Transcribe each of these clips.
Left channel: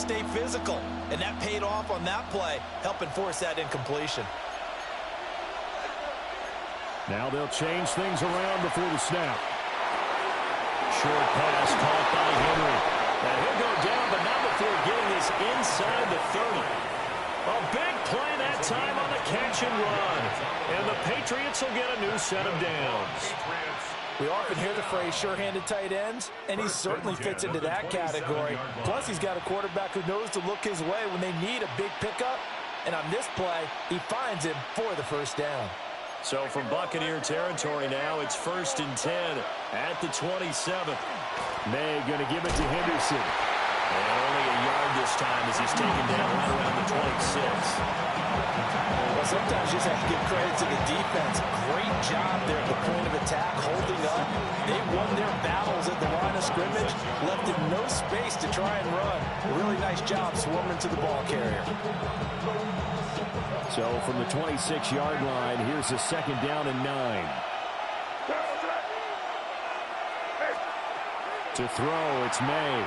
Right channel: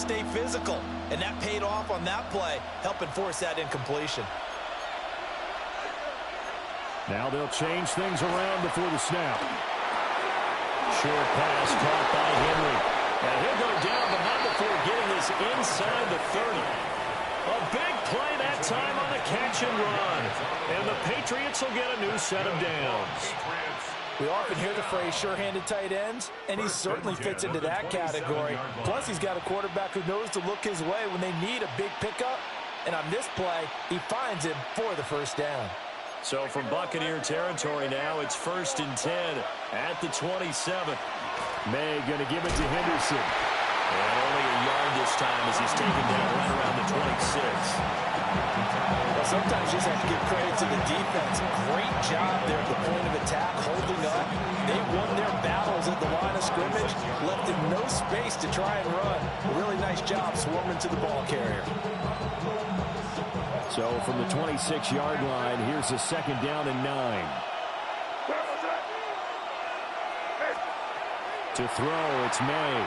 stay physical. And that paid off on that play, helping force that incompletion. Now they'll change things around before the snap. Short pass caught by Henry. And he'll go down, but not before getting this inside the 30. A big play that time on the catch and run. And the Patriots will get a new set of downs. We often hear the phrase sure-handed tight ends, and he certainly fits into that category. Plus, he's got a quarterback who knows to look his way when they need a big pickup. And on this play, he finds him for the first down. So from Buccaneer territory now, it's 1st and 10 at the 27. May going to give it to Henderson. And only a yard this time as he's taken down right around the 26. Well, sometimes you just have to give credit to the defense. Great job there at the point of attack, holding up. They won their battles at the line of scrimmage, left him no space to try and run. A really nice job swarming to the ball carrier. So from the 26-yard line, here's a 2nd down and 9. To throw, it's May.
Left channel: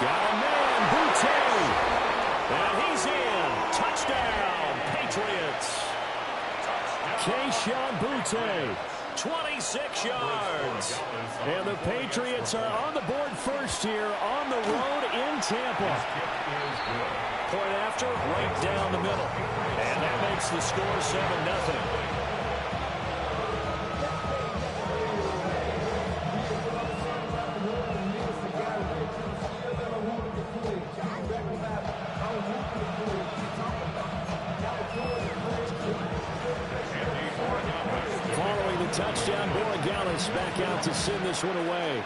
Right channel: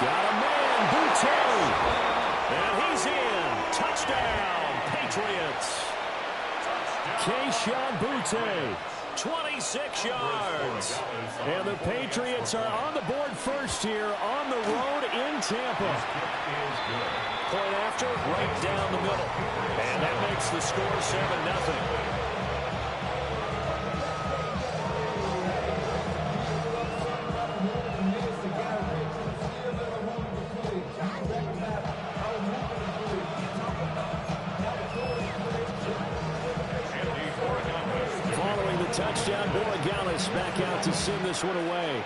Got a man, Boutte. And he's in. Touchdown, Patriots. Keyshawn Boutte, 26 yards. And the Patriots are on the board first here on the road in Tampa. Point after, right down the middle. And that makes the score 7-0. Following the touchdown, Borregales back out to send this one away.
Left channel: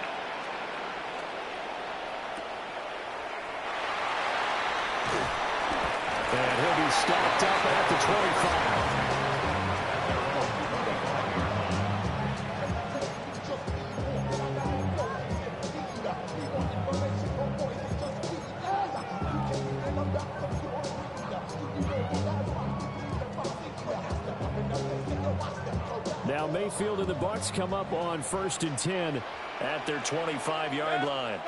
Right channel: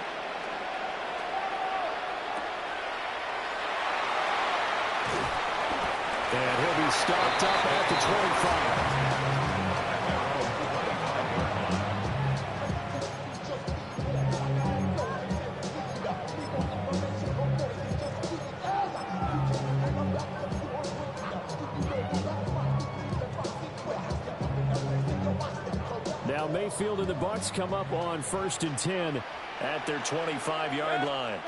And he'll be stopped up at the 25. Now Mayfield and the Bucs come up on 1st and 10 at their 25-yard line.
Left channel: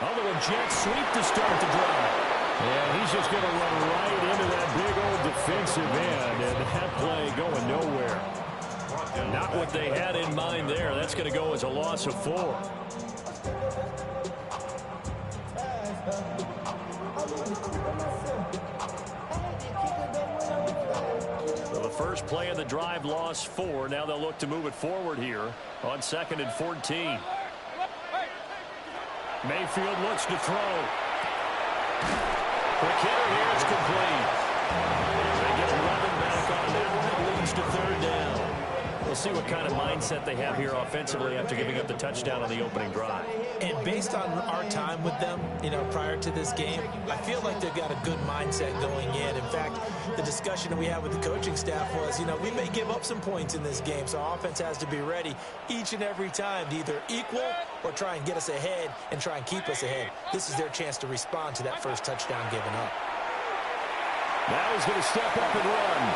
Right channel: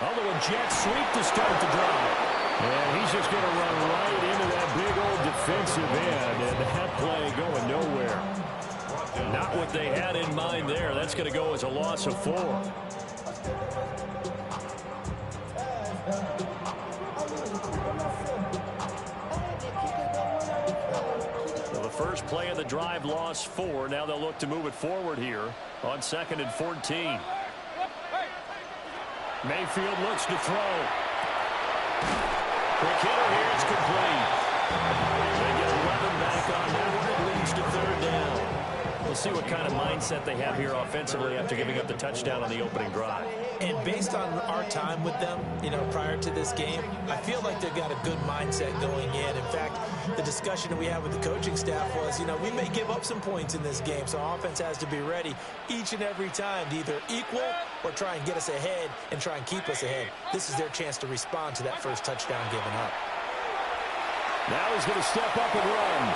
Although a jet sweep to start the drive. And he's just going to run right into that big old defensive end, and that play going nowhere. Not what they had in mind there. That's going to go as a loss of 4. So the first play of the drive lost 4. Now they'll look to move it forward here on 2nd and 14. Mayfield looks to throw. Quick hitter here, it's complete. They get 11 back on that one. It leads to 3rd down. We'll see what kind of mindset they have here offensively after giving up the touchdown on the opening drive. And based on our time with them, prior to this game, I feel like they've got a good mindset going in. In fact, the discussion that we had with the coaching staff was, we may give up some points in this game, so our offense has to be ready each and every time to either equal or try and get us ahead and try and keep us ahead. This is their chance to respond to that first touchdown given up. Now he's going to step up and run.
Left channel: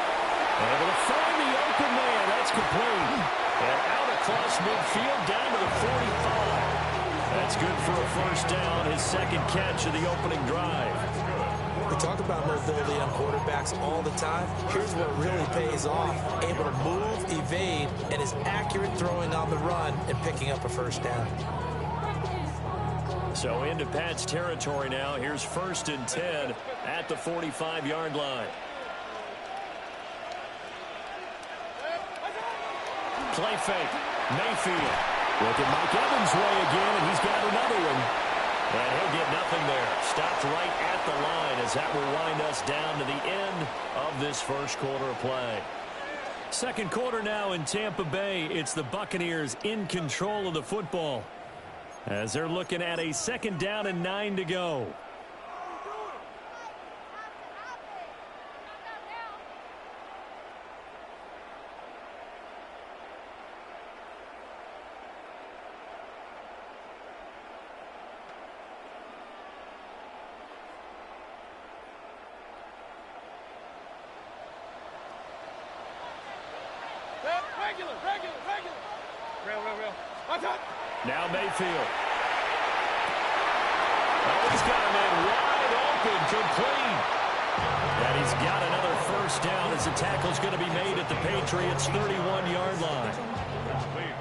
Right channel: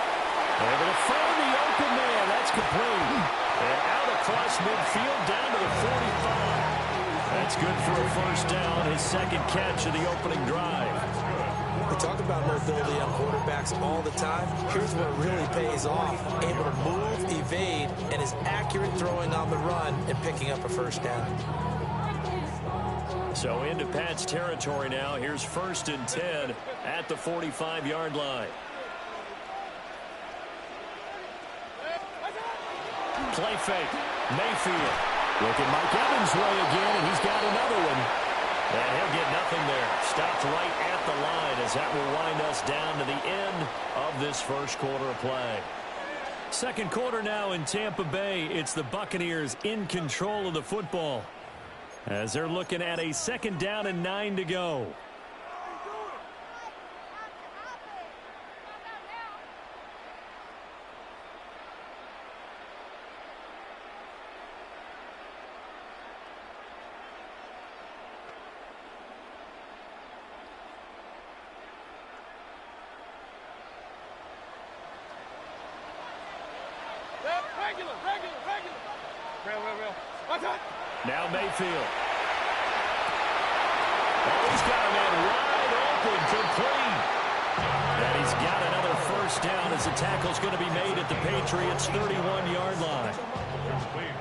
Able to find the open man. That's complete. And out across midfield down to the 45. That's good for a first down. His 2nd catch of the opening drive. We talk about mobility on quarterbacks all the time. Here's where it really pays off. Able to move, evade, and is accurate throwing on the run and picking up a first down. So into Pat's territory now. Here's 1st and 10 at the 45-yard line. Play fake. Mayfield. Look at Mike Evans' way again, and he's got another one. And he'll get nothing there. Stopped right at the line as that will wind us down to the end of this first quarter of play. Second quarter now in Tampa Bay. It's the Buccaneers in control of the football as they're looking at a 2nd down and 9 to go. Regular. Real. What's that? Now Mayfield. Oh, he's got a man wide open, complete. And he's got another first down as the tackle's going to be made at the Patriots' 31-yard line.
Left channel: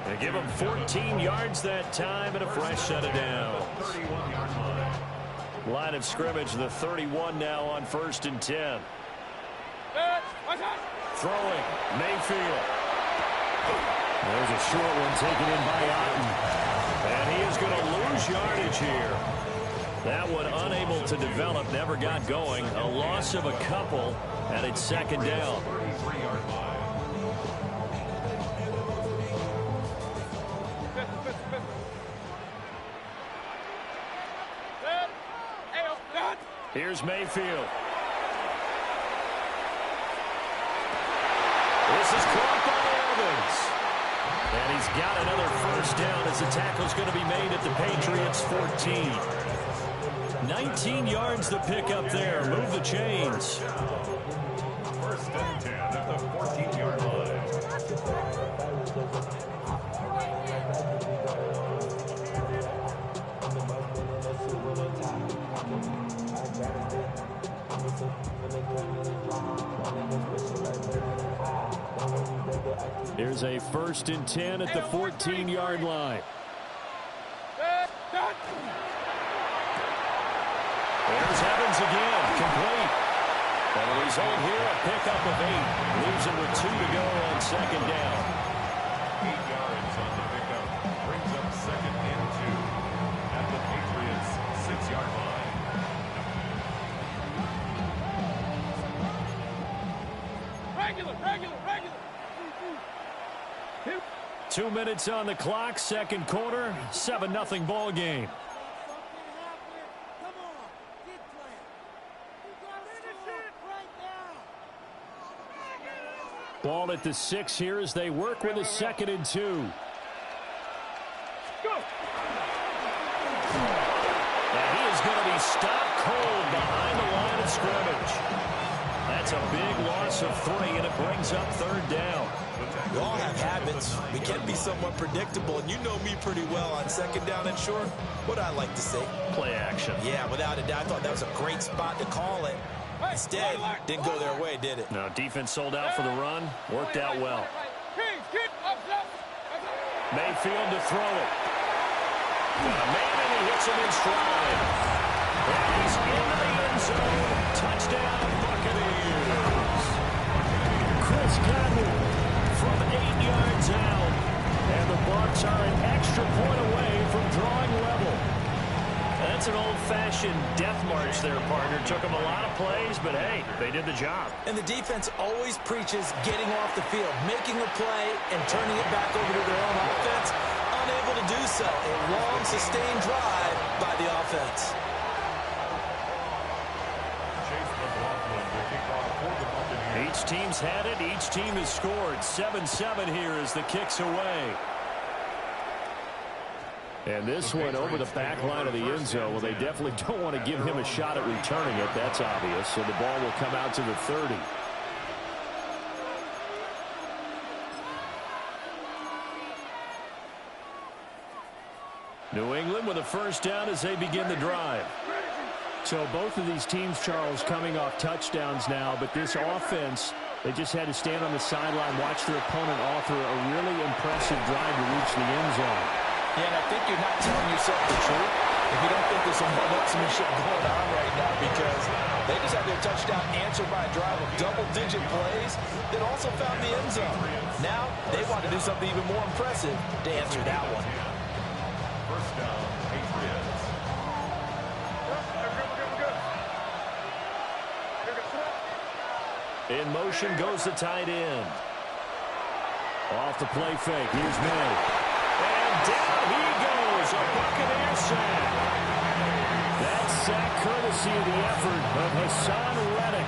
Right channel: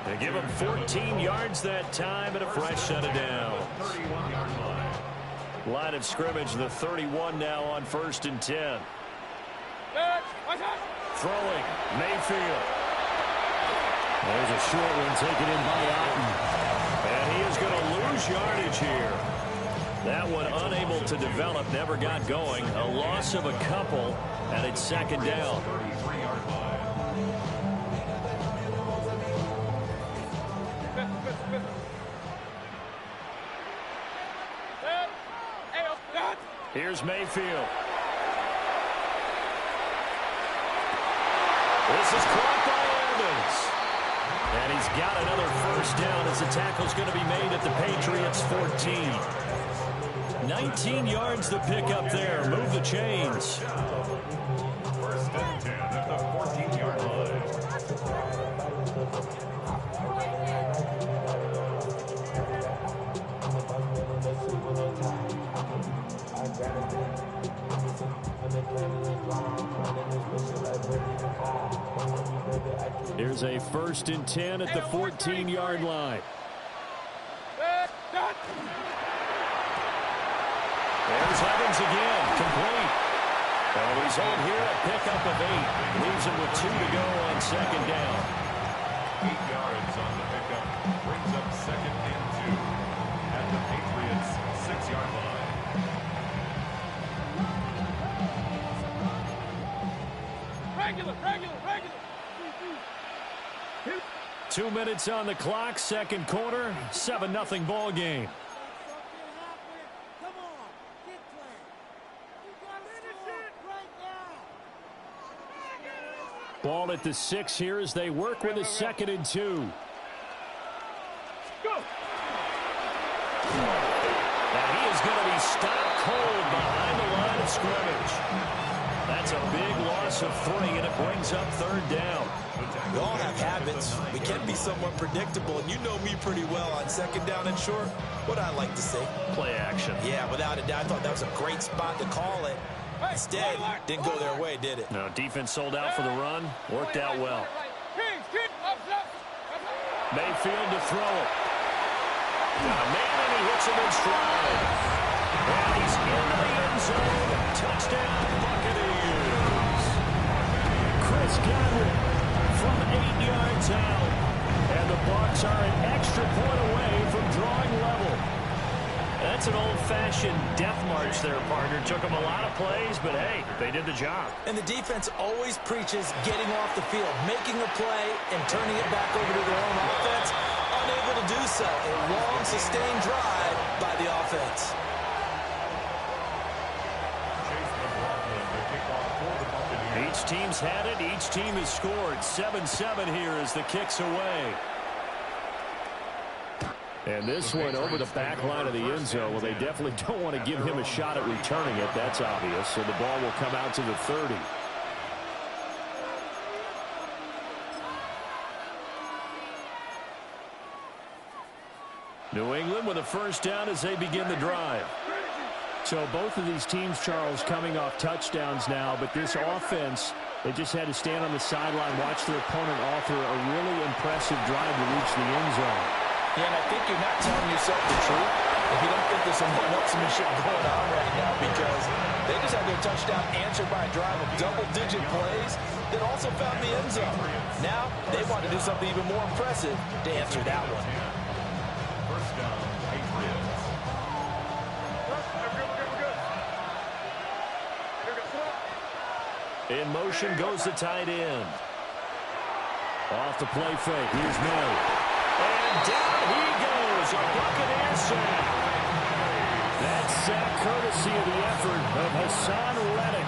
They give him 14 yards that time and a fresh set of downs. Line of scrimmage, the 31 now on 1st and 10. Throwing, Mayfield. There's a short one taken in by Otten. And he is going to lose yardage here. That one unable to develop, never got going. A loss of a couple, and it's 2nd down. Here's Mayfield. This is caught by Evans. And he's got another first down as the tackle's going to be made at the Patriots' 14. 19 yards the pickup there. Move the chains. 1st and 10 at the 14-yard line. Here's a 1st and 10 at the 14-yard line. There's Evans again, complete. And the result here, a pickup of 8. Leaves him with 2 to go on 2nd down. 8 yards on the pickup. Brings up 2nd and 2 at the Patriots' 6-yard line. 2 minutes on the clock, 2nd quarter, 7-0 ball game. Ball at the 6 here as they work with a 2nd and 2. Go. And he is going to be stopped cold behind the line of scrimmage. That's a big loss of 3, and it brings up 3rd down. We all have habits. We can be somewhat predictable, and you know me pretty well on 2nd down and short. What I like to say? Play action. Yeah, without a doubt. I thought that was a great spot to call it. Instead, didn't go their way, did it? No, defense sold out for the run. Worked out well. Mayfield to throw it. Got a man, and he hits him in stride. And he's into the end zone. Touchdown, Buccaneers. Chris Godwin from 8 yards out. And the Bucs are an extra point away from drawing level. That's an old-fashioned death march there, partner. Took them a lot of plays, but, hey, they did the job. And the defense always preaches getting off the field, making a play, and turning it back over to their own offense. Unable to do so. A long, sustained drive by the offense. Each team's had it. Each team has scored. 7-7 here as the kick's away. And this one over the back line of the end zone. Well, they definitely don't want to give him a shot at returning it. That's obvious. So the ball will come out to the 30. New England with a first down as they begin the drive. So both of these teams, Charles, coming off touchdowns now, but this offense, they just had to stand on the sideline, watch their opponent author a really impressive drive to reach the end zone. Yeah, and I think you're not telling yourself the truth if you don't think there's some one-upsmanship going on right now, because they just had their touchdown answered by a drive of double-digit plays that also found the end zone. Now they want to do something even more impressive to answer that one. First down, Patriots. In motion goes the tight end. Off the play fake. Here's May. And down he goes. A Buccaneer sack. That sack courtesy of the effort of Hassan Reddick.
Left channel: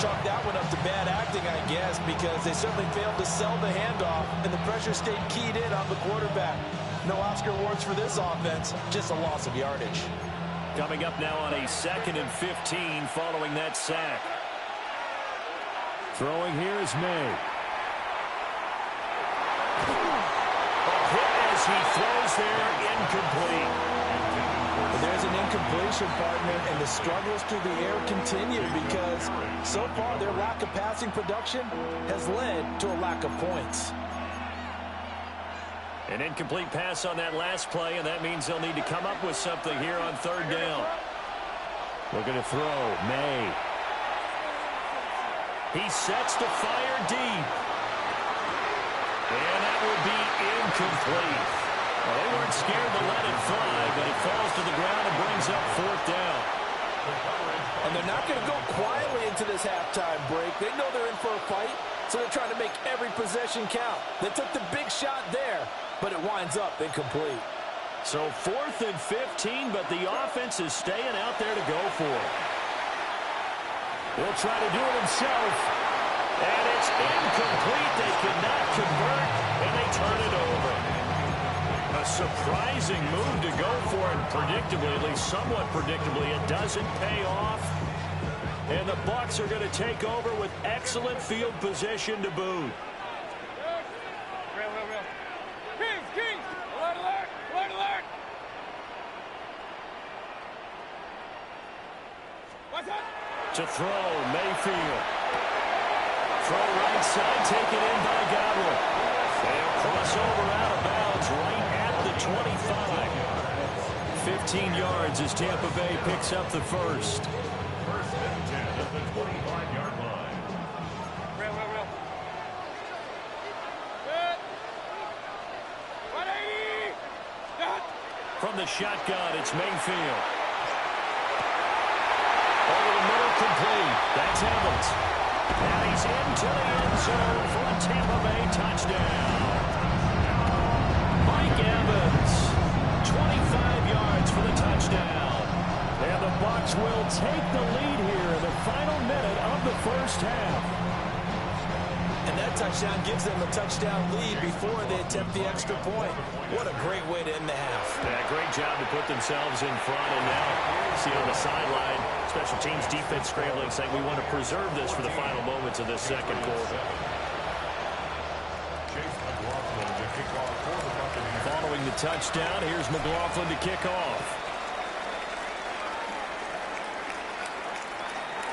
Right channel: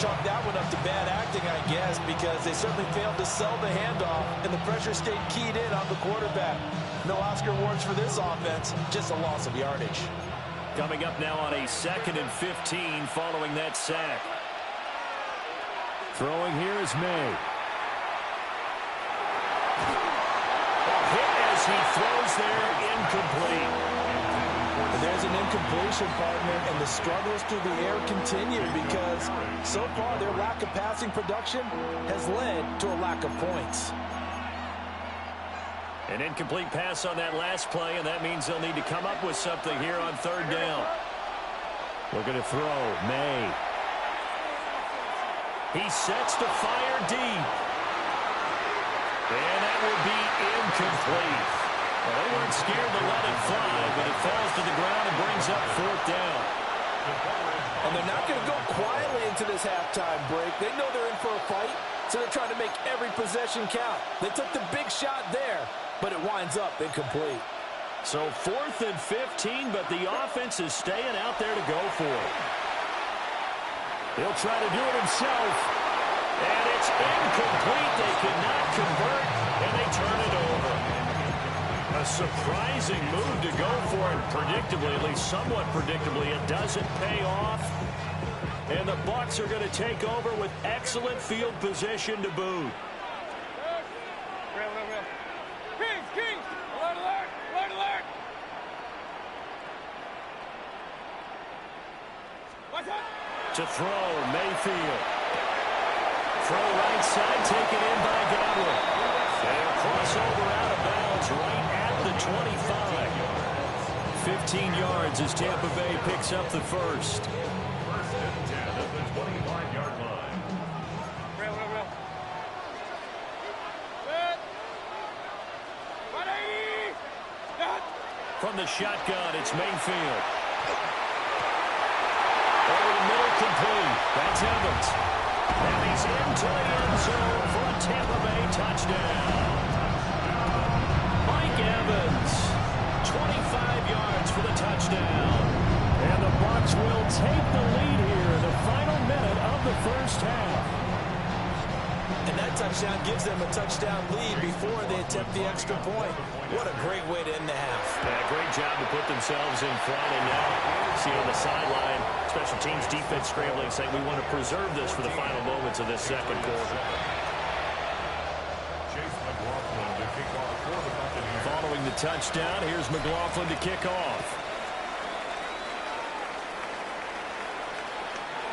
Chalk that one up to bad acting, I guess, because they certainly failed to sell the handoff, and the pressure stayed keyed in on the quarterback. No Oscar awards for this offense, just a loss of yardage. Coming up now on a 2nd and 15 following that sack. Throwing here is May. A hit as he throws there, incomplete. There's an incompletion, partner, and the struggles through the air continue because so far their lack of passing production has led to a lack of points. An incomplete pass on that last play, and that means they'll need to come up with something here on third down. Looking to throw, May. He sets to fire deep. And that will be incomplete. Well, they weren't scared to let it fly, but it falls to the ground and brings up fourth down. And they're not going to go quietly into this halftime break. They know they're in for a fight, so they're trying to make every possession count. They took the big shot there, but it winds up incomplete. So 4th and 15, but the offense is staying out there to go for it. He'll try to do it himself. And it's incomplete. They cannot convert, and they turn it over. A surprising move to go for it, predictably, at least somewhat predictably. It doesn't pay off. And the Bucs are going to take over with excellent field position to boot. Kings! Alert, alert! Alert, alert! What's up? To throw, Mayfield. Throw right side, taken in by Godwin. They'll cross over out of bounds right at the 25. 15 yards as Tampa Bay picks up the first. 1st and 10 at the 25-yard line. Real. Good. 180! From the shotgun, it's Mayfield. Over the middle, complete. That's Evans. And he's into the end zone for a Tampa Bay touchdown. Mike Evans, 25 yards for the touchdown. And the Bucs will take the lead here in the final minute of the first half. And that touchdown gives them a touchdown lead before they attempt the extra point. What a great way to end the half. Yeah, great job to put themselves in front. And now, see on the sideline, special teams defense scrambling, saying we want to preserve this for the final moments of this second quarter. Following the touchdown, here's McLaughlin to kick off.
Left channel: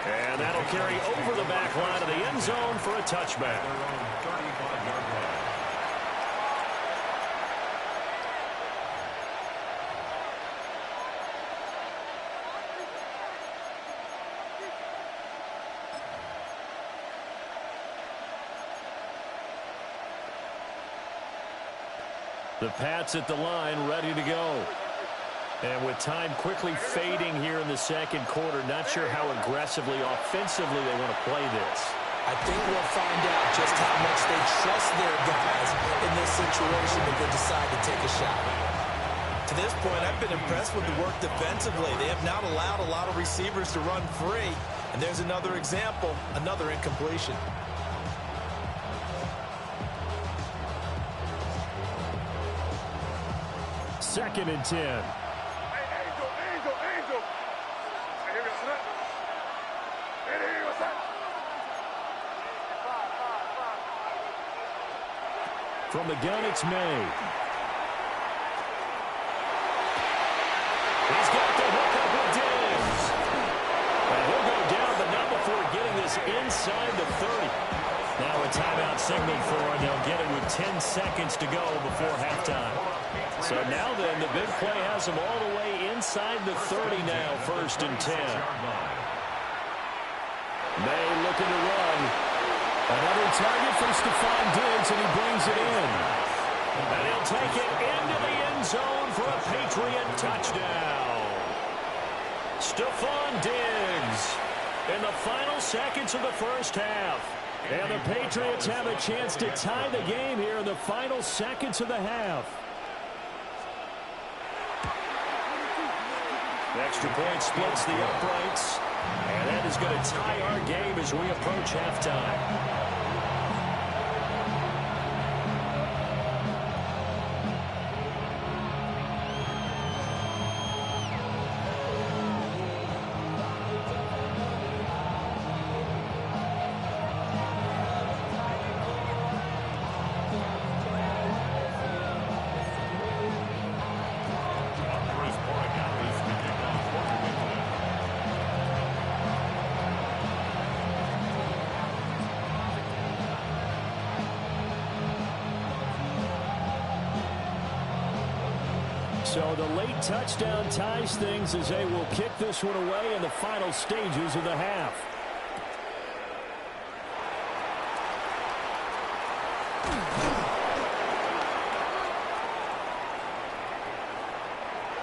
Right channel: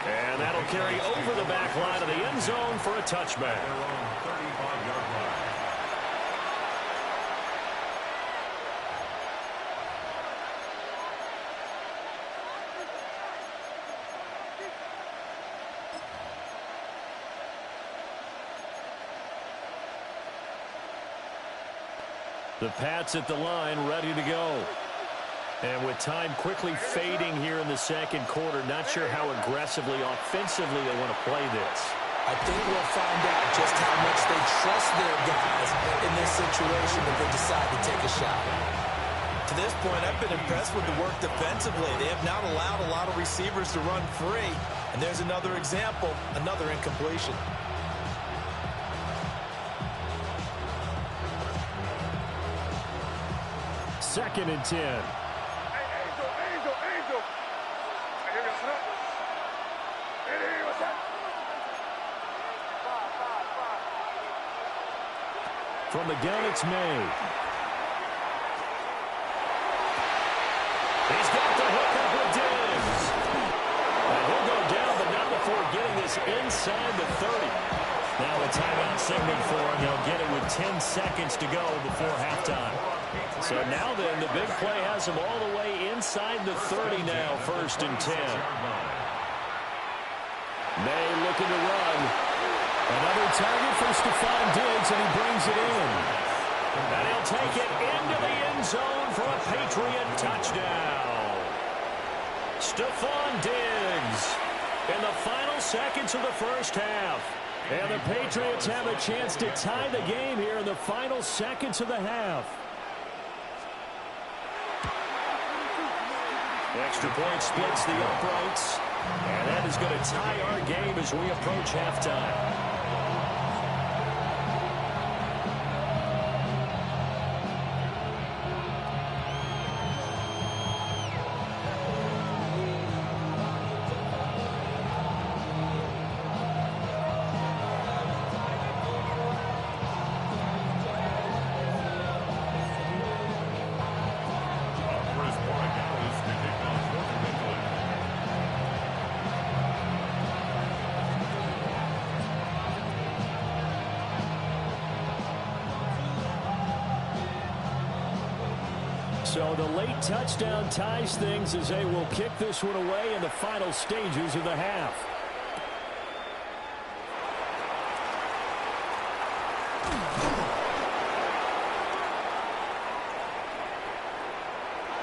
And that'll carry over the back line of the end zone for a touchback. Their own 35-yard line. The Pats at the line, ready to go. And with time quickly fading here in the second quarter, not sure how aggressively, offensively they want to play this. I think we'll find out just how much they trust their guys in this situation if they decide to take a shot. To this point, I've been impressed with the work defensively. They have not allowed a lot of receivers to run free. And there's another example, another incompletion. Second and 10. Angel! Hey, what's that? From the gun, it's May. He's got the hook up with Diggs. And he'll go down, but not before getting this inside the 30. Now a timeout signal for him. They'll get it with 10 seconds to go before halftime. So now then, the big play has them all the way inside the 30 now, 1st and 10. May looking to run. Another target for Stephon Diggs, and he brings it in. And he'll take it into the end zone for a Patriot touchdown. Stephon Diggs in the final seconds of the first half. And the Patriots have a chance to tie the game here in the final seconds of the half. The extra point splits the uprights. And that is going to tie our game as we approach halftime. So the late touchdown ties things as they will kick this one away in the final stages of the half.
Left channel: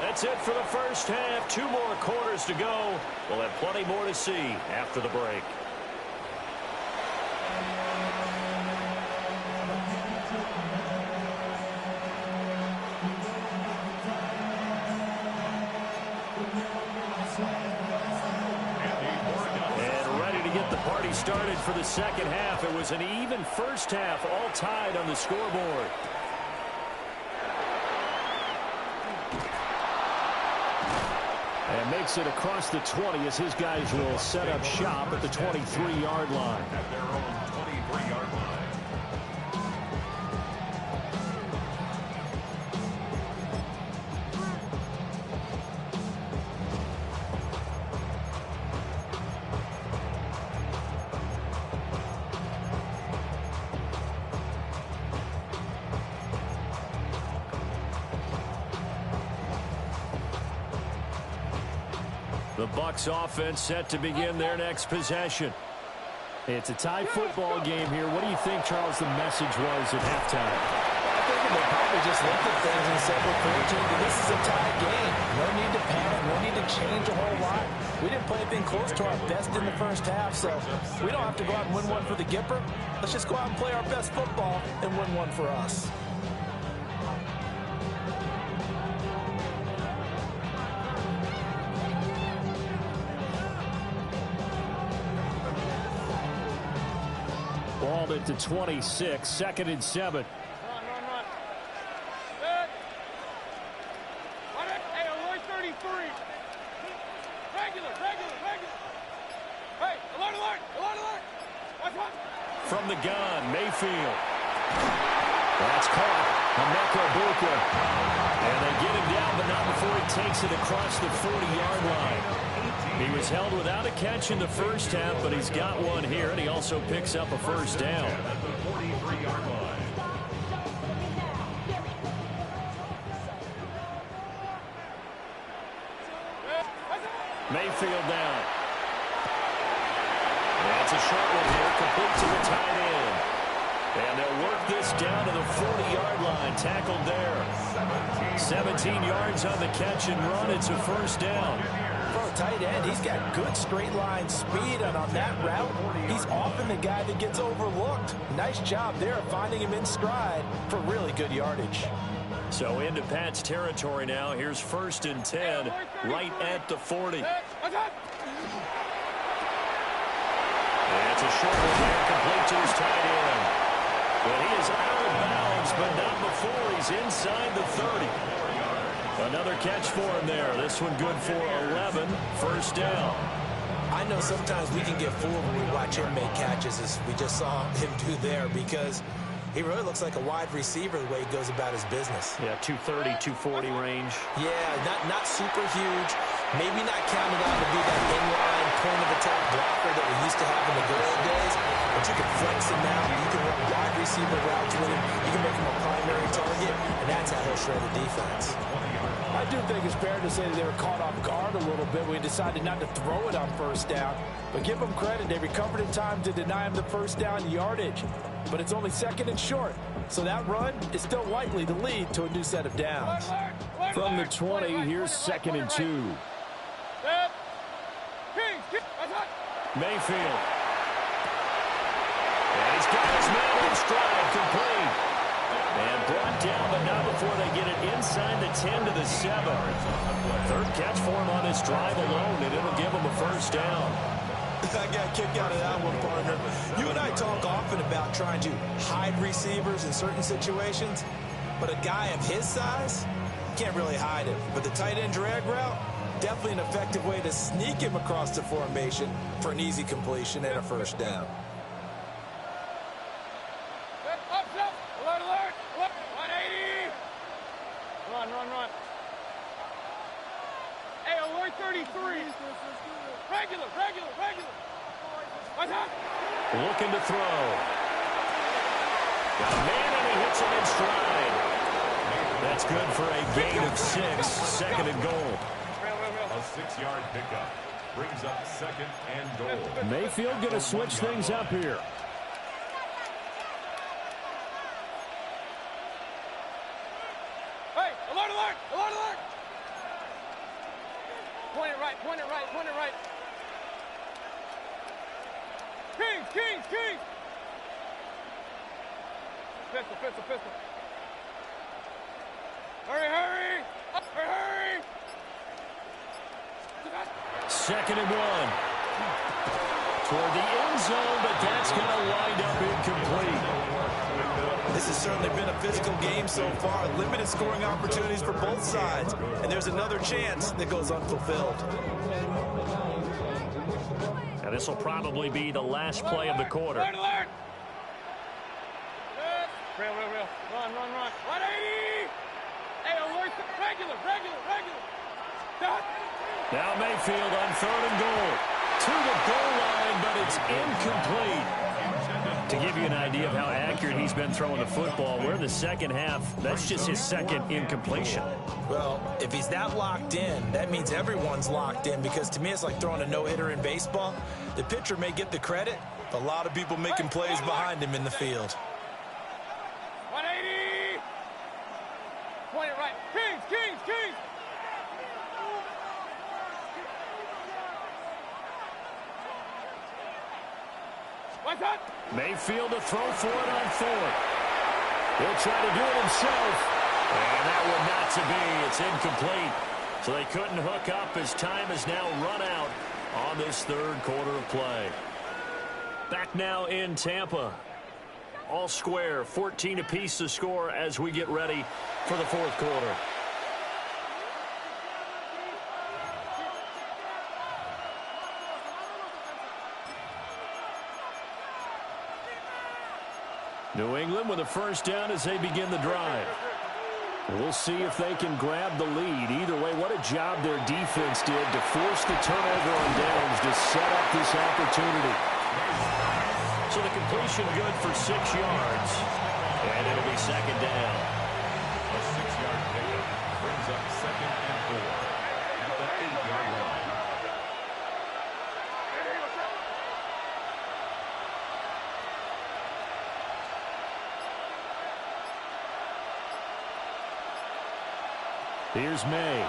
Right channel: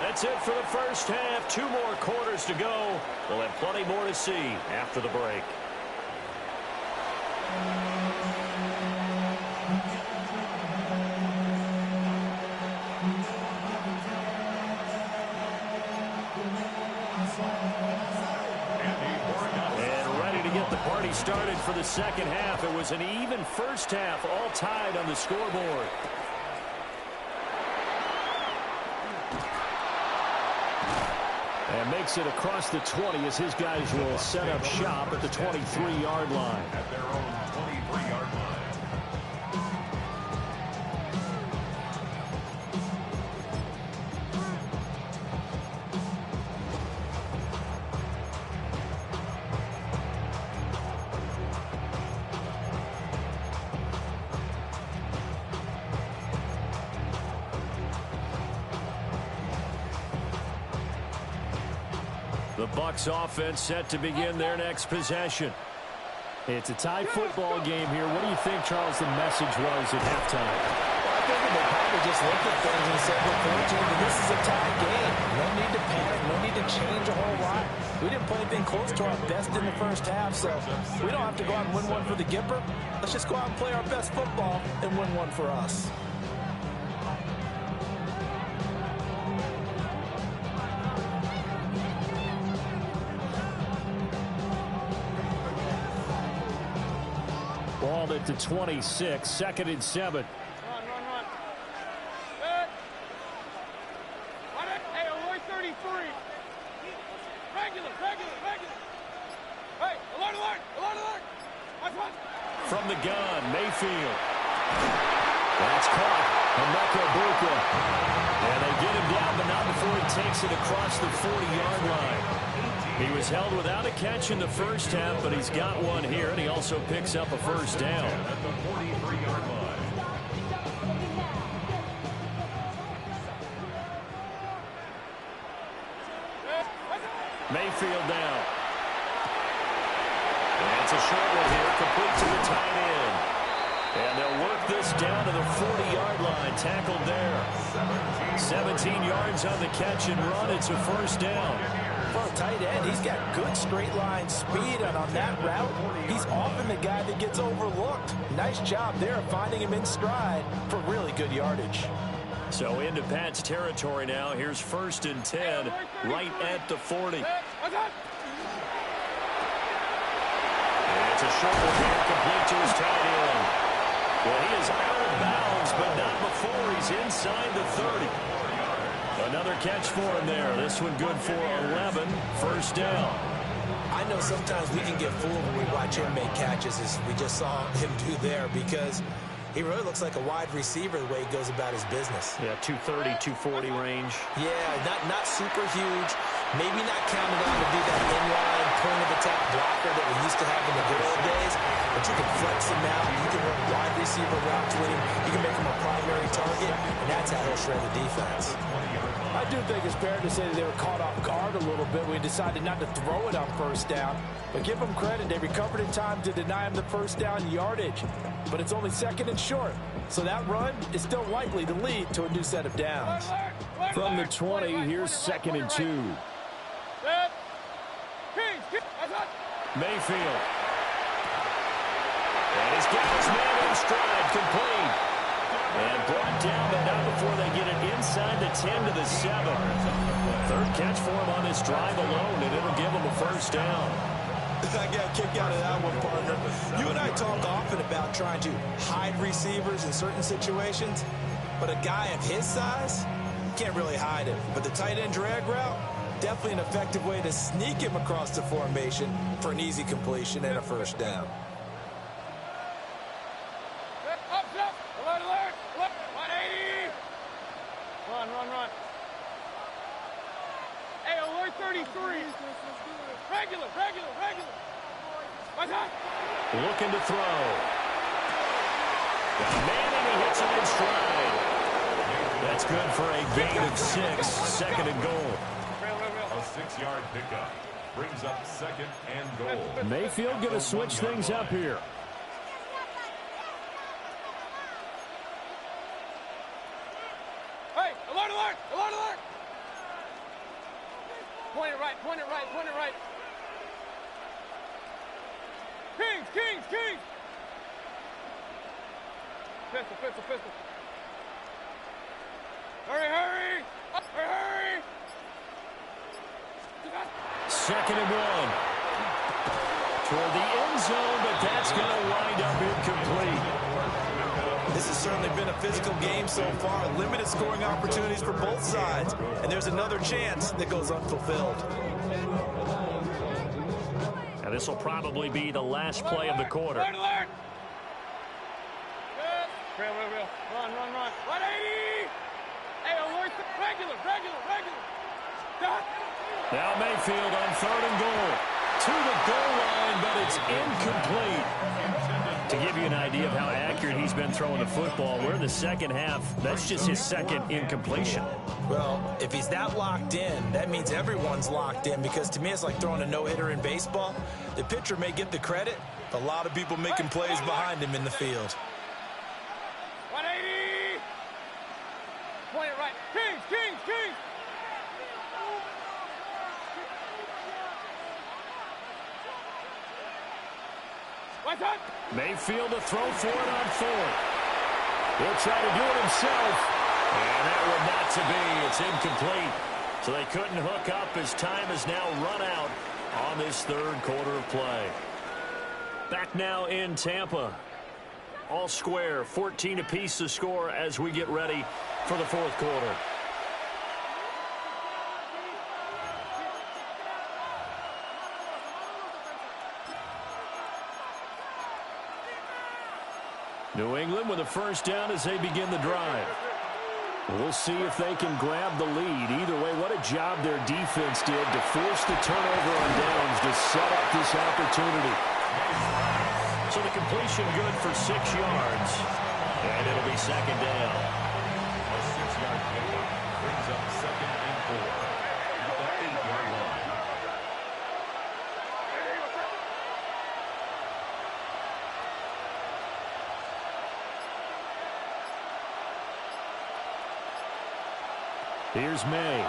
That's it for the first half. 2 more quarters to go. We'll have plenty more to see after the break. And ready to get the party started for the second half. It was an even first half, all tied on the scoreboard. And makes it across the 20 as his guys will set up shop at the 23-yard line. At their own 23-yard line. The Bucs offense set to begin their next possession. It's a tie football game here. What do you think, Charles, the message was at halftime? Well, I think they probably just looked at things and said, we're fortunate that this is a tie game. No need to panic. No need to change a whole lot. We didn't play anything close to our best in the first half, so we don't have to go out and win one for the Gipper. Let's just go out and play our best football and win one for us. Ball at the 26, 2nd and 7. Run. Set. Hey, alert 33. Regular. Hey, alert. Watch. From the gun, Mayfield. That's caught. Emeka Buka. And they get him down, but not before he takes it across the 40-yard line. He was held without a catch in the first half, but he's got one here, and he also picks up a first down. At the 43-yard line. Mayfield down. And it's a short one here, complete to the tight end. And they'll work this down to the 40-yard line, tackled there. 17 yards on the catch and run. It's a first down. For a tight end, he's got good straight line speed, and on that route, he's often the guy that gets overlooked. Nice job there of finding him in stride for really good yardage. So into Pat's territory now. Here's 1st and 10, right at the 40. Watch. And it's a short one here, complete to his tight end. Well, he is out of bounds, but not before he's inside the 30. Another catch for him there. This one good for 11. First down. I know sometimes we can get fooled when we watch him make catches, as we just saw him do there, because he really looks like a wide receiver the way he goes about his business. Yeah, 230, 240 range. Yeah, not super huge. Maybe not counted on to be that inline point-of-attack blocker that we used to have in the good old days, but you can flex him out. You can run wide receiver routes with him. You can make him a primary target, and that's how he'll shred the defense. I do think it's fair to say that they were caught off guard a little bit when we decided not to throw it on first down. But give them credit, they recovered in time to deny him the first down yardage. But it's only 2nd and short, so that run is still likely to lead to a new set of downs. From the 20, here's 2nd and 2. Mayfield. And he's got his man in stride, complete. And brought down, but not before they get it inside the 10 to the 7. 3rd catch for him on this drive alone, and it'll give him a first down. I got a kick out of that one, partner. You and I talk often about trying to hide receivers in certain situations, but a guy of his size can't really hide him. But the tight end drag route, definitely an effective way to sneak him across the formation for an easy completion and a first down. Alert. 180. Run. Hey, alert 33. Regular. Watch out. Looking to throw. Got a man, and he hits him in stride. That's good for a gain of 6, second and goal. A 6-yard pickup brings up second and goal. Mayfield going to switch things up here. Hey, alert, alert, alert, alert. Point it right, point it right, point it right. Kings, Kings, Kings. Pistol, pistol, pistol. Hurry, hurry. Hurry, hurry. Second and 1. Toward the end zone, but that's going to wind up incomplete. This has certainly been a physical game so far. Limited scoring opportunities for both sides. And there's another chance that goes unfulfilled. Now this will probably be the last play of the quarter. Alert, alert. Real, real, real. Run, run, run. 180. Hey, alert. Regular, regular, regular. Dot. Now Mayfield on third and goal. To the goal line, but it's incomplete. To give you an idea of how accurate he's been throwing the football, we're in the second half. That's just his second incompletion. Well, if he's that locked in, that means everyone's locked in, because to me it's like throwing a no-hitter in baseball. The pitcher may get the credit, but a lot of people making plays behind him in the field. 180. Point it right. Kings, Kings, Kings. What's up? Mayfield to throw for it on fourth. He'll try to do it himself. And that one not to be. It's incomplete. So they couldn't hook up as time has now run out on this third quarter of play. Back now in Tampa. All square, 14 apiece to score as we get ready for the fourth quarter. New England with a first down as they begin the drive. We'll see if they can grab the lead. Either way, what a job their defense did to force the turnover on downs to set up this opportunity. So the completion good for 6 yards. And it'll be second down. A 6-yard pickup brings up second and 4 at the 8-yard line. Here's May.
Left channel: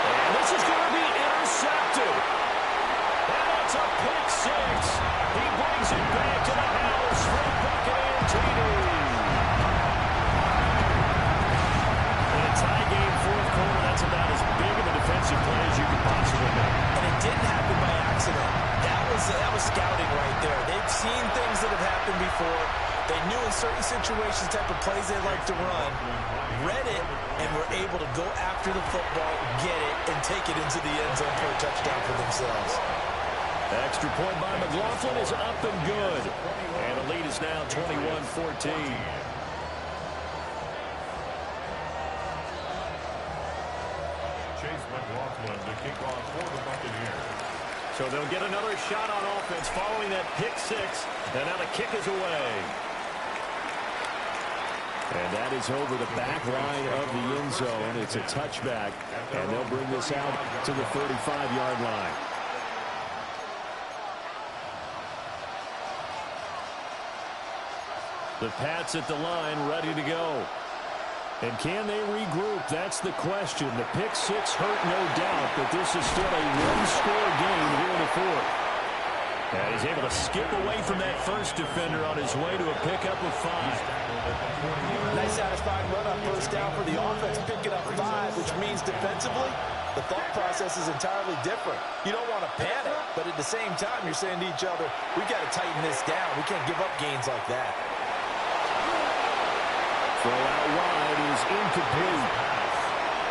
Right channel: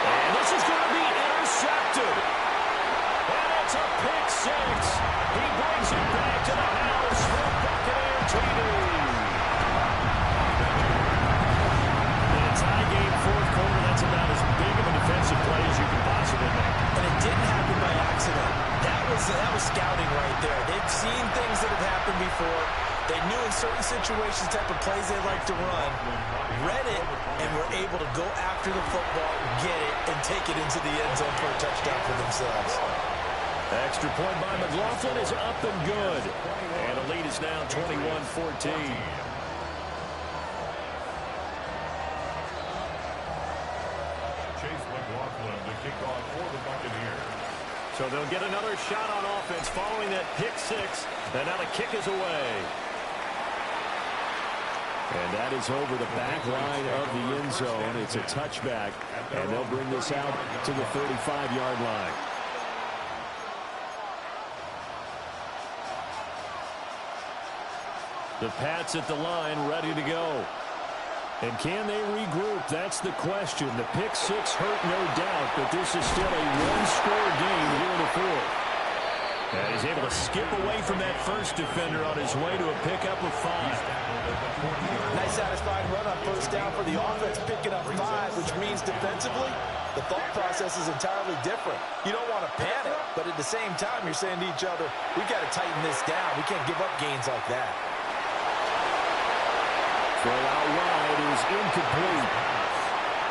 And this is going to be intercepted. And it's a pick 6. He brings it back to the house for a Buccaneer TD. In a tie game, fourth quarter, that's about as big of a defensive play as you can possibly make. And it didn't happen by accident. That was scouting right there. They've seen things that have happened before. They knew in certain situations the type of plays they like to run, read it, and were able to go after the football, get it, and take it into the end zone for a touchdown for themselves. Extra point by McLaughlin is up and good. And the lead is now 21-14. Chase McLaughlin to kick off for the Buccaneers. So they'll get another shot on offense following that pick 6. And now the kick is away. And that is over the back line of the end zone. It's a touchback, and they'll bring this out to the 35-yard line. The Pats at the line ready to go. And can they regroup? That's the question. The pick 6 hurt, no doubt, but this is still a one-score game here in the fourth. And he's able to skip away from that first defender on his way to a pickup of 5. Nice satisfying run on first down for the offense, picking up 5, which means defensively, the thought process is entirely different. You don't want to panic, but at the same time, you're saying to each other, we've got to tighten this down. We can't give up gains like that. Throw out wide is incomplete.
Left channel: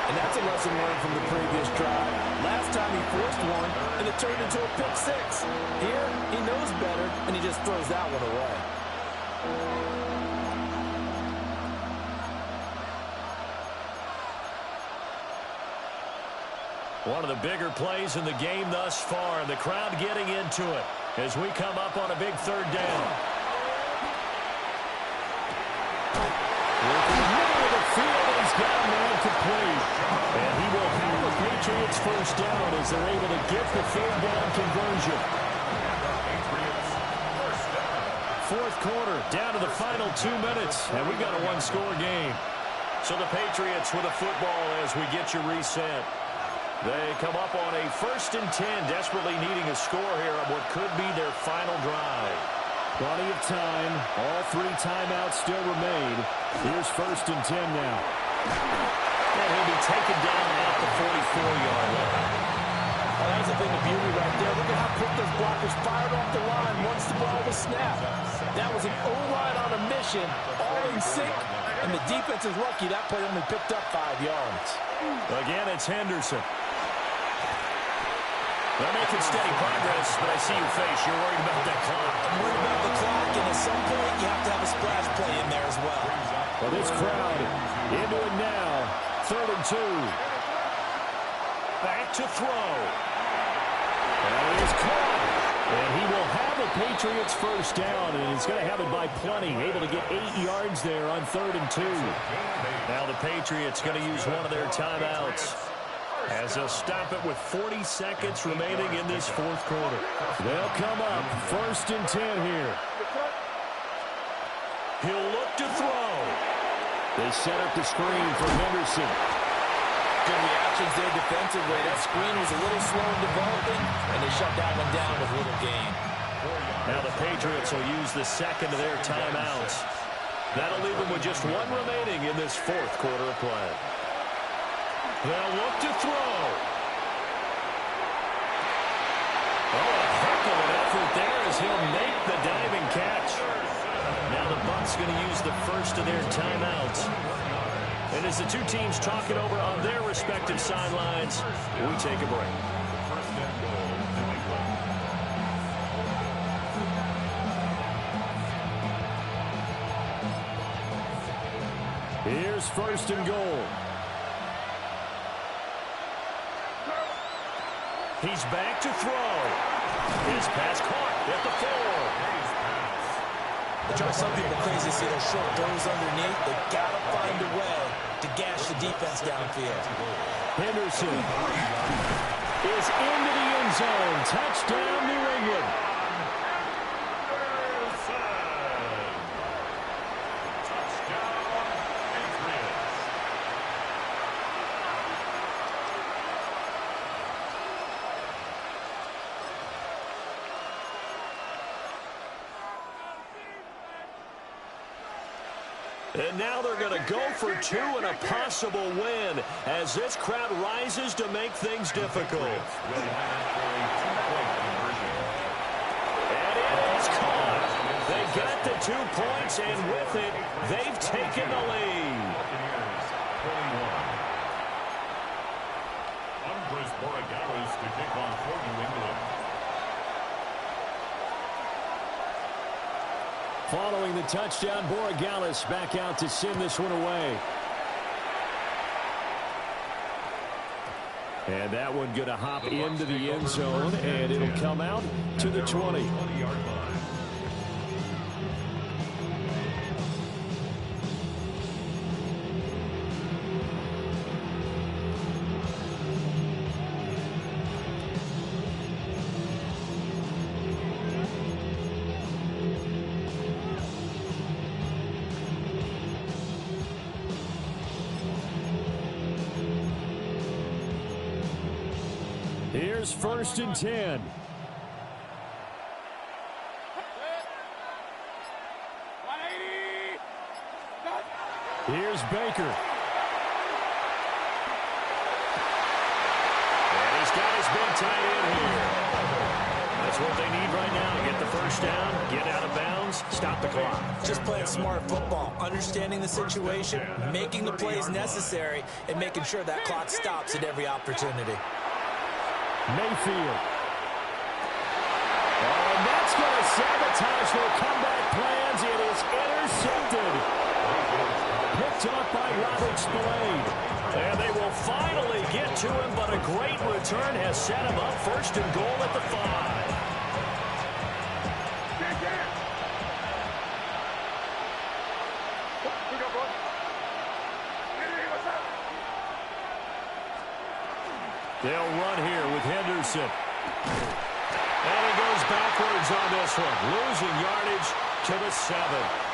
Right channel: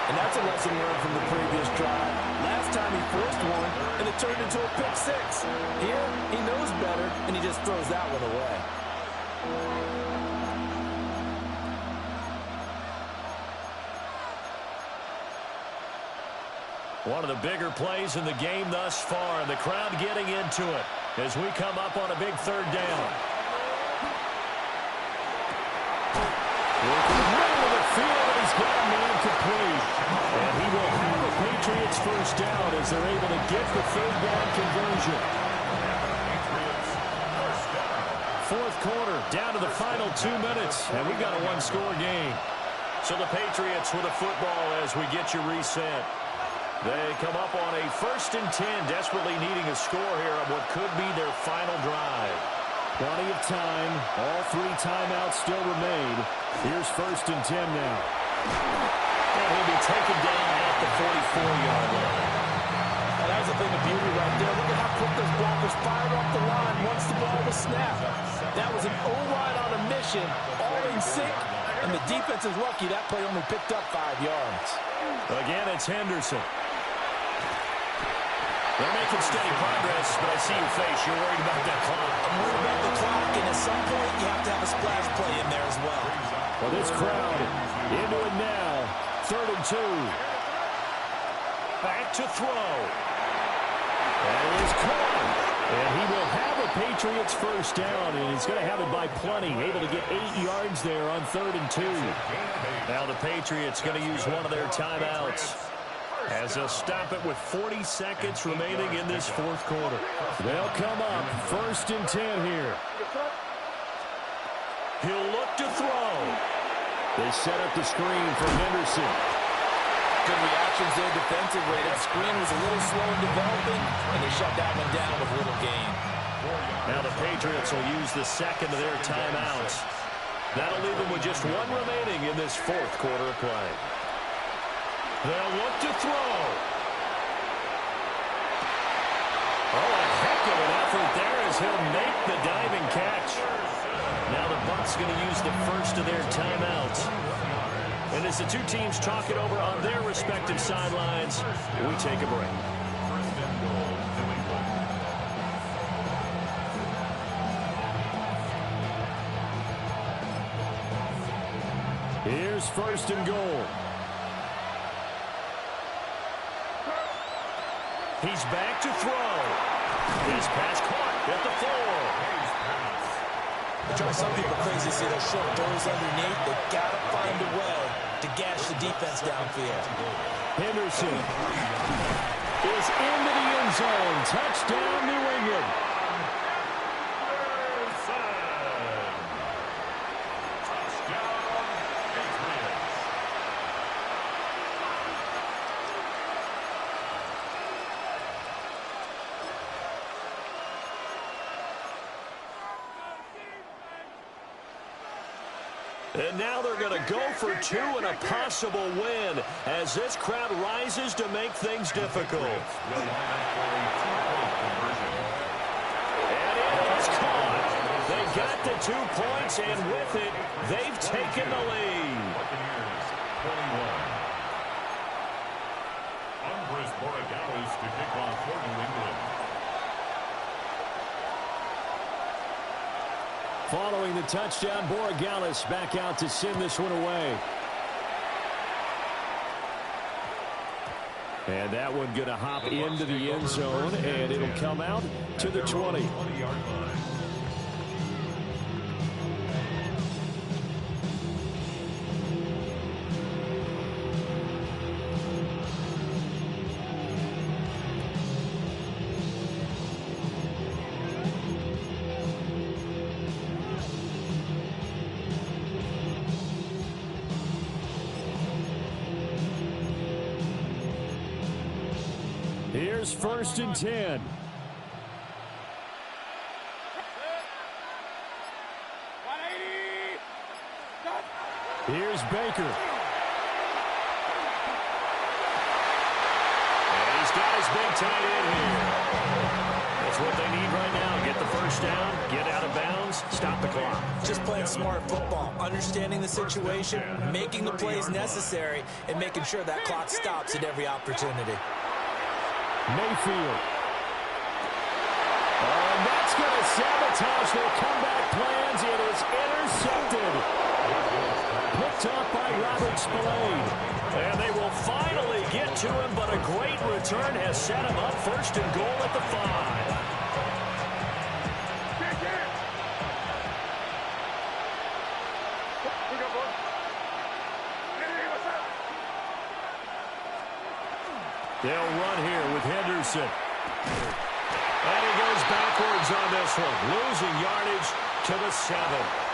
And that's a lesson learned from the previous drive. Last time he forced one, and it turned into a pick 6. Here, he knows better, and he just throws that one away. One of the bigger plays in the game thus far. The crowd getting into it as we come up on a big third down. complete. And he will have a Patriots first down as they're able to get the third down conversion. Fourth quarter, down to the final 2 minutes, and we've got a one-score game. So the Patriots with a football as we get you reset. They come up on a 1st and 10, desperately needing a score here on what could be their final drive. Plenty of time. All 3 timeouts still remain. Here's 1st and 10 now. And he'll be taken down at the 44-yard line. Well, that was the thing of beauty right there. Look at how quick those blockers fired off the line once the ball was snapped. That was an O-line on a mission, all in sync, and the defense is lucky that play only picked up 5 yards. Again, it's Henderson. They're making steady progress, but I see your face. You're worried about that clock. I'm worried about the clock, and at some point, you have to have a splash play in there as well. Well, this crowd into it now. 3rd and 2. Back to throw. That is caught. And he will have a Patriots first down, and he's going to have it by plenty. Able to get 8 yards there on 3rd and 2. Now the Patriots going to use one of their timeouts as they'll stop it with 40 seconds remaining in this fourth quarter. They'll come up 1st and 10 here. He'll look to throw. They set up the screen for Henderson. Good reactions there defensively. That screen was a little slow in developing, and they shut that one down with little gain. Now the Patriots will use the second of their timeouts. That'll leave them with just 1 remaining in this fourth quarter of play. They'll look to throw. Oh, a heck of an effort there as he'll make the diving catch. Now the Bucs going to use the first of their timeouts. And as the two teams talk it over on their respective sidelines, we take a break. 1st and goal, New England. Here's 1st and goal. He's back to throw. His pass caught at the 4. It drives some people crazy to see those short throws underneath. They've got to find a way to gash the defense downfield. Henderson is into the end zone. Touchdown, New England. Touchdown, Patriots. And now they're going to go for 2 and a possible win as this crowd rises to make things difficult. Will line up for a 2-point conversion. And it is caught. They got the 2 points, and with it, they've taken the lead. Buccaneers, 21. Andres Borregales to kick off for New England. Following the touchdown, Borregales back out to send this one away. And that one going to hop into the end zone, and it'll come out to the 20. 20-yard line. Here's 1st and 10. Here's Baker. And he's got his big tight end here. That's what they need right now. Get the first down, get out of bounds, stop the clock. Just playing smart football, understanding the situation, making the plays necessary, and making sure that clock stops at every opportunity. Mayfield. Oh, and that's going to sabotage their comeback plans. It is intercepted. Picked off by Robert Spillane. And they will finally get to him, but a great return has set him up 1st and goal at the 5. They'll run here with Henderson. And he goes backwards on this one, losing yardage to the 7.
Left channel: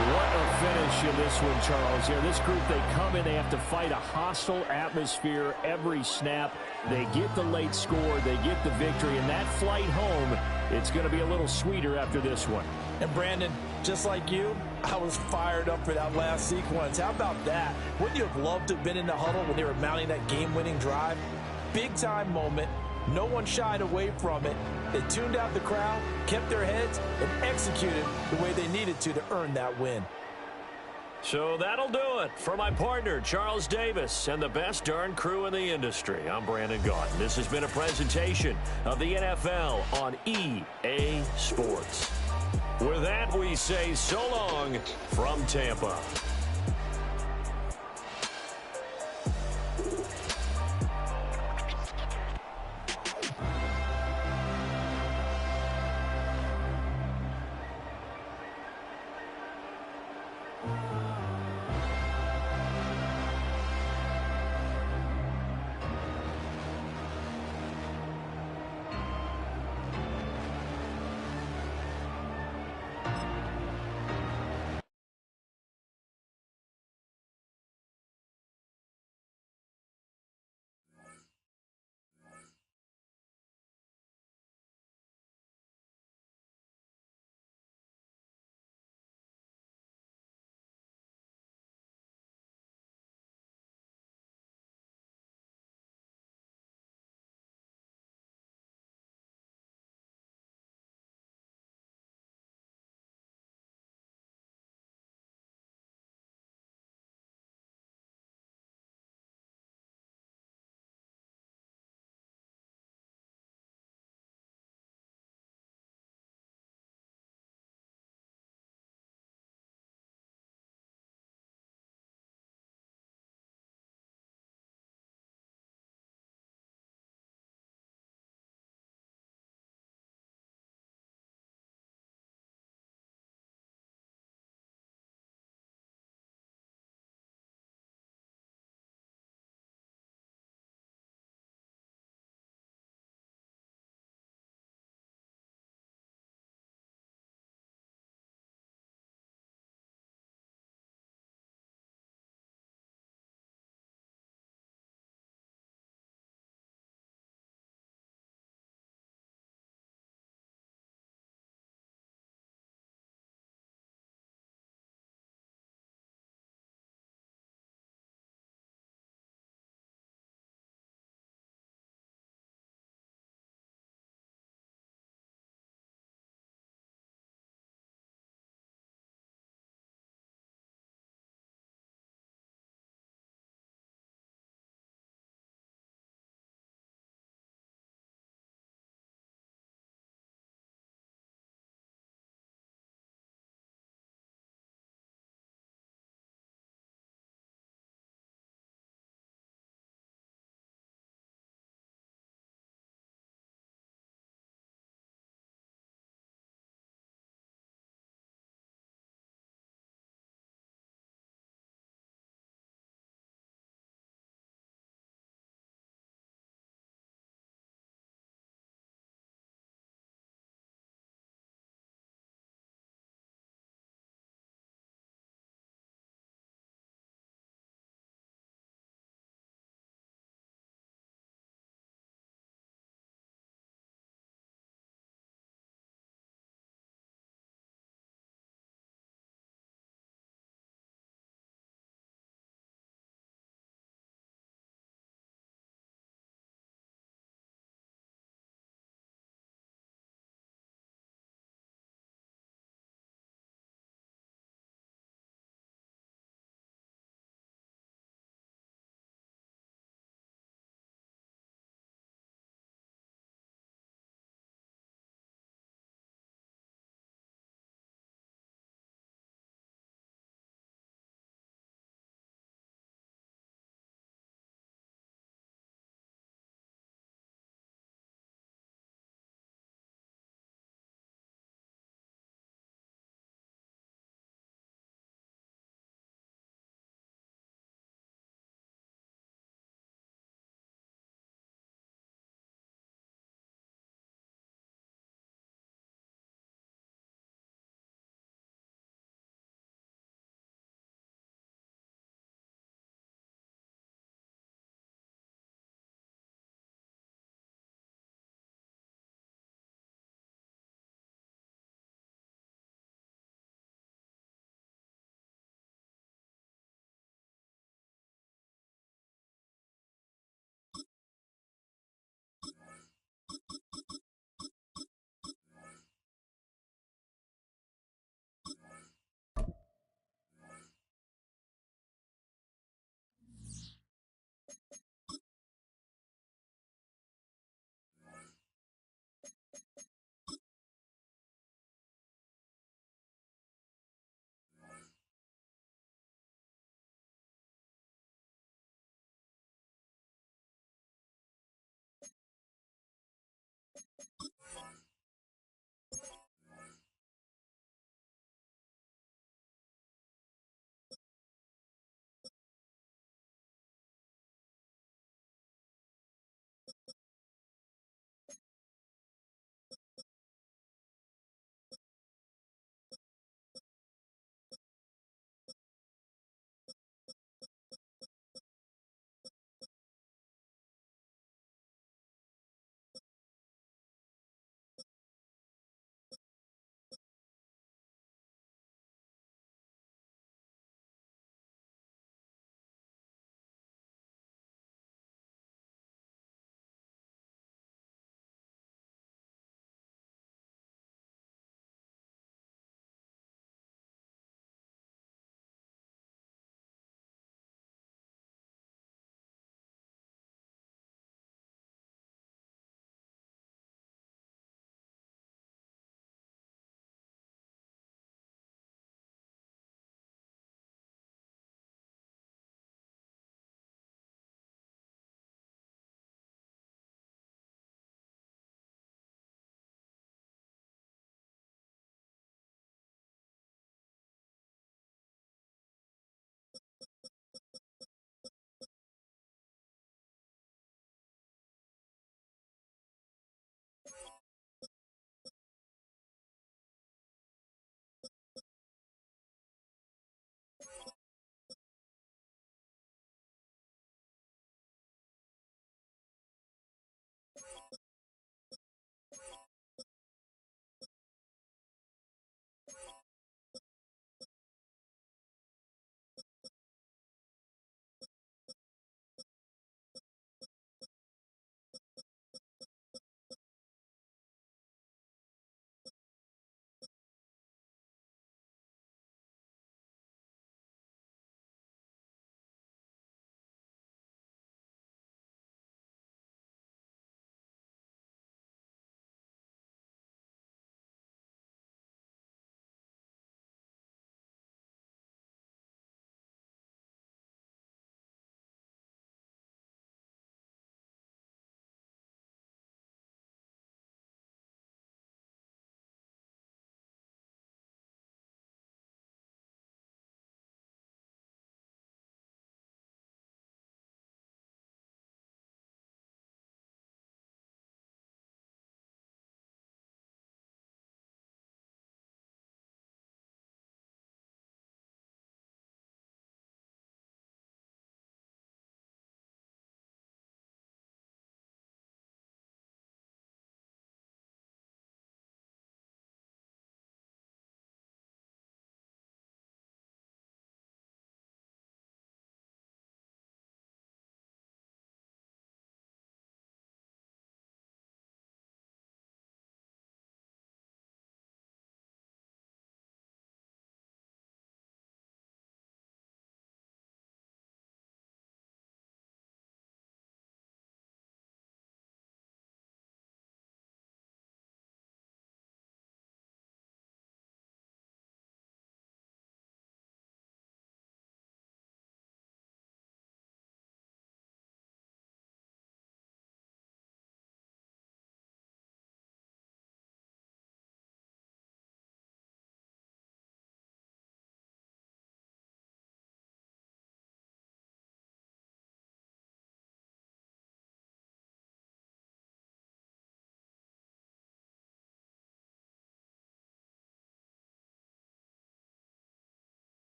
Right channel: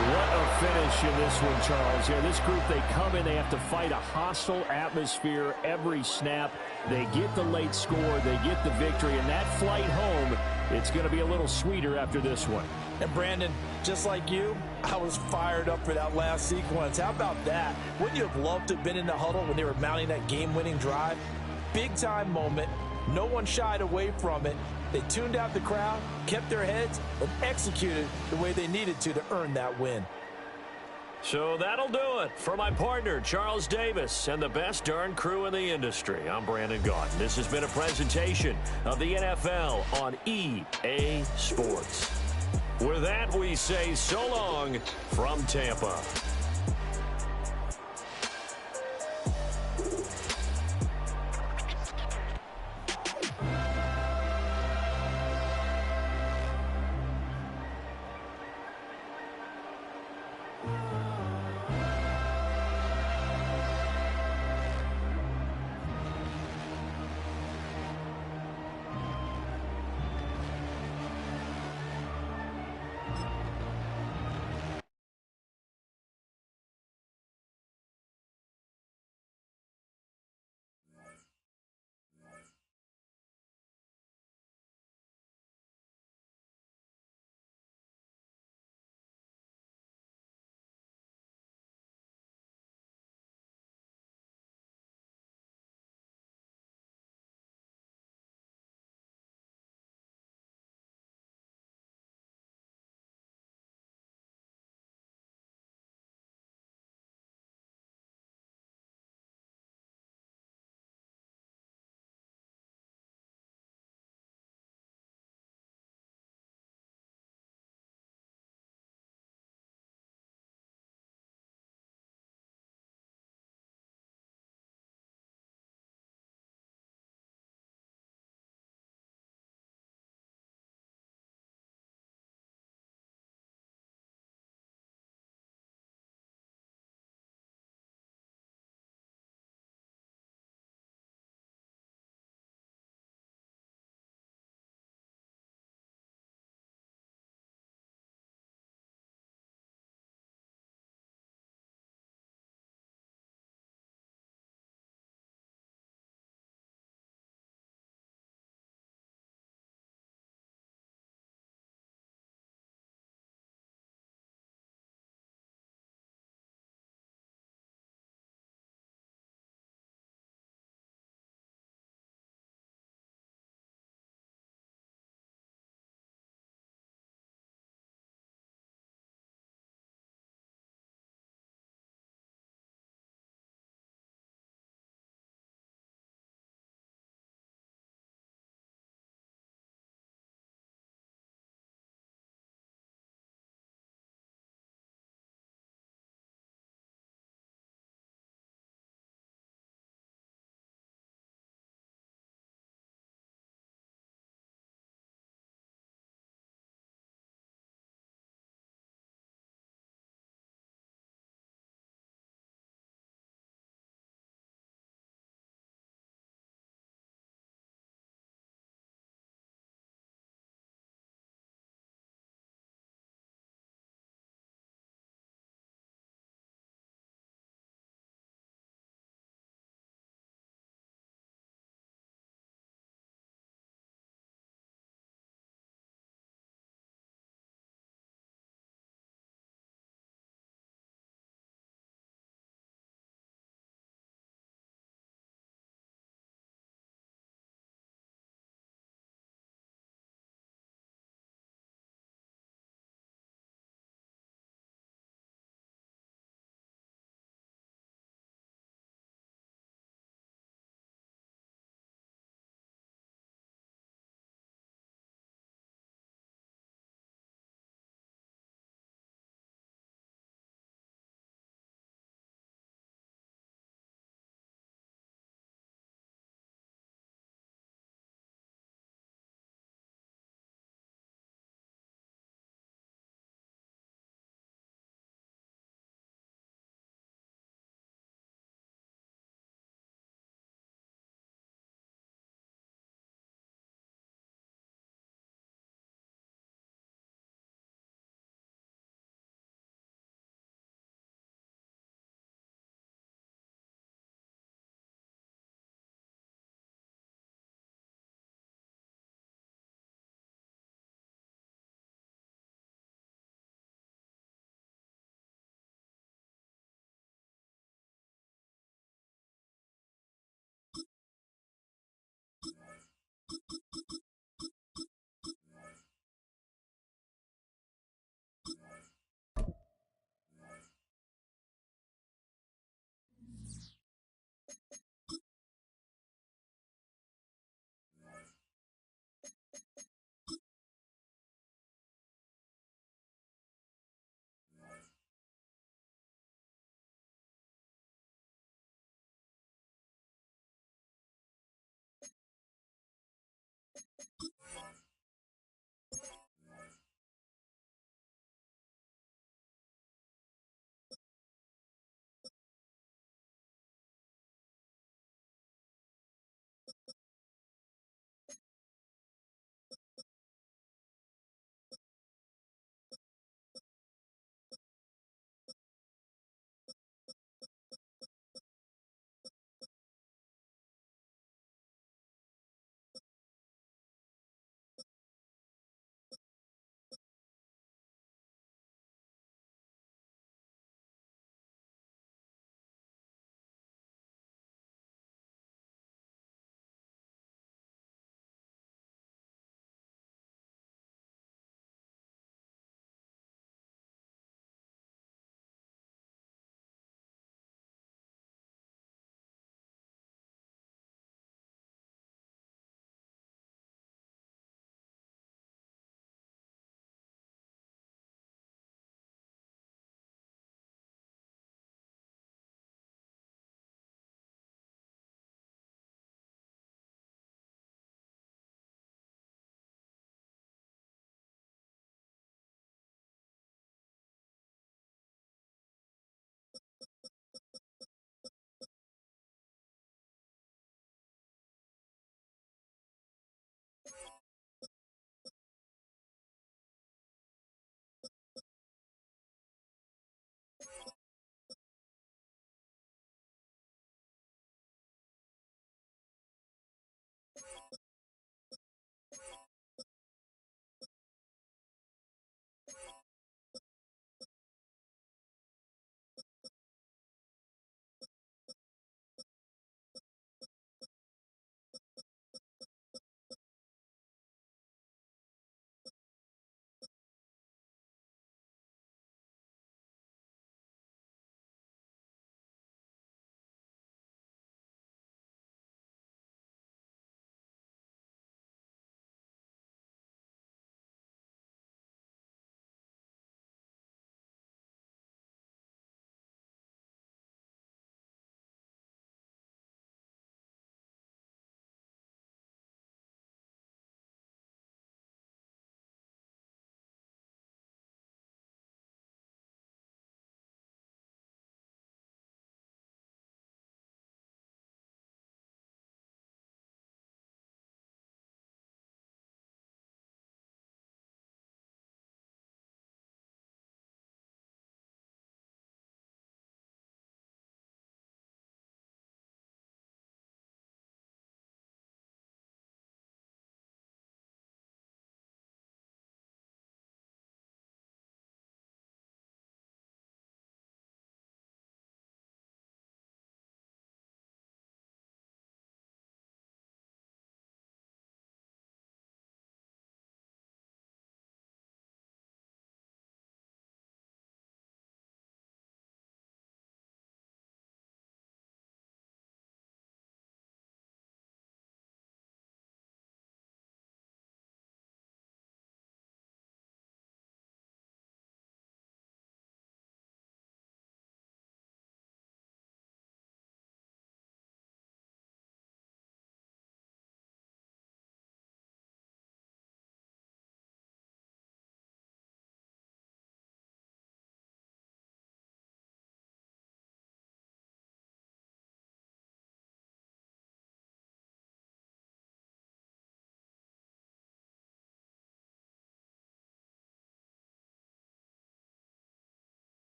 What a finish in this one, Charles. Yeah, this group, they come in, they have to fight a hostile atmosphere every snap. They get the late score, they get the victory, and that flight home, it's going to be a little sweeter after this one. And Brandon, just like you, I was fired up for that last sequence. How about that? Wouldn't you have loved to have been in the huddle when they were mounting that game-winning drive? Big-time moment. No one shied away from it. They tuned out the crowd, kept their heads, and executed the way they needed to earn that win. So that'll do it for my partner, Charles Davis, and the best darn crew in the industry. I'm Brandon Gaudin. This has been a presentation of the NFL on EA Sports. With that, we say so long from Tampa.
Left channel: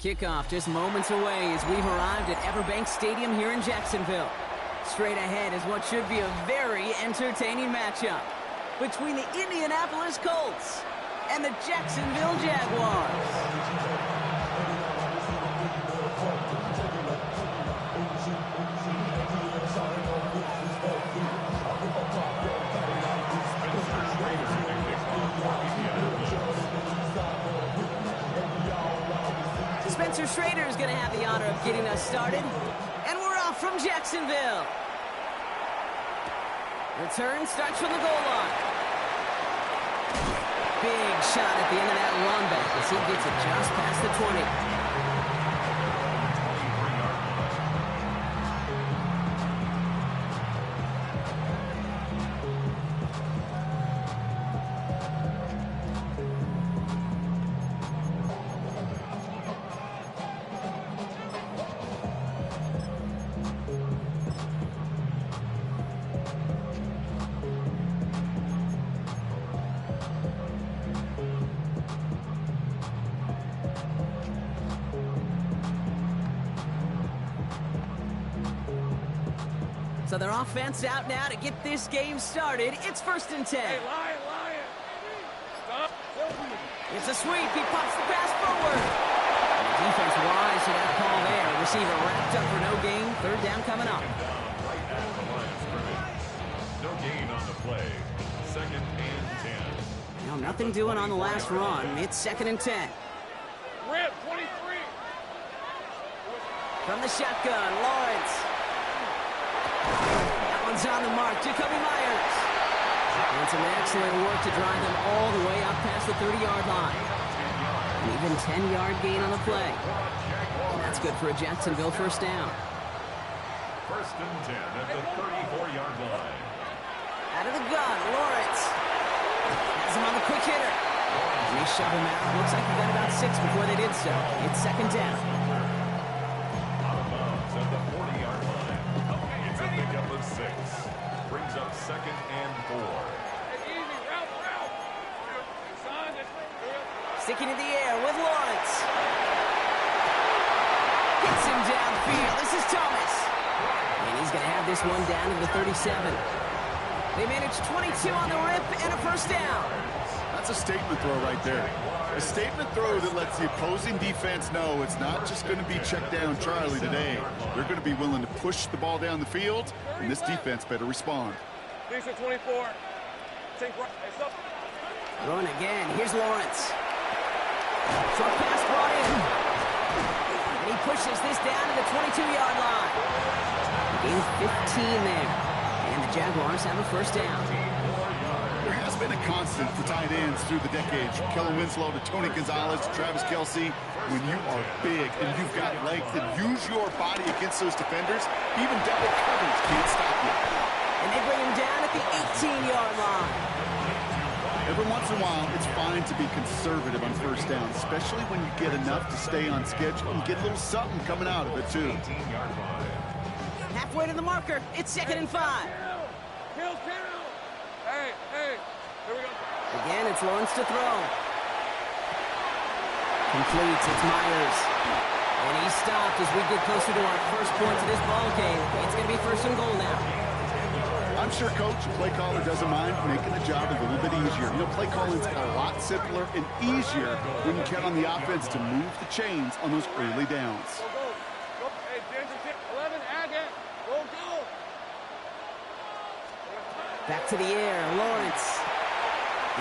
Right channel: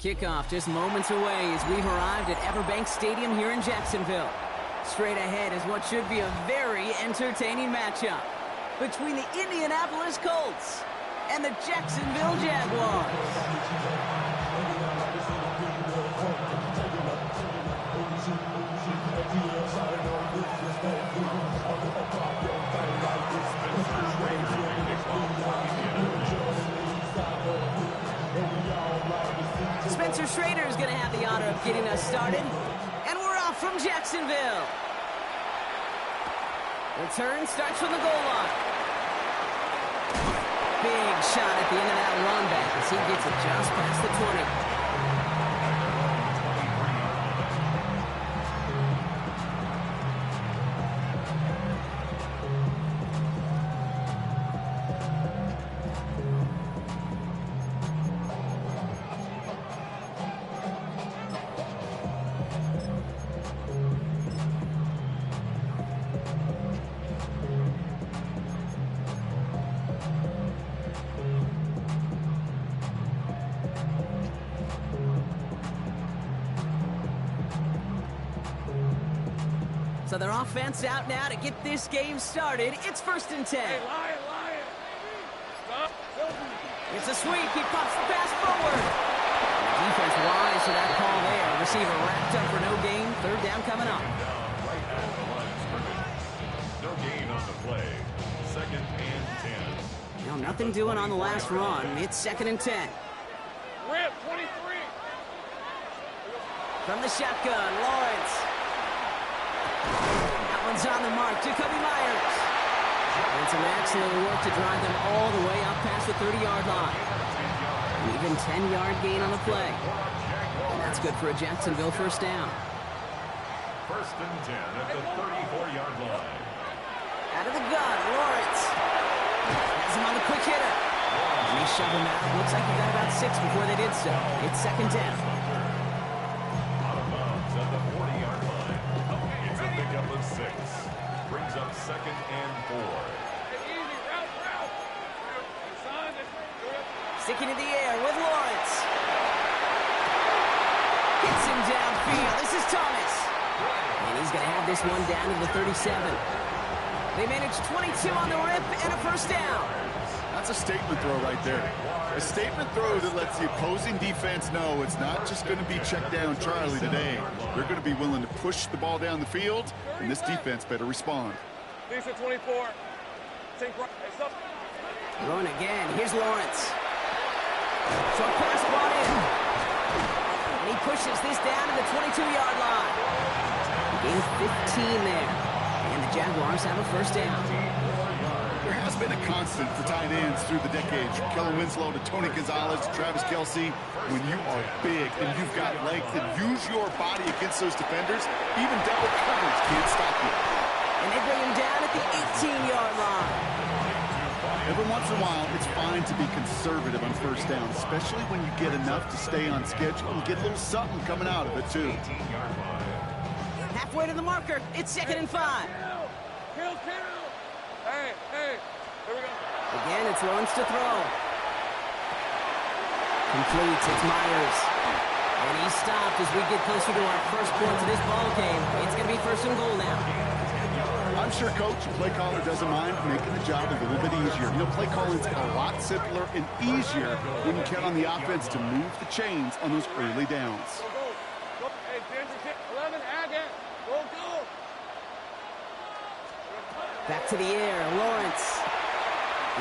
Kickoff just moments away as we've arrived at Everbank Stadium here in Jacksonville. Straight ahead is what should be a very entertaining matchup between the Indianapolis Colts and the Jacksonville Jaguars. Spencer Schrader is going to have the honor of getting us started. And we're off from Jacksonville. Return starts from the goal line. Big shot at the end of that run back as he gets it just past the 20. So their offense out now to get this game started. It's 1st and 10. Hey, Lion. Stop. It's a sweep. He pops the pass forward. And the defense wise to that call there. Receiver wrapped up for no gain. 3rd down coming up. Down right at the line of scrimmage. No gain on the play. 2nd and 10. Now nothing doing on the last run. It's 2nd and 10. Rip, 23. From the shotgun, Lawrence. That one's on the mark. Jacoby Myers. And some excellent work to drive them all the way up past the 30-yard line. An even 10-yard gain on the play. And that's good for a Jacksonville 1st down. 1st and 10 at the 34-yard line. Out of the gun, Lawrence. Has him on the quick hitter. And they shove him out. Looks like he got about 6 before they did so. It's 2nd down. Out of bounds at the 40-yard line. It's a pickup of 6. Brings up 2nd and 4. Hey, easy, route. Son, Sticking in the air with Lawrence. Gets him downfield. This is Thomas. And he's going to have this one down to the 37. They managed 22 on the rip and a 1st down. That's a statement throw right there. A statement throw that lets the opposing defense know it's not just going to be check down Charlie today. They're going to be willing to push the ball down the field, and this defense better respond. Lisa, 24. Take right. Hey, stop. Throwing again. Here's Lawrence. Short pass brought in. And he pushes this down to the 22-yard line. Gain 15 there. And the Jaguars have a 1st down. There has been a constant for tight ends through the decades, from Kellen Winslow to Tony Gonzalez to Travis Kelce. When you are big and you've got length and use your body against those defenders, even double coverage can't stop you. And they bring him down at the 18-yard line. Every once in a while, it's fine to be conservative on 1st down, especially when you get enough to stay on schedule and get a little something coming out of it, too. 18-yard line. Halfway to the marker. It's 2nd and 5. Kill. Hey, here we go. Again, it's Lawrence to throw. Completes. It's Myers. And he stopped as we get closer to our first points of this ball game. It's going to be 1st and goal now. I'm sure Coach, play caller, doesn't mind making the job a little bit easier. You know, play calling's a lot simpler and easier when you count on the offense to move the chains on those early downs. Go. Hey, Ginger, 11, add that. Go. Back to the air, Lawrence.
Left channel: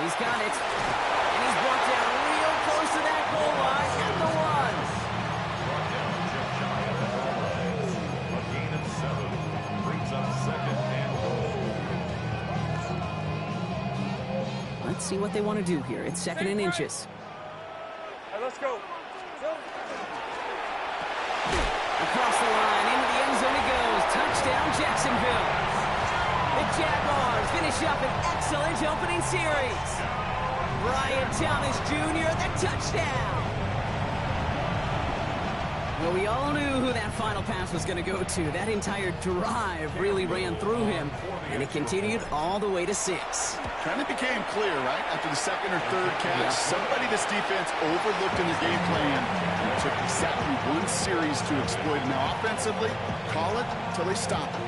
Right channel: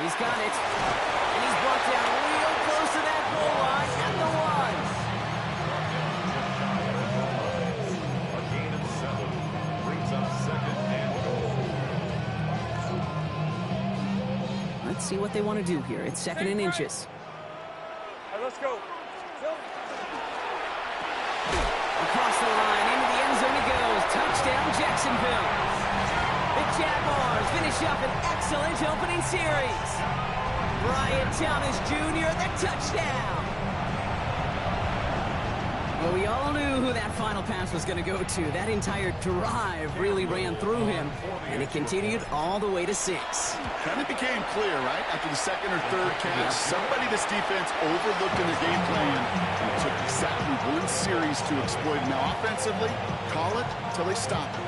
He's got it. And he's brought down real close to that goal line at the 1. A gain of 7 brings up 2nd and goal. Let's see what they want to do here. It's 2nd and inches. All right, let's go. Across the line, into the end zone he goes. Touchdown, Jacksonville. The Jaguars finish up an excellent opening series. Brian Thomas Jr., the touchdown. Well, we all knew who that final pass was going to go to. That entire drive really ran through him, and it continued all the way to 6. Kind of became clear, right? After the second or third catch, somebody this defense overlooked in their game plan and took exactly one series to exploit it. Now, offensively, call it till they stop it.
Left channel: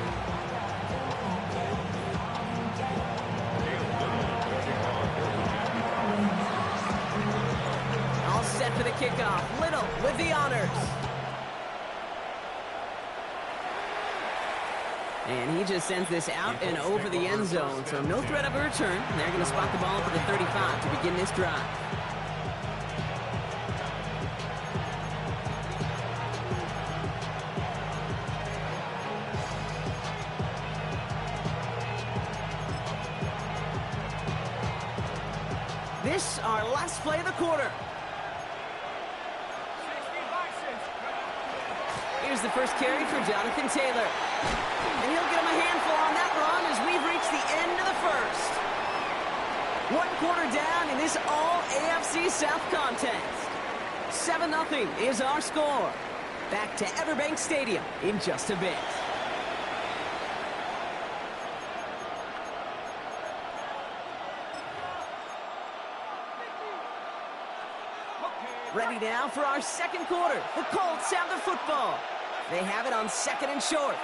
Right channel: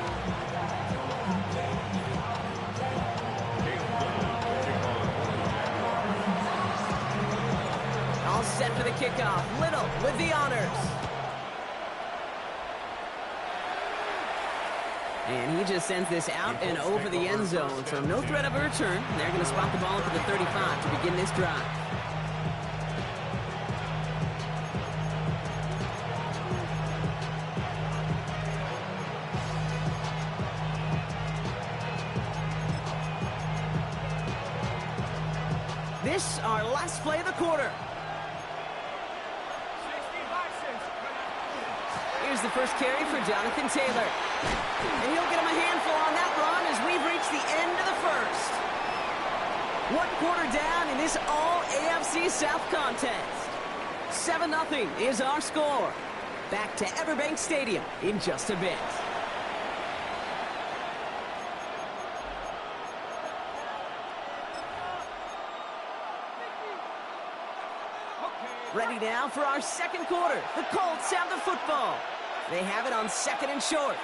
All set for the kickoff. Little with the honors. And he just sends this out and over the end zone, so no threat of a return. They're going to spot the ball up at the 35 to begin this drive. This, our last play of the quarter. Here's the first carry for Jonathan Taylor. And he'll get him a handful on that run as we've reached the end of the first. 1 quarter down in this all-AFC South contest. 7-0 is our score. Back to Everbank Stadium in just a bit. Ready now for our second quarter. The Colts have the football. They have it on 2nd and short.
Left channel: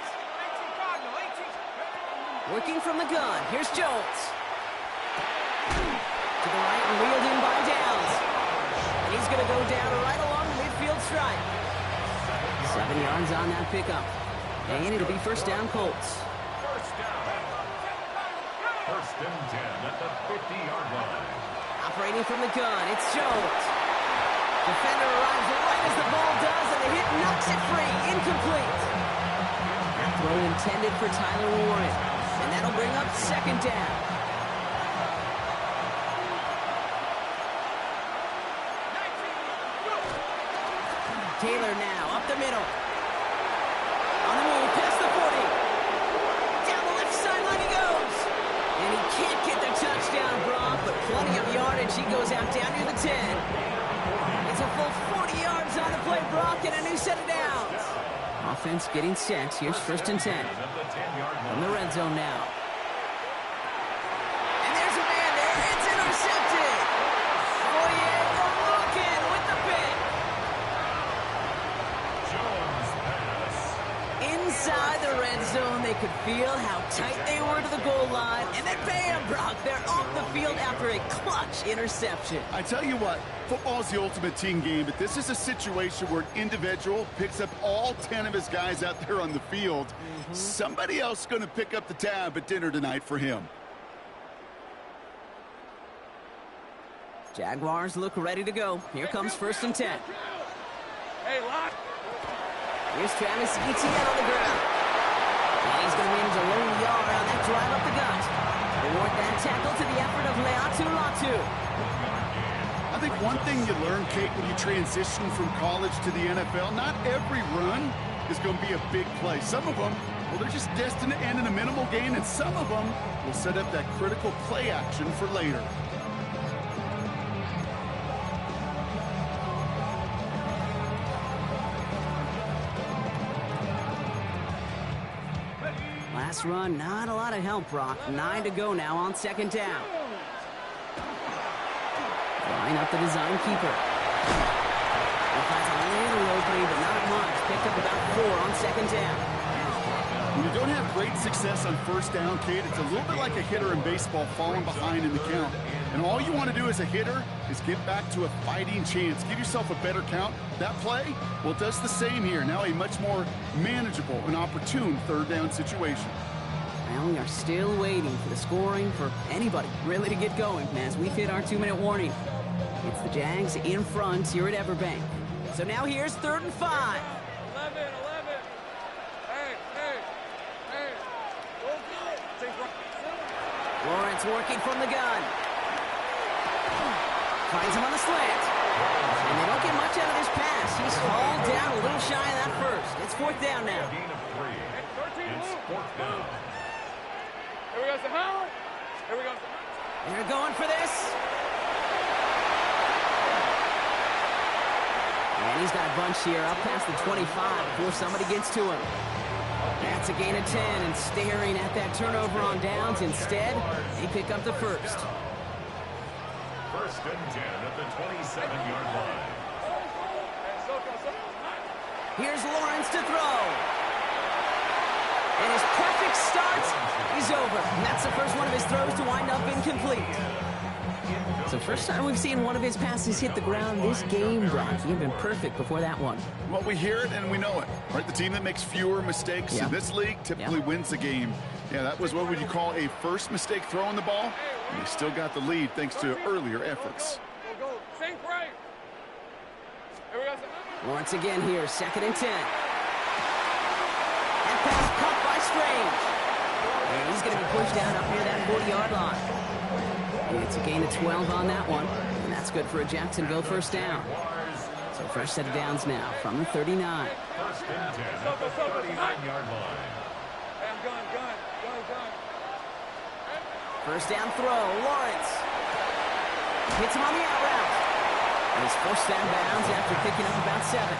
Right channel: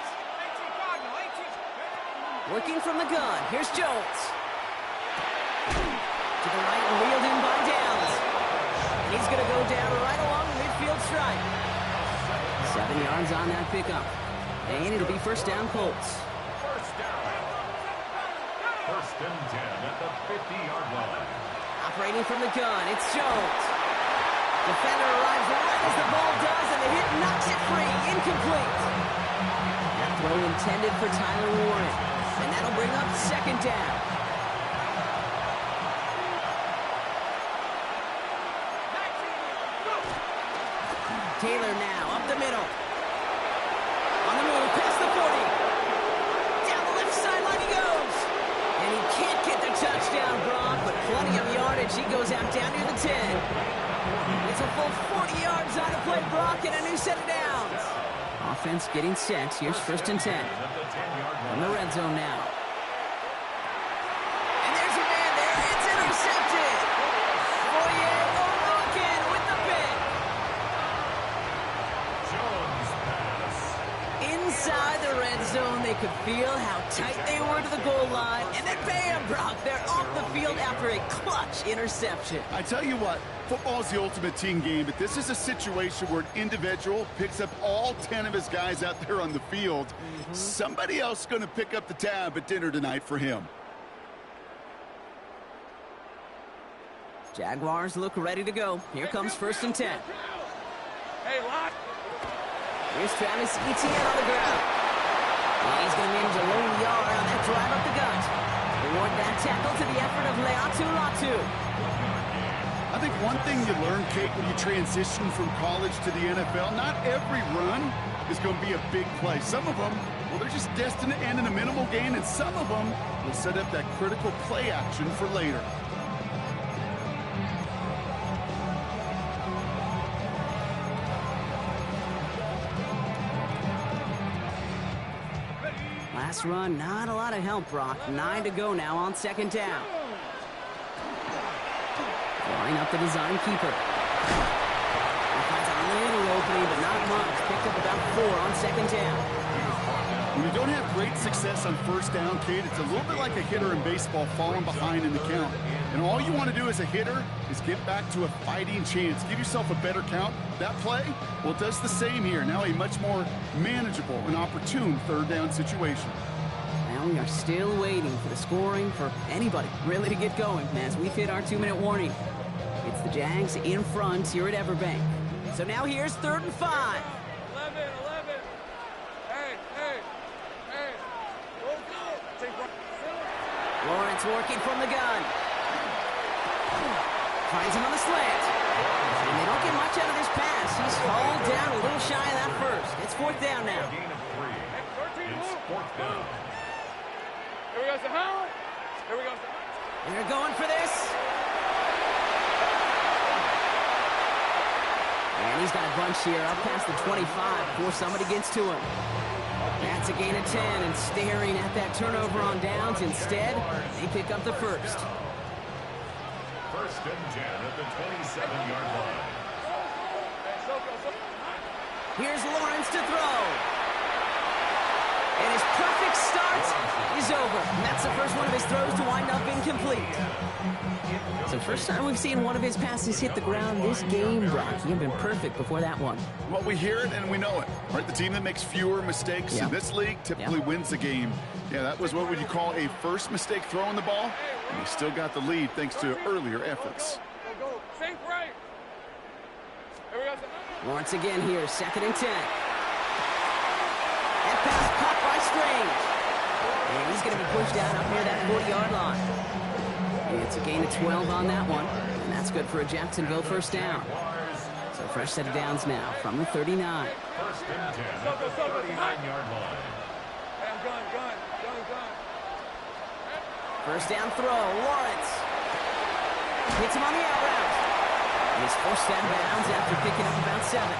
Working from the gun. Here's Jones. To the right and wheeled in by Downs. And he's going to go down right along the midfield stripe. 7 yards on that pickup. And it'll be first down Colts. First and 10 at the 50-yard line. Operating from the gun, it's Jones. Defender arrives right as the ball does, and the hit knocks it free. Incomplete. That throw intended for Tyler Warren. And that'll bring up 2nd down. Taylor now up the middle. On the move, past the 40. Down the left sideline he goes. And he can't get the touchdown, Brock, but plenty of yardage. He goes out down near the 10. It's a full 40 yards on the play, Brock, and a new set of downs. Offense getting set. Here's 1st and 10. From the red zone now. And there's a man there. It's intercepted. Foye Oluokun with the pick. Jones pass. Inside the red zone, they could feel how tight they were to the goal line. And then bam, Brock, they're off the field after a clutch interception. I tell you what, football is the ultimate team game, but this is a situation where an individual picks up all 10 of his guys out there on the field. Somebody else is going to pick up the tab at dinner tonight for him. Jaguars look ready to go. Here comes 1st and 10. Hey, lock. Here's Travis Etienne on the ground. And he's going to manage a lone yard on that drive up the gut. Reward that tackle to the effort of Leatu Latu. 1-yard gain. I think one thing you learn, Kate, when you transition from college to the NFL, not every run is going to be a big play. Some of them, well, they're just destined to end in a minimal gain, and some of them will set up that critical play action for later. Last run, not a lot of help, Brock. 9 to go now on 2nd down. Line up the design keeper. He finds a little opening, but not much. Picked up about 4 on 2nd down. When you don't have great success on 1st down, Kate, it's a little bit like a hitter in baseball falling behind in the count. And all you want to do as a hitter is get back to a fighting chance. Give yourself a better count. That play, well, it does the same here. Now a much more manageable and opportune 3rd down situation. Well, we are still waiting for the scoring for anybody really to get going as we've hit our 2-minute warning. It's the Jags in front here at Everbank. So now here's 3rd and 5. 11. Hey. Go get it. Take right. Lawrence working from the gun. Finds him on the slant. And they don't get much out of this pass. He's hauled down a little shy of that first. It's 4th down now. Gain of 3. It's 4th down. Here we go, Sahara. Here we go. And they're going for this. And he's got a bunch here up past the 25 before somebody gets to him. That's a gain of 10, and staring at that turnover on downs. Instead, they pick up the first. First and 10 at the 27-yard line. Here's Lawrence to throw. And his perfect start is over. And that's the first one of his throws to wind up incomplete. So first time we've seen one of his passes hit the ground this game, Brock. He had been perfect before that one. Well, we hear it and we know it. Right? The team that makes fewer mistakes in this league typically wins the game. Yeah, that was what would you call a first mistake throwing the ball. And they still got the lead thanks to earlier efforts. Go. Think right. Here we go. Lawrence again here, 2nd and 10. That pass caught by Strange. And he's going to be pushed down up near that 40-yard line. It's a gain of 12 on that one, and that's good for a Jacksonville first down. So fresh set of downs now from the 39. First and 10 at the 39-yard line. Hey, I'm gun. First down throw, Lawrence. Hits him on the out route. And he's forced out of bounds after picking up about 7.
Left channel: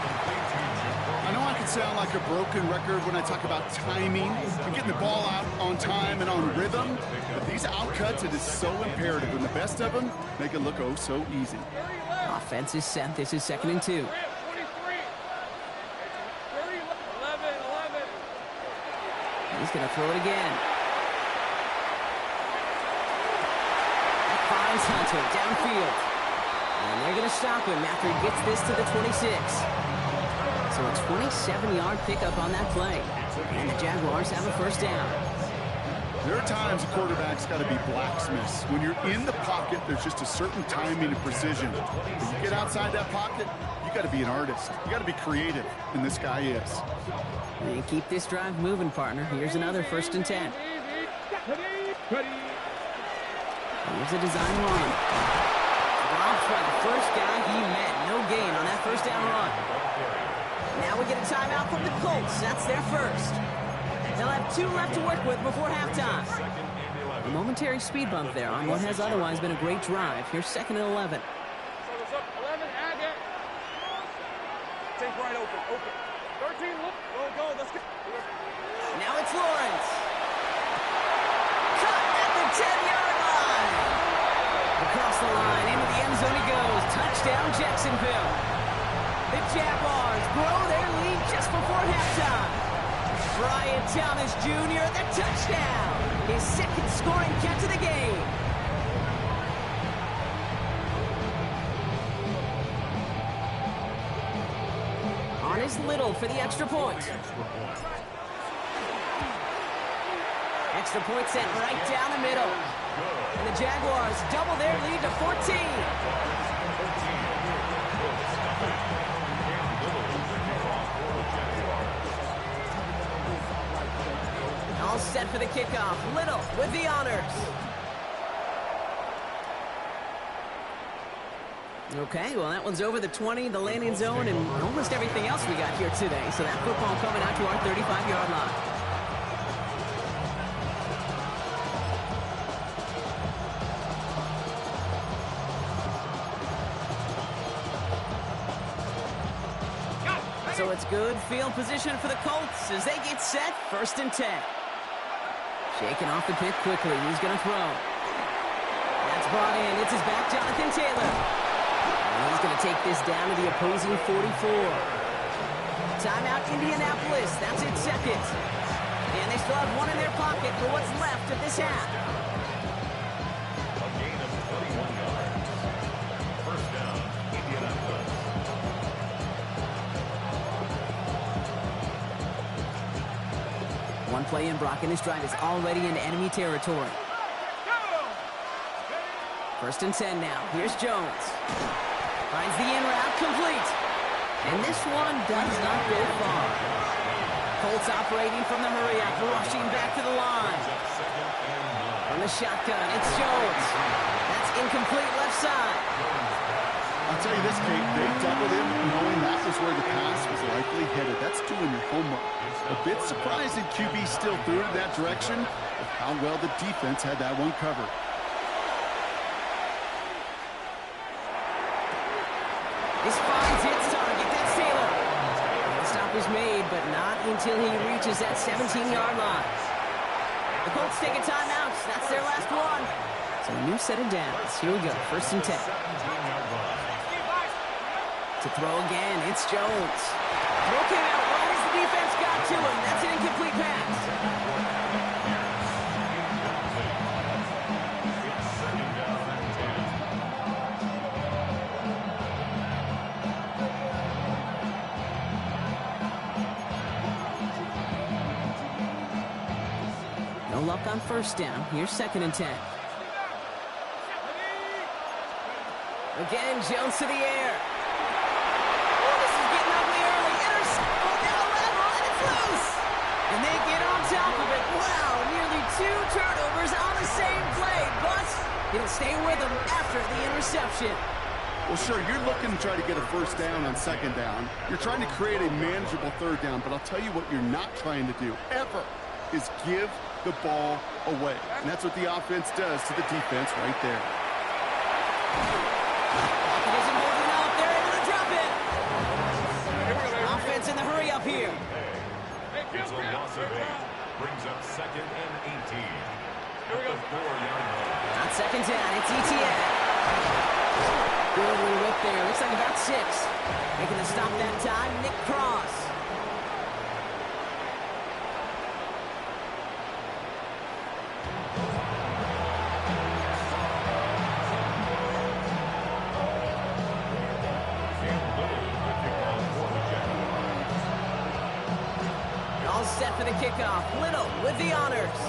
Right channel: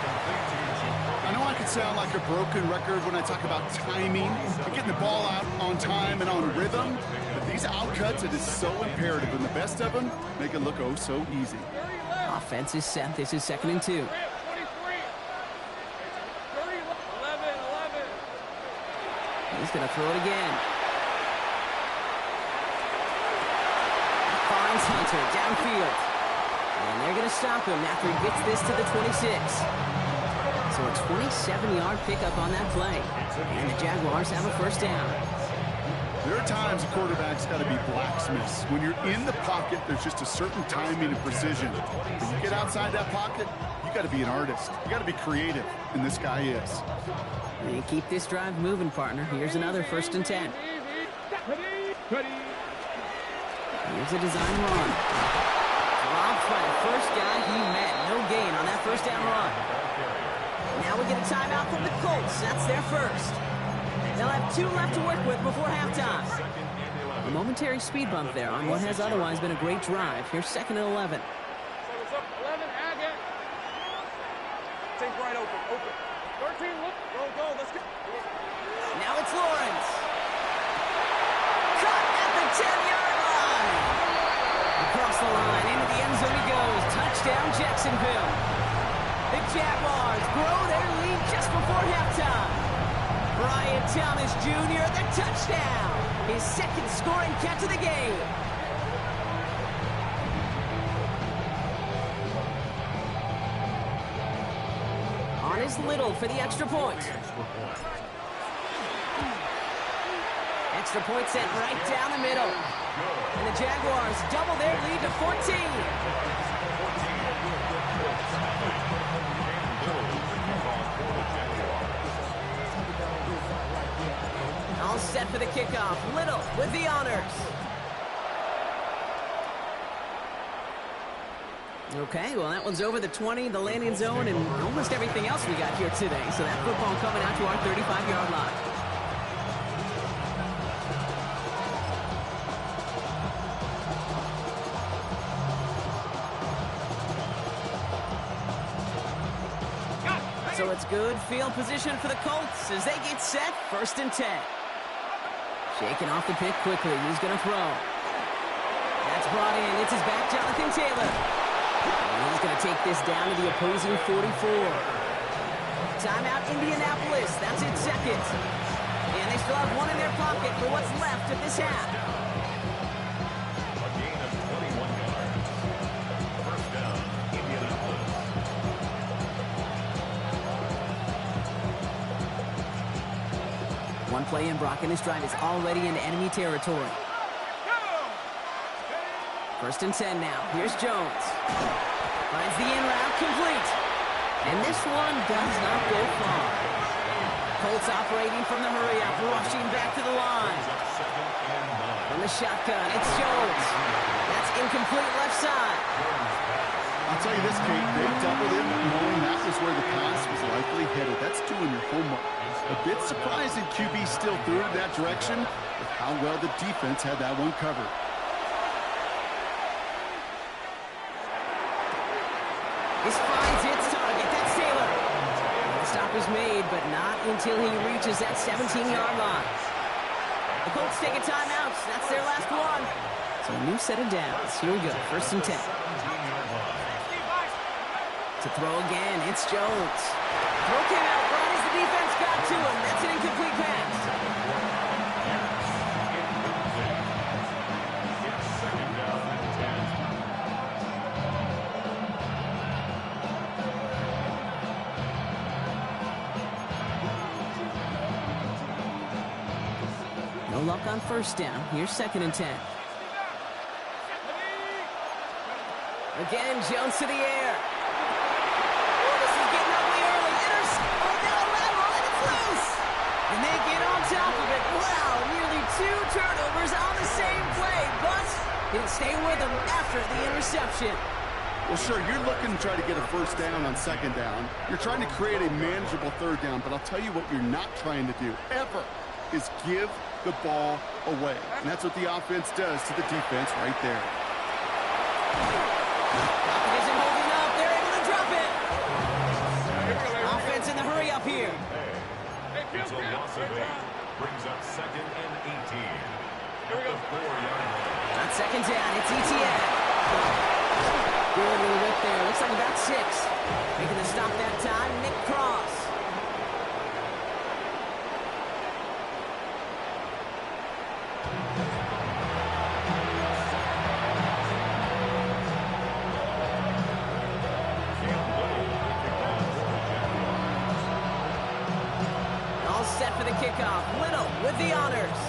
I know I can sound like a broken record when I talk about timing and getting the ball out on time and on rhythm, but these outcuts, it is so imperative, and the best of them make it look oh so easy. Offense is set. This is 2nd and 2. 23. 30, 11. He's going to throw it again. That finds Hunter downfield. And they're going to stop him after he gets this to the 26. So a 27-yard pickup on that play. And the Jaguars have a first down. There are times a quarterback's got to be blacksmiths. When you're in the pocket, there's just a certain timing and precision. When you get outside that pocket, you got to be an artist. You got to be creative, and this guy is. And keep this drive moving, partner. Here's another 1st and 10. Here's a design run. Dropped by the first guy he met. No gain on that first down run. Now we get a timeout from the Colts. That's their first. They'll have 2 left to work with before halftime. A momentary speed bump there on what has otherwise been a great drive. Here's 2nd and 11. What's up? 11, Agate. Think right, open. 13, look. Go. Let's go. Now it's Lawrence. Cut at the 10-yard line. Across the line, into the end zone he goes. Touchdown, Jacksonville. The Jaguars grow their lead just before halftime. Brian Thomas Jr., the touchdown. His 2nd scoring catch of the game. On is Little for the extra point. Extra point sent right down the middle. And the Jaguars double their lead to 14. All set for the kickoff. Little with the honors. Okay, well, that one's over the 20, the landing zone, and almost everything else we got here today. So that football coming out to our 35-yard line. So it's good field position for the Colts as they get set, 1st and 10. Shaking off the pick quickly. He's going to throw. That's brought in. It's his back, Jonathan Taylor. And he's going to take this down to the opposing 44. Timeout, Indianapolis. That's its 2nd. And they still have 1 in their pocket for what's left of this half. A gain of 21 yards. First down, Indianapolis. One play in, Brock, and this drive is already into enemy territory. 1st and 10 now. Here's Jones. Finds the in route complete. And this one does not go far. Colts operating from the hurry up, rushing back to the line. From the shotgun, it's Jones. That's incomplete left side. I'll tell you this, Kate, they doubled him knowing that was where the pass was likely headed. That's doing your homework. A bit surprising QB still threw it that direction with how well the defense had that one covered. This finds its target. That's stop is made, but not until he reaches that 17-yard line. The Colts take a timeout. That's their last one. So a new set of downs. Here we go, 1st and 10. To throw again, it's Jones. Throw came out right as the defense got to him. That's an incomplete pass. It's 2nd down and 10. No luck on 1st down. Here's 2nd and 10. Again, Jones to the air. Oh, this is getting ugly early. Oh, now a lateral, and it's loose. And they get on top of it. Wow, nearly 2 turnovers on the same play, but he'll stay with them after the interception. Well, sure, you're looking to try to get a 1st down on 2nd down. You're trying to create a manageable 3rd down, but I'll tell you what you're not trying to do, ever, is give the ball away. And that's what the offense does to the defense right there. Pocket isn't holding up. They're able to drop it. Offense in the hurry up here. It's a loss of 8. Brings up 2nd and 18. At the 4-yard line. On 2nd down, it's ETN. Good little whip there. Looks like about 6. Making the stop that time, Nick Cross. All set for the kickoff. Little with the honors.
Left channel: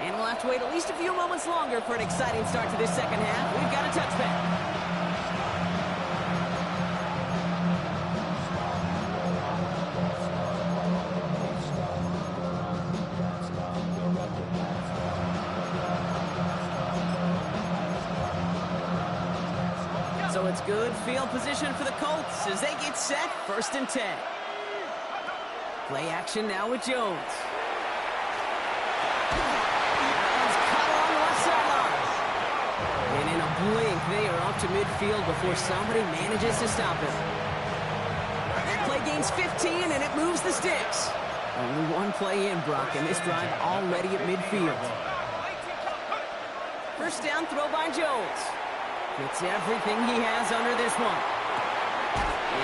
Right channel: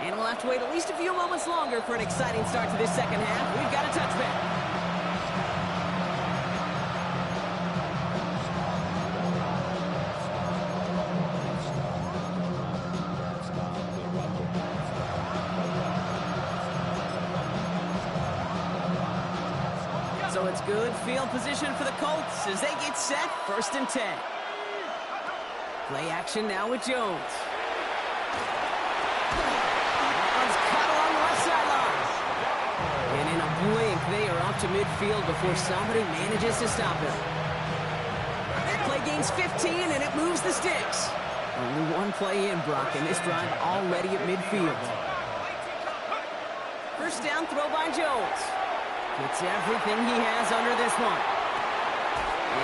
And we'll have to wait at least a few moments longer for an exciting start to this 2nd half. We've got a touchback. So it's good field position for the Colts as they get set, 1st and 10. Play action now with Jones. That one's cut along the left sideline. And in a blink, they are up to midfield before somebody manages to stop him. That play gains 15, and it moves the sticks. Only one play in, Brock, and this drive already at midfield. 1st down throw by Jones. Gets everything he has under this one.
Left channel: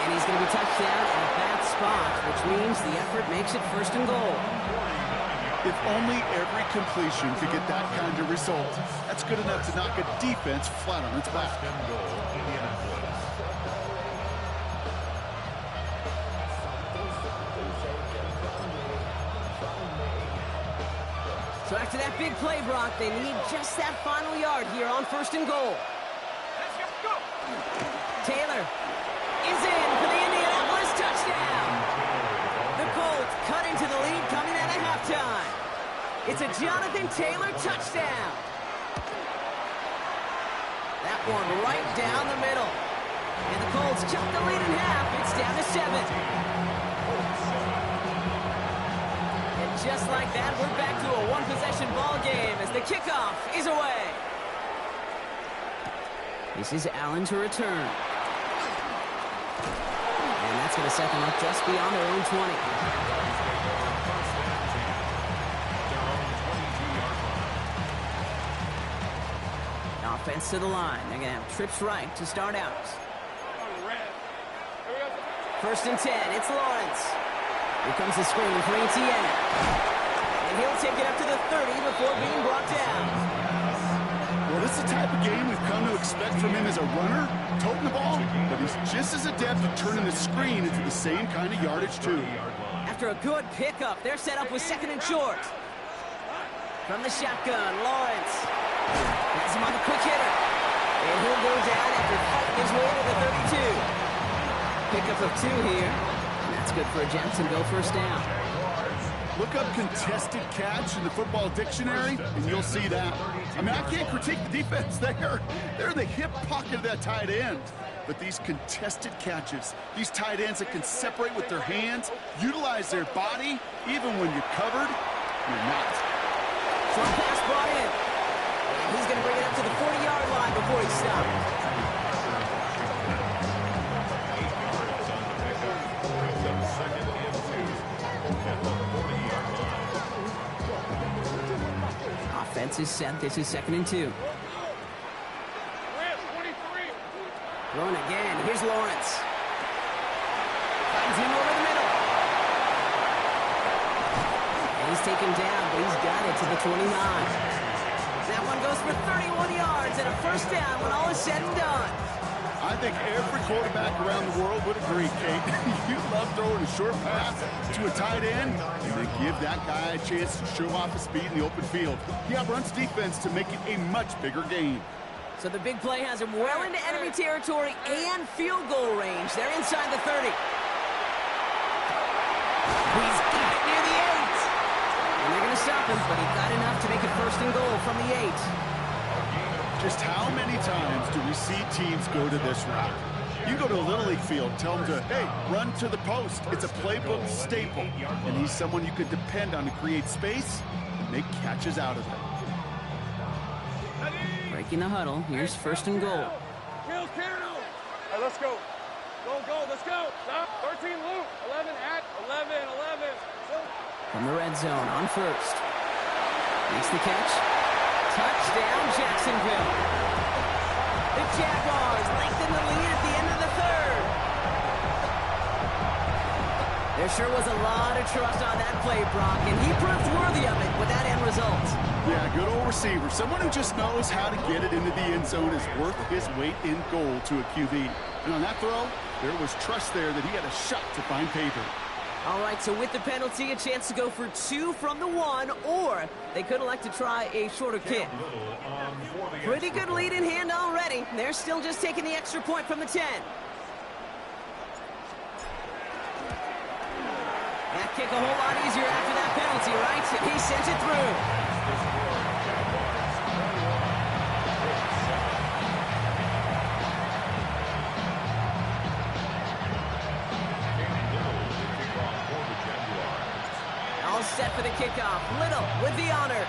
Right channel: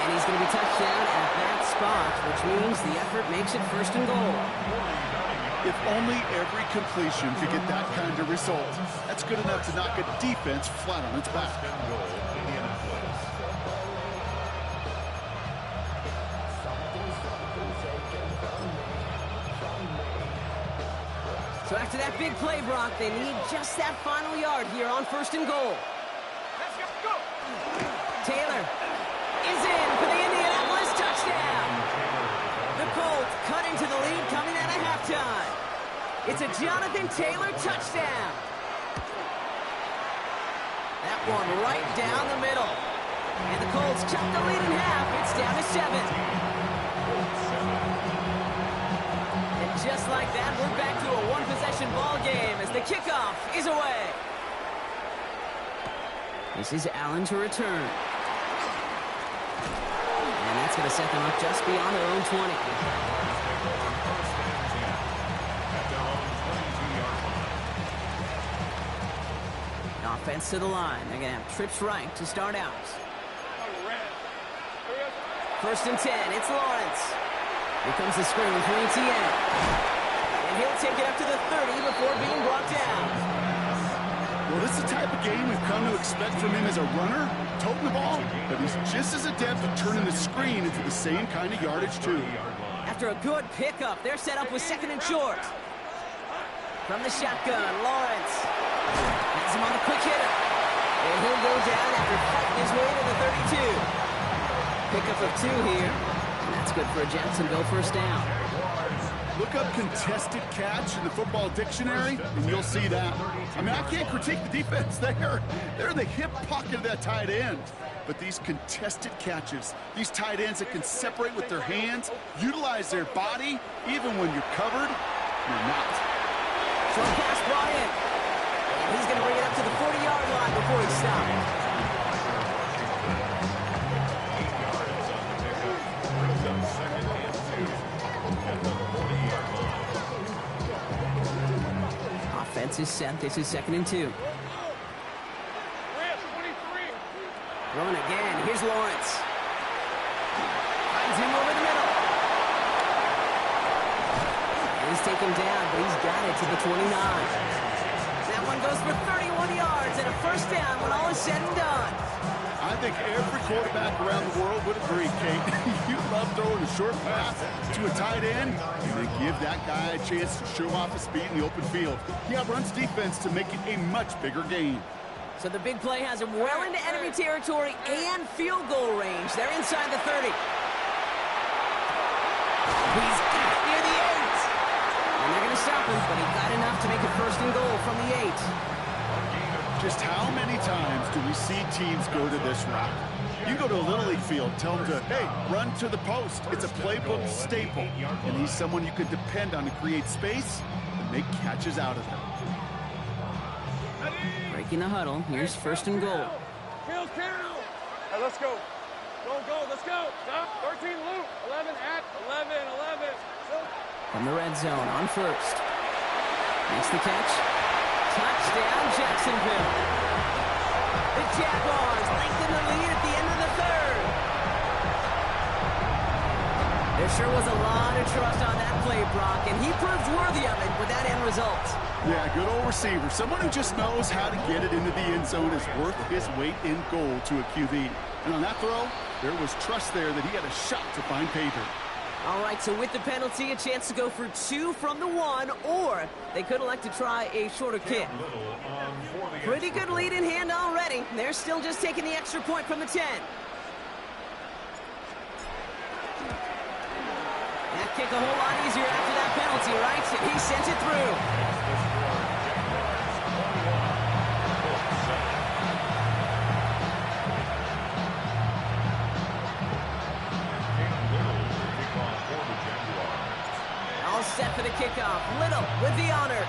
And he's going to be touched down at that spot, which means the effort makes it 1st and goal. If only every completion could get that kind of result. That's good enough to knock a defense flat on its back. 1st and goal, Indianapolis. So after that big play, Brock, they need just that final yard here on 1st and goal. Taylor is in for the Indianapolis touchdown. The Colts cut into the lead coming out of halftime. It's a Jonathan Taylor touchdown. That one right down the middle. And the Colts cut the lead in half. It's down to 7. And just like that, we're back to a one-possession ball game as the kickoff is away. This is Allen to return. And that's going to set them up just beyond their own 20. Offense to the line. They're going to have trips right to start out. 1st and 10. It's Lawrence. Here comes the screen for ETN. And he'll take it up to the 30 before being brought down. Well, this is the type of game we've come to expect from him as a runner, toting the ball, but he's just as adept at turning the screen into the same kind of yardage, too. After a good pickup, they're set up with 2nd and short. From the shotgun, Lawrence has him on the quick hitter. And he'll go down after fighting his way to the 32. Pickup of 2 here. And that's good for a Jacksonville 1st down. Look up contested catch in the football dictionary, and you'll see that. I mean, I can't critique the defense there. They're in the hip pocket of that tight end. But these contested catches, these tight ends that can separate with their hands, utilize their body, even when you're covered, you're not. Short pass brought in. And he's going to bring it up to the 40-yard line before he stops. Defense is set. This is 2nd and 2. Throwing again. Here's Lawrence. Finds him over the middle. And he's taken down, but he's got it to the 29. That one goes for 31 yards and a first down when all is said and done. I think every quarterback around the world would agree, Kate. You love throwing a short pass to a tight end and then give that guy a chance to show off his speed in the open field. He outruns defense to make it a much bigger gain. So the big play has him well into enemy territory and field goal range. They're inside the 30. He's got it near the 8. And they're going to stop him, but he got enough to make it 1st and goal from the 8. Just how many times do we see teams go to this route? You go to a Little League field, tell them to, hey, run to the post. It's a playbook staple. And he's someone you can depend on to create space and make catches out of it. Breaking the huddle. Here's 1st and goal. Hey, let's go. Go, let's go. Stop. 13 loop. 11 at 11. From the red zone on 1st. Makes the catch. Touchdown, Jacksonville. The Jaguars lengthen the lead at the end of the 3rd. There sure was a lot of trust on that play, Brock, and he proved worthy of it with that end result. Yeah, good old receiver. Someone who just knows how to get it into the end zone is worth his weight in gold to a QB. And on that throw, there was trust there that he had a shot to find pay dirt. All right, so with the penalty, a chance to go for 2 from the 1, or they could elect to try a shorter kick. Pretty good lead in hand already. They're still just taking the extra point from the 10. That kick a whole lot easier after that penalty, right? And he sent it through. All set for the kickoff. Little with the honors.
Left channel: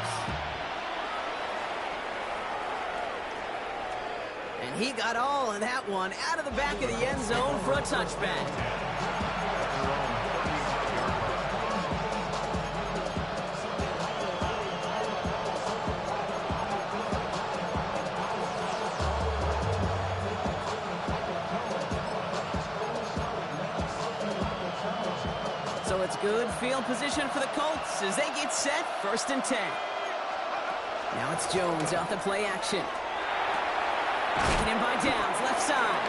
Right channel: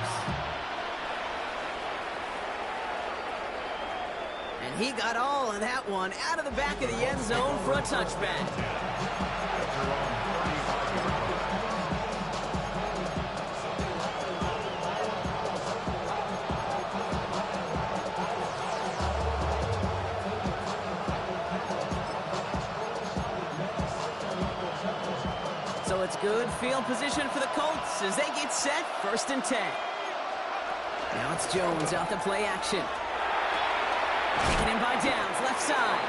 And he got all of that one out of the back of the end zone for a touchback. So it's good field position for the Colts as they get set, 1st and 10. Now it's Jones out the play action. Taken in by Downs, left side.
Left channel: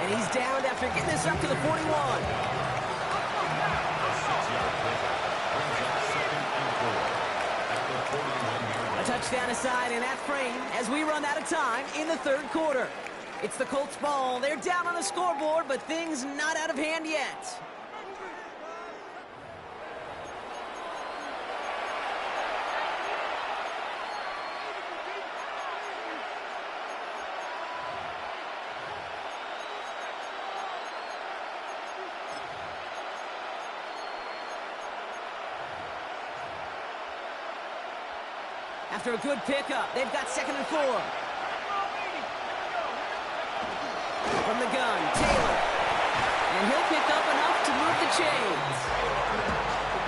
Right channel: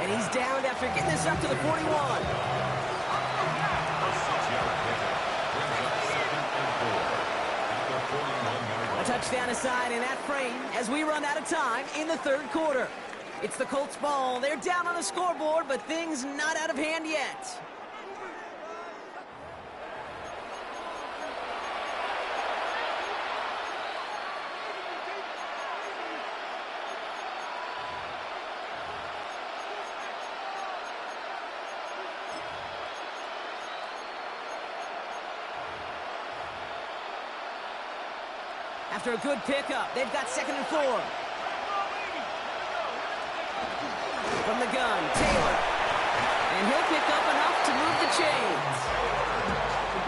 And he's downed after getting this up to the 41. A touchdown aside in that frame as we run out of time in the 3rd quarter. It's the Colts ball. They're down on the scoreboard, but things not out of hand yet. After a good pickup, they've got 2nd and 4. From the gun, Taylor. And he'll pick up enough to move the chains.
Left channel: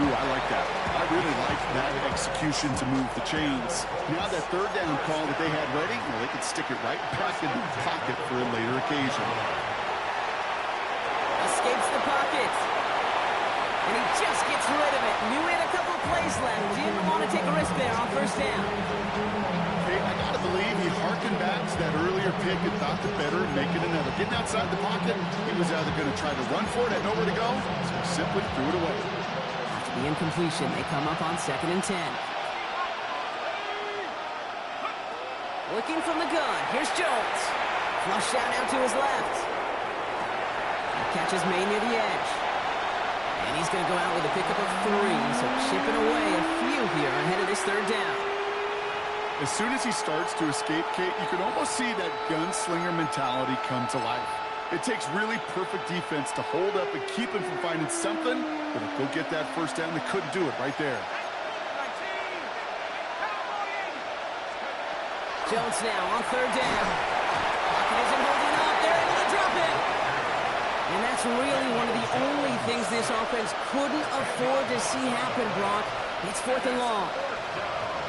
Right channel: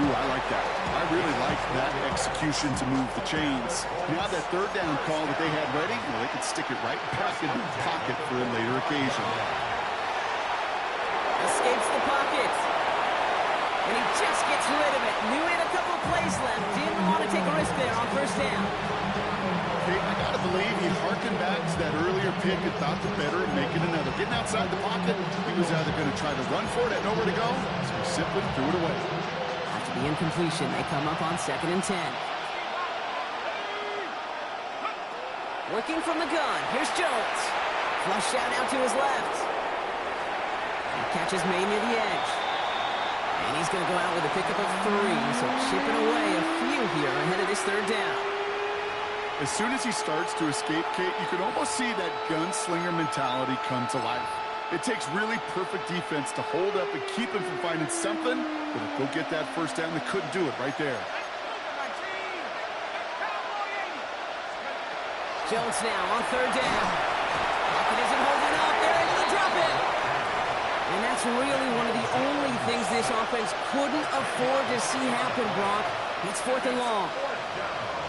Ooh, I like that. I really like that execution to move the chains. Now that 3rd down call that they had ready, well, they could stick it right back in the pocket for a later occasion. Escapes the pocket. And he just gets rid of it. Knew he had a couple of plays left. Didn't want to take a risk there on 1st down. Okay, I got to believe he harkened back to that earlier pick and thought the better of making another. Getting outside the pocket, he was either going to try to run for it, had nowhere to go, so he simply threw it away. After the incompletion, they come up on 2nd and 10. Working from the gun. Here's Jones. Flush out now to his left. The catch is made near the edge. And he's going to go out with a pickup of 3, so chipping away a few here ahead of this 3rd down. As soon as he starts to escape, Kate, you can almost see that gunslinger mentality come to life. It takes really perfect defense to hold up and keep him from finding something, but if they'll get that 1st down, they couldn't do it right there. Jones now on 3rd down. Lockett isn't holding up. They're able to drop it. And that's really one of the only things this offense couldn't afford to see happen, Brock. It's 4th and long.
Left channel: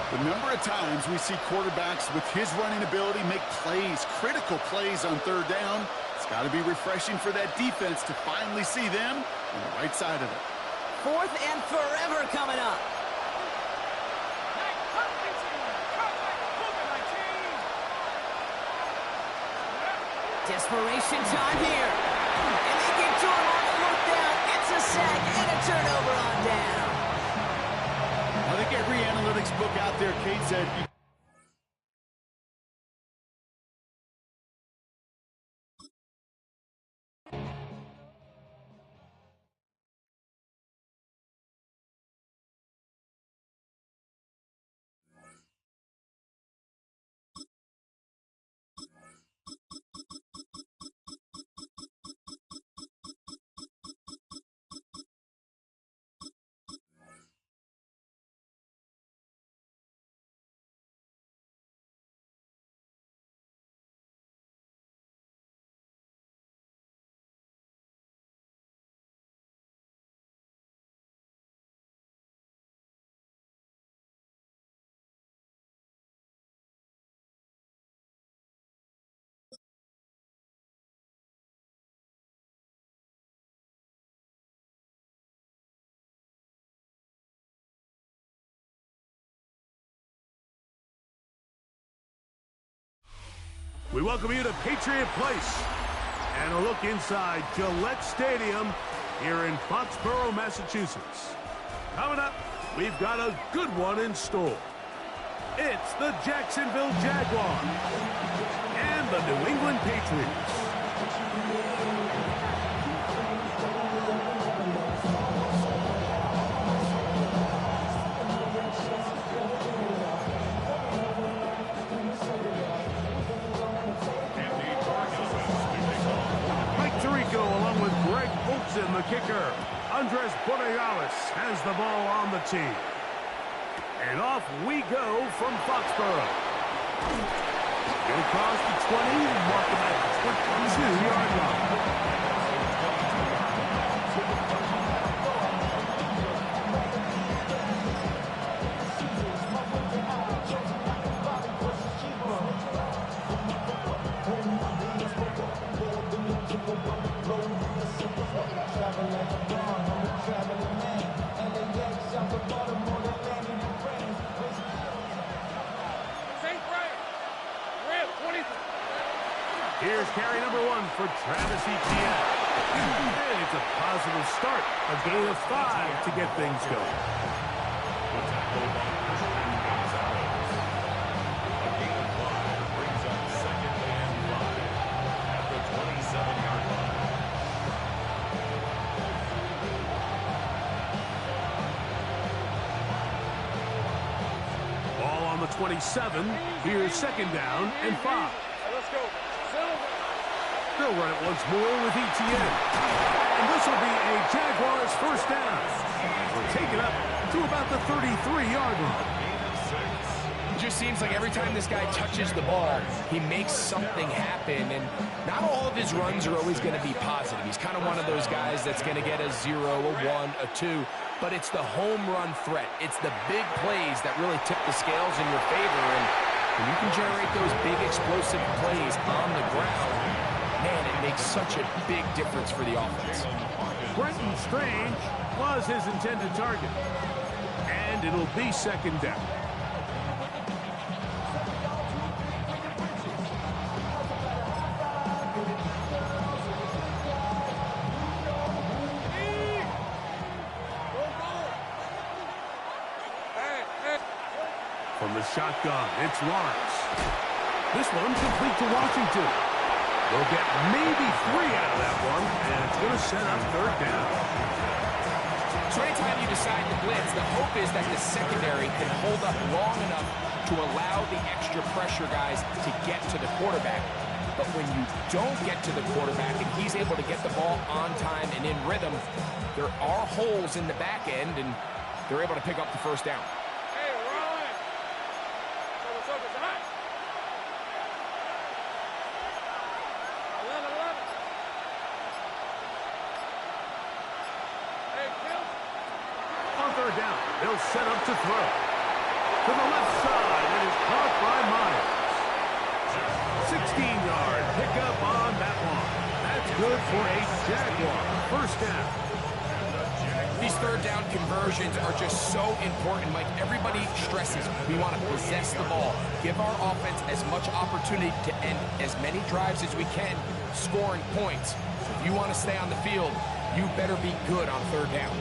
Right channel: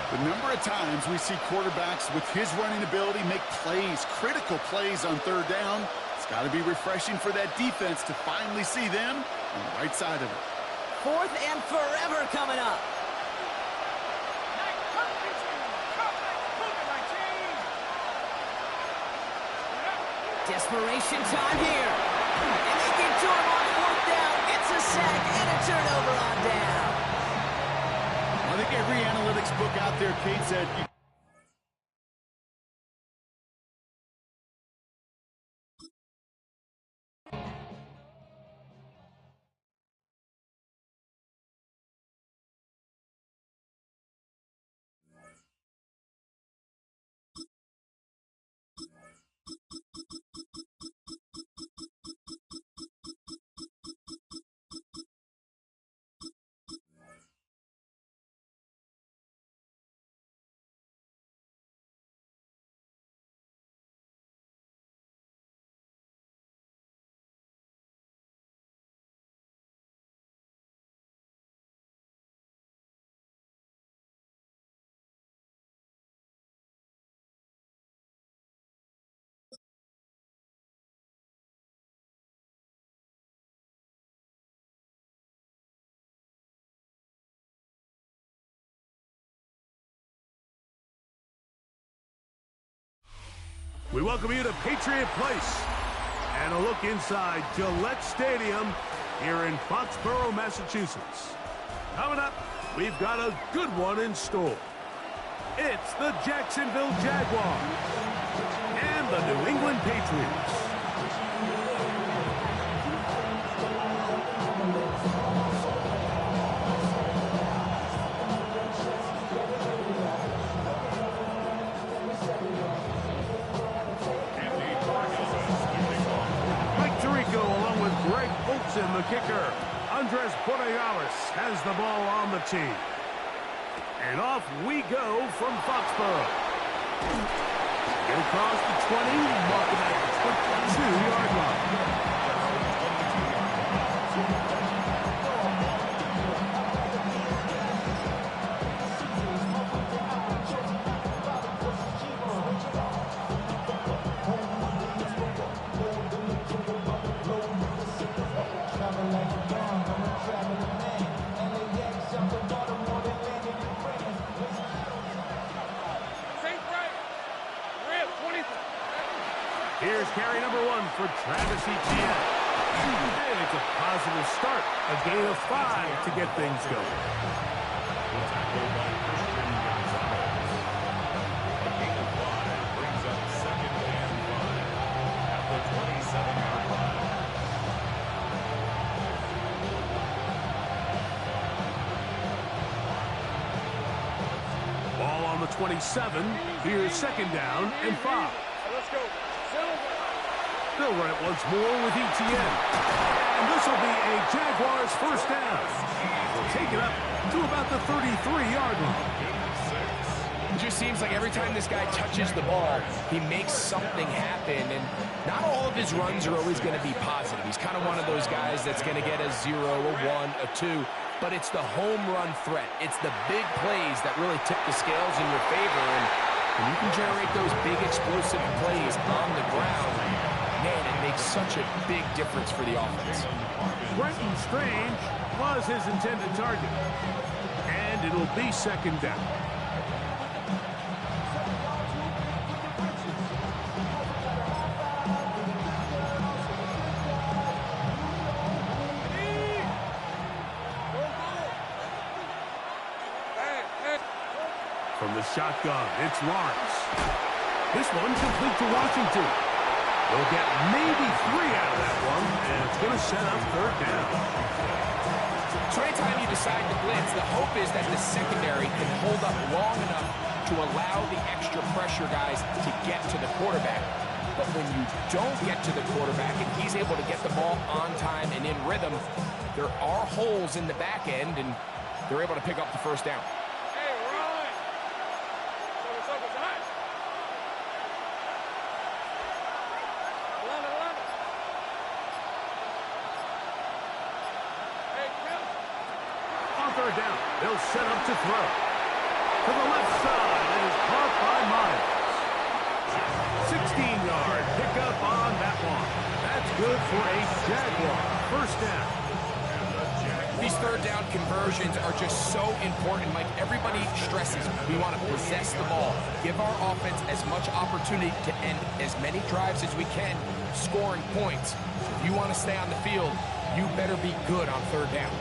The number of times we see quarterbacks with his running ability make plays, critical plays on third down, it's got to be refreshing for that defense to finally see them on the right side of it. 4th and forever coming up. Desperation time here. And they get to him on 4th down. It's a sack and a turnover on down. I think every analytics book out there, Kate said, we welcome you to Patriot Place and a look inside Gillette Stadium here in Foxborough, Massachusetts. Coming up, we've got a good one in store. It's the Jacksonville Jaguars and the New England Patriots. Along with Greg Olsen, the kicker. Andres Borregales has the ball on the tee. And off we go from Foxborough. Get across the 20, walk him at the 22-yard line. Here's carry number 1 for Travis Etienne. And it's a positive start. A gain of 5 to get things going. The tackle by Christian Gonzalez. A gain of 5 brings up 2nd and 5 at the 27-yard line. Ball on the 27. Here's 2nd down and 5. Let's go. They'll run it once more with Etienne. And this will be a Jaguars first down. They'll take it up to about the 33-yard line. It just seems like every time this guy touches the ball, he makes something happen. And not all of his runs are always going to be positive. He's kind of one of those guys that's going to get a 0, a 1, a 2. But it's the home run threat. It's the big plays that really tip the scales in your favor. And when you can generate those big explosive plays on the ground, man, it makes such a big difference for the offense. Brenton Strange was his intended target. And it'll be 2nd down. From the shotgun, it's Lawrence. This one complete to Washington. They'll get maybe 3 out of that one, and it's going to set up 3rd down. So anytime you decide to blitz, the hope is that the secondary can hold up long enough to allow the extra pressure guys to get to the quarterback. But when you don't get to the quarterback and he's able to get the ball on time and in rhythm, there are holes in the back end, and they're able to pick up the first down. Hey, Ron! So it's hot. 11. Hey, Kim. On 3rd down, they'll set up to throw. to the left side. It is caught by Myers. 16-yard pickup on that one. That's good for a Jaguar first down. These third down conversions are just so important. Like everybody stresses, we want to possess the ball, give our offense as much opportunity to end as many drives as we can, scoring points. So if you want to stay on the field, you better be good on third down.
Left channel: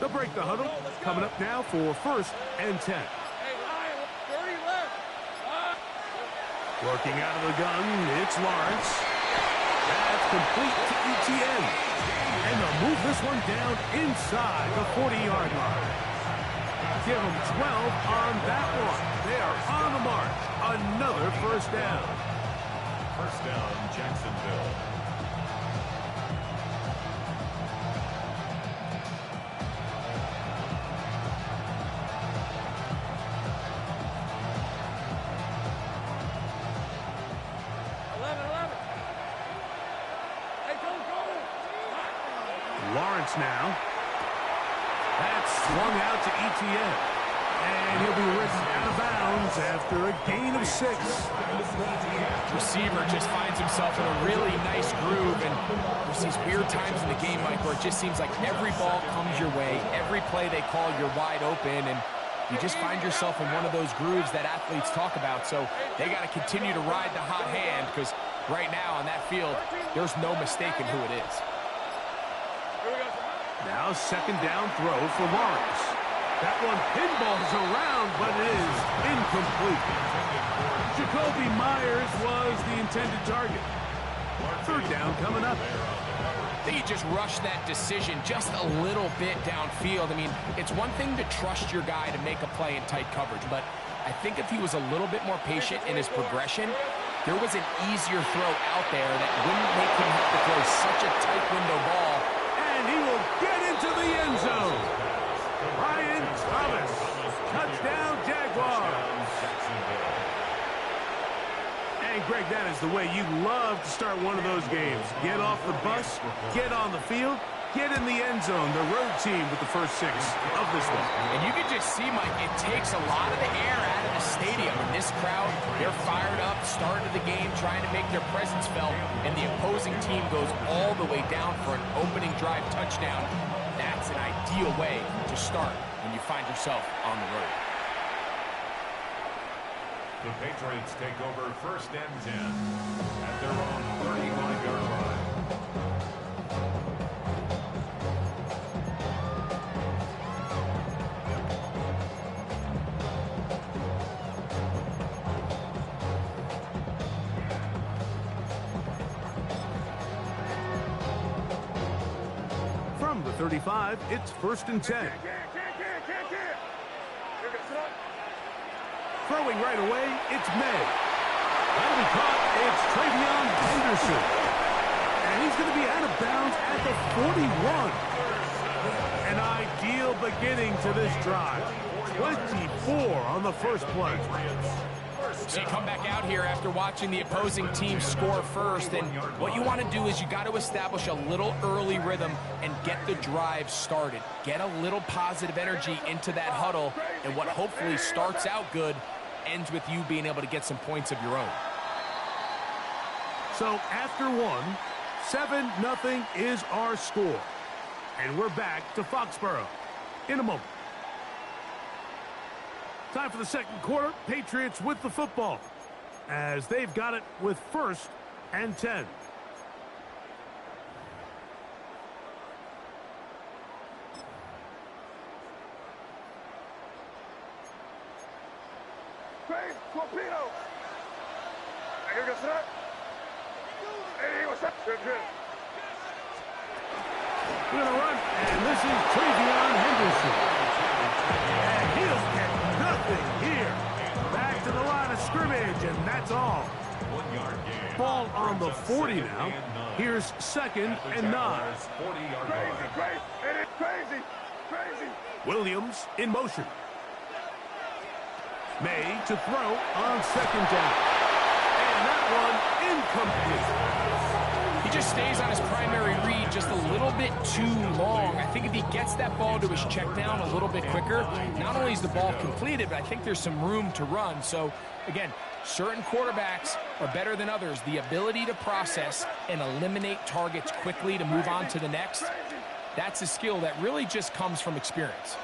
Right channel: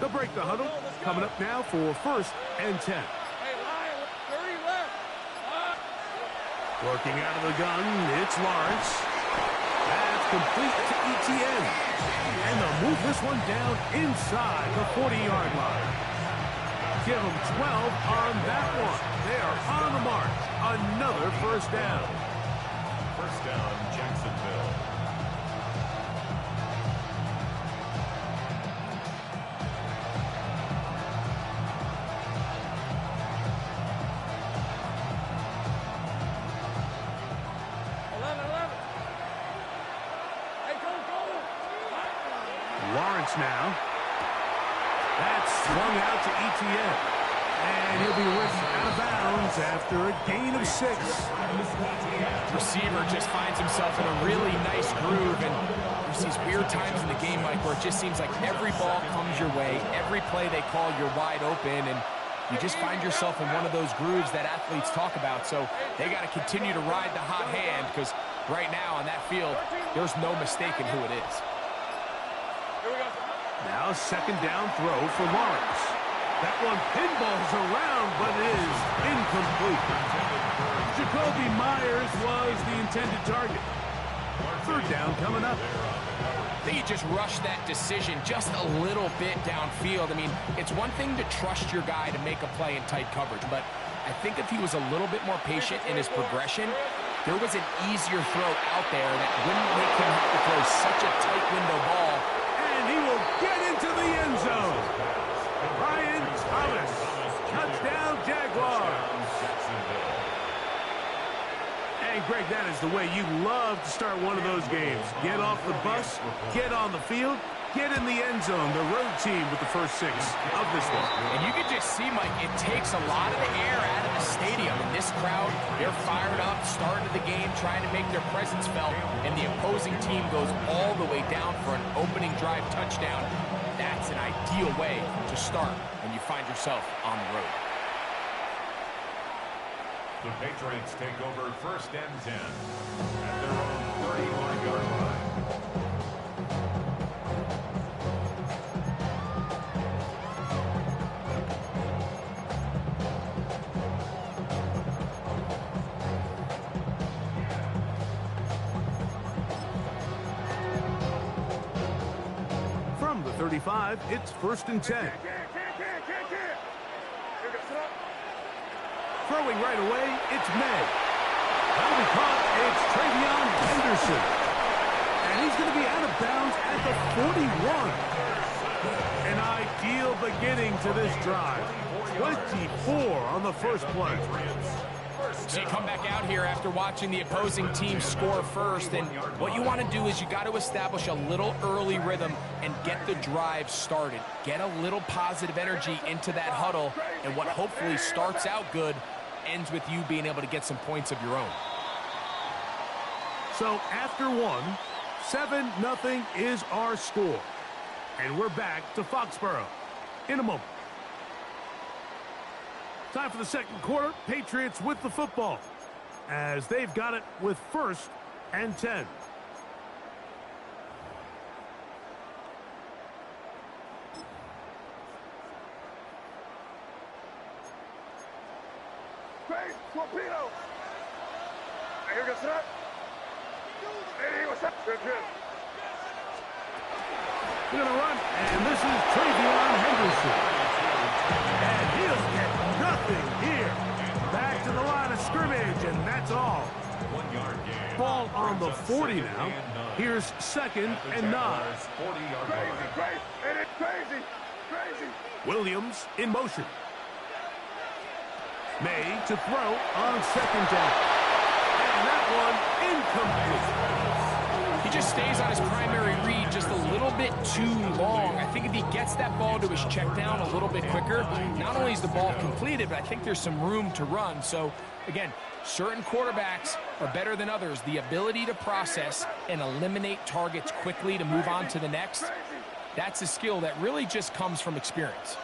They'll break the huddle. Coming up now for 1st and 10. Hey, Lion, 30 left. Working out of the gun, it's Lawrence. That's complete to ETN. And they'll move this one down inside the 40-yard line. Give them 12 on that one. They are on the march. Another first down. First down, Jacksonville. Lawrence now. That's swung out to ETN. And he'll be written out of bounds after a gain of 6. Receiver just finds himself in a really nice groove, and there's these weird times in the game, Mike, where it just seems like every ball comes your way, every play they call, you're wide open, and you just find yourself in one of those grooves that athletes talk about. So they got to continue to ride the hot hand, because right now on that field, there's no mistaking who it is. Now second down throw for Lawrence. That one pinballs around, but it is incomplete. Jacoby Myers was the intended target. Third down coming up. I think he just rushed that decision just a little bit downfield. I mean, it's one thing to trust your guy to make a play in tight coverage, but I think if he was a little bit more patient in his progression, there was an easier throw out there that wouldn't make him have to throw such a tight window ball. And he will get into the end zone. Brian Thomas. Touchdown, Jaguars. And, Greg, that is the way you love to start one of those games. Get off the bus, get on the field, get in the end zone. The road team with the first 6 of this one. And you can just see, Mike, it takes a lot of the air out of the stadium. And this crowd, they're fired up, start of the game, trying to make their presence felt. And the opposing team goes all the way down for an opening drive touchdown. That's an ideal way to start when you find yourself on the road. The Patriots take over 1st and 10 at their own 35-yard line. From the 35, it's 1st and 10. Throwing right away, it's May. That'll be caught. It's Travion Henderson. And he's going to be out of bounds at the 41. An ideal beginning to this drive. 24 on the first play. So you come back out here after watching the opposing team score first, and what you want to do is you got to establish a little early rhythm and get the drive started. Get a little positive energy into that huddle, and what hopefully starts out good ends with you being able to get some points of your own. So after 1, 7-0 is our score. And we're back to Foxborough in a moment. Time for the second quarter. Patriots with the football as they've got it with 1st and 10. Torpedo! Hey, here goes that. Hey, what's up? Good. We're going to run, and this is Travion Henderson. And he'll get nothing here. Back to the line of scrimmage, and that's all. 1 yard gain. Ball on the Brings up 40 second now. and 9. Here's second At the and 9. Jaguars' 40-yard line. Crazy. Williams in motion. May to throw on second down. And that one incomplete. He just stays on his primary read just a little bit too long. I think if he gets that ball to his check down a little bit quicker, not only is the ball completed, but I think there's some room to run. So, again, certain quarterbacks are better than others. The ability to process and eliminate targets quickly to move on to the next, that's a skill that really just comes from experience.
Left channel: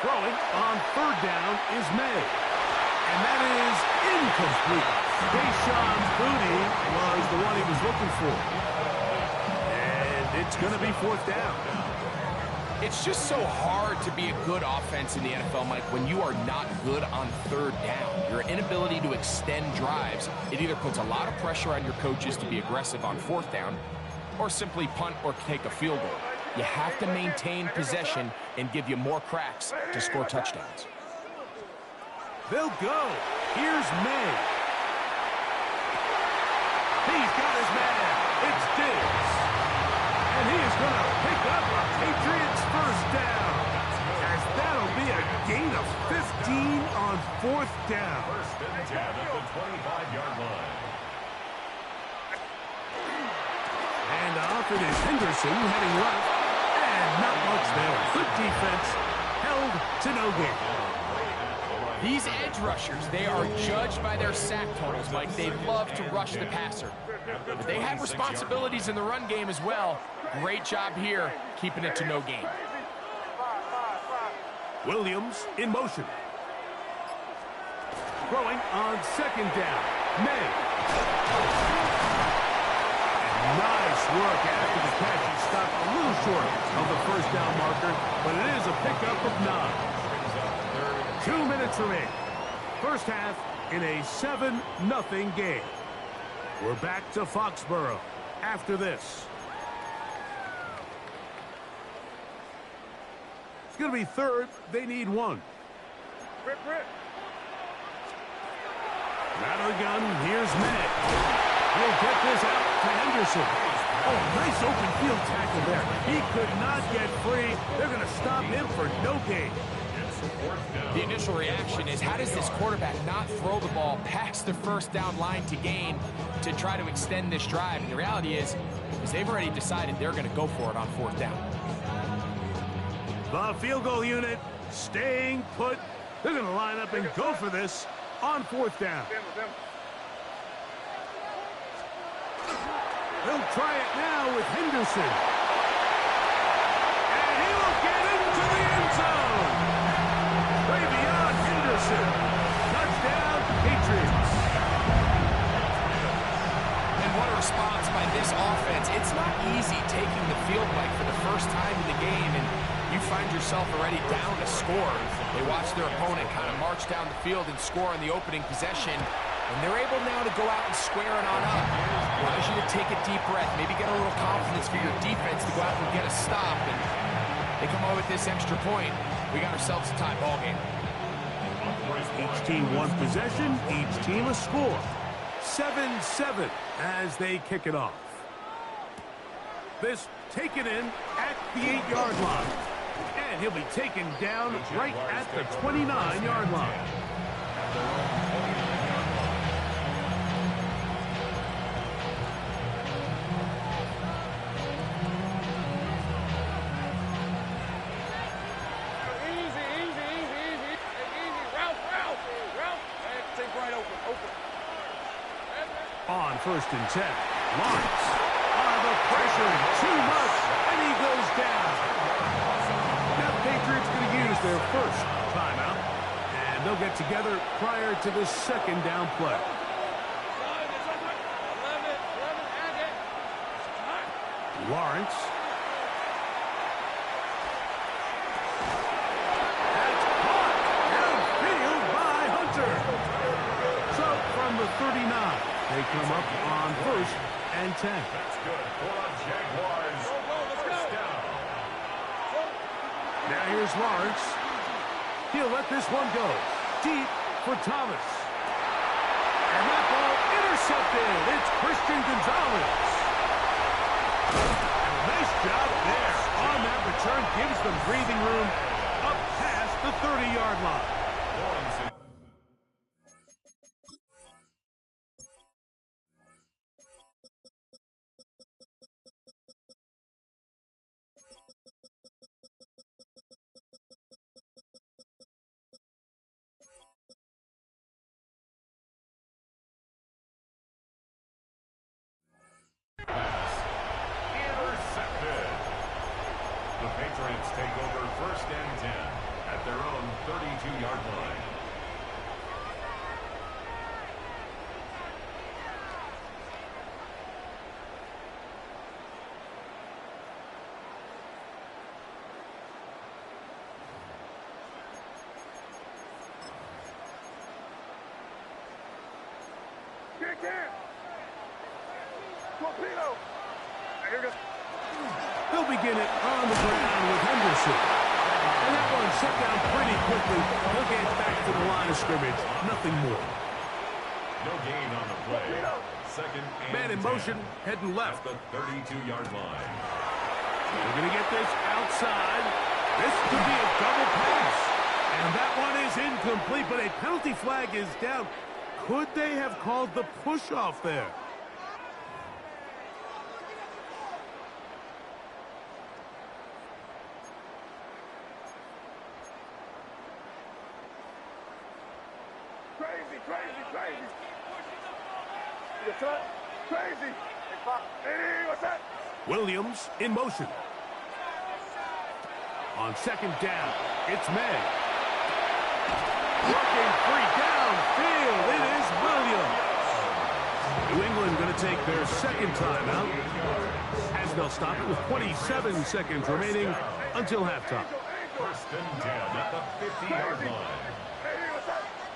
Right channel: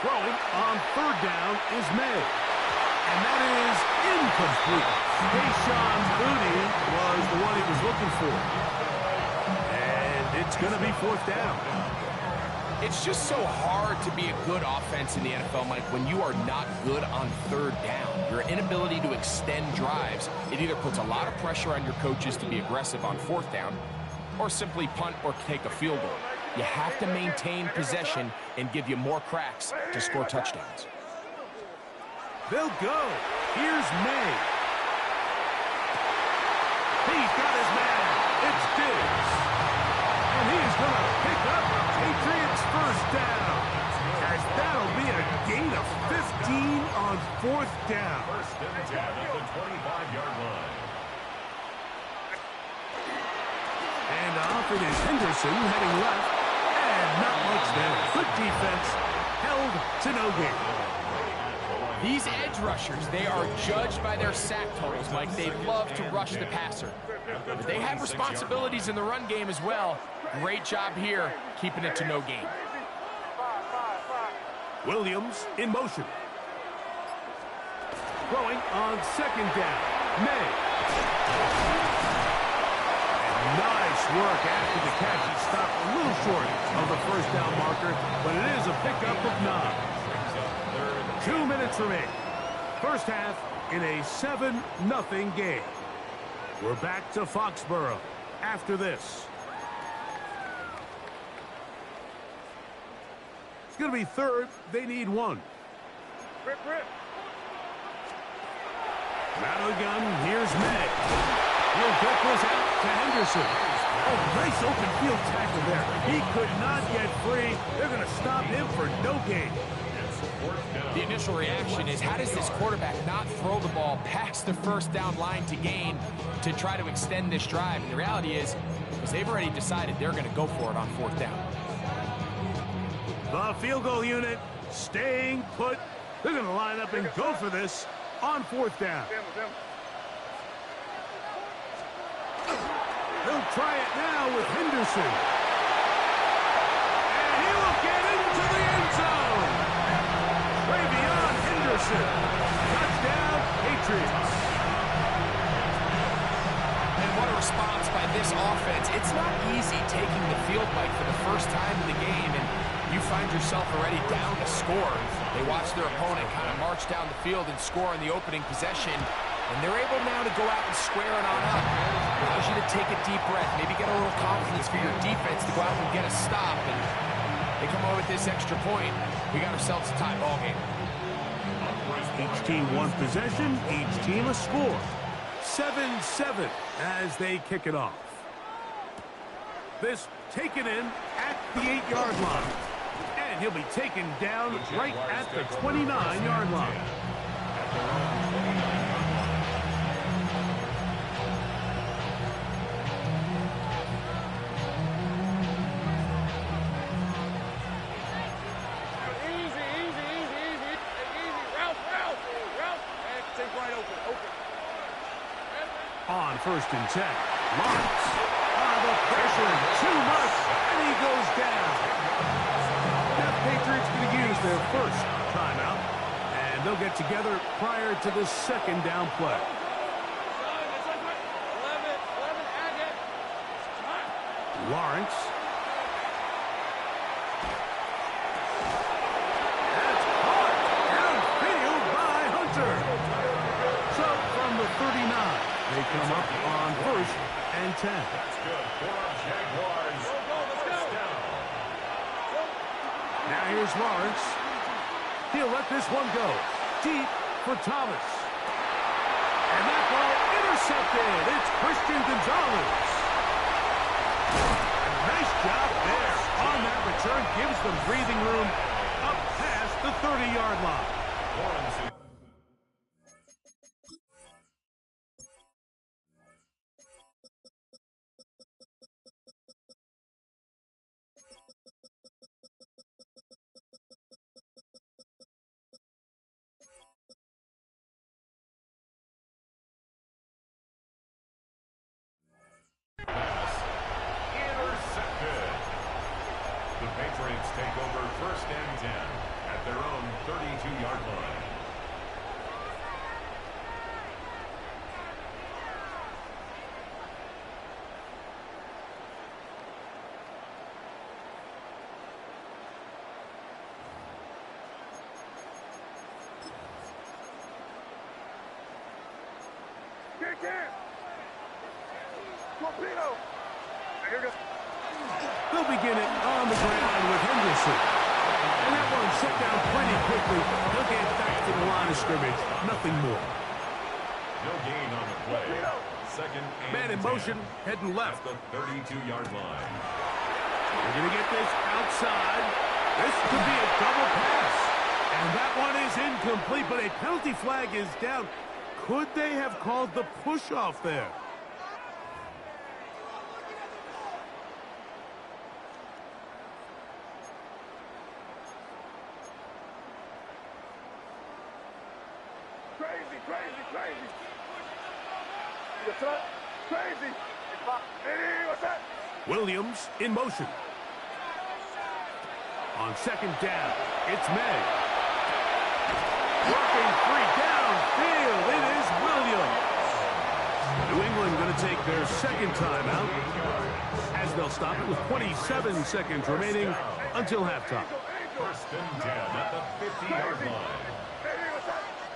Throwing on third down is May. And that is incomplete. Deshaun Booty was the one he was looking for. And it's going to be fourth down. It's just so hard to be a good offense in the NFL, Mike, when you are not good on third down. Your inability to extend drives, it either puts a lot of pressure on your coaches to be aggressive on fourth down or simply punt or take a field goal. You have to maintain possession and give you more cracks to score touchdowns. They'll go. Here's May. He's got his man. It's Diggs. And he is going to pick up a Patriots first down. As that'll be a gain of 15 on fourth down. First and 10 at the 25-yard line. And off it is Henderson heading left. And not much there. Good defense. Held to no gain. These edge rushers, they are judged by their sack totals, Mike. They love to rush the passer. But they have responsibilities in the run game as well. Great job here, keeping it to no gain. Williams in motion. Throwing on second down. May. And nice work after the catch. He stopped a little short of the first down marker, but it is a pickup of 9. 2 minutes remaining. First half in a 7-0 game. We're back to Foxborough after this. It's going to be third. They need 1. Rip. Out of the gun, here's May. He'll get this out to Henderson. Oh, nice open field tackle there. He could not get free. They're going to stop him for no gain. The initial reaction is, how does this quarterback not throw the ball past the first down line to gain to try to extend this drive? And the reality is they've already decided they're going to go for it on fourth down. The field goal unit staying put. They're going to line up and go for this on fourth down. They'll try it now with Henderson. And he will get into the end zone. Way beyond Henderson. Touchdown, Patriots. And what a response by this offense. It's not easy taking the field, Mike, for the first time in the game, and you find yourself already down to score. They watch their opponent kind of march down the field and score in the opening possession, and they're able now to go out and square it on up. Allows you to take a deep breath, maybe get a little confidence for your defense to go out and get a stop, and they come away with this extra point. We got ourselves a tie ball game. Each team one possession, each team a score. 7-7 as they kick it off. This taken in at the 8-yard line. And he'll be taken down right at the 29-yard line. At their own 29-yard line. Easy. Ralph. Hey, take right open. On first and 10, Lawrence. The pressure too much, and he goes down. Now the Patriots going to use their first timeout, and they'll get together prior to the second down play. 11, add it. Lawrence. That's caught downfield by Hunter. So from the 39, they come up on first and 10. That's good for a Jaguars. Let's go. First down. Now here's Lawrence. He'll let this one go deep for Thomas. And that ball intercepted. It's Christian Gonzalez. And a nice job there on that return. Gives them breathing room up past the 30-yard line. Lawrence. Pass intercepted. The Patriots take over 1st and 10 at their own 32-yard line. They'll begin it on the ground with Henderson. And that one set down pretty quickly. He'll get back to the line of scrimmage. Nothing more. No gain on the play. 2nd and Man in 10 motion, heading left. at the 32-yard line. We're going to get this outside. This could be a double pass. And that one is incomplete, but a penalty flag is down. Could they have called the push-off there? Crazy. What's that? Williams in motion. On 2nd down, it's May. Working free downfield, it is Williams. New England going to take their 2nd timeout as they'll stop it with 27 seconds remaining until halftime. 1st and 10 at the 50-yard line.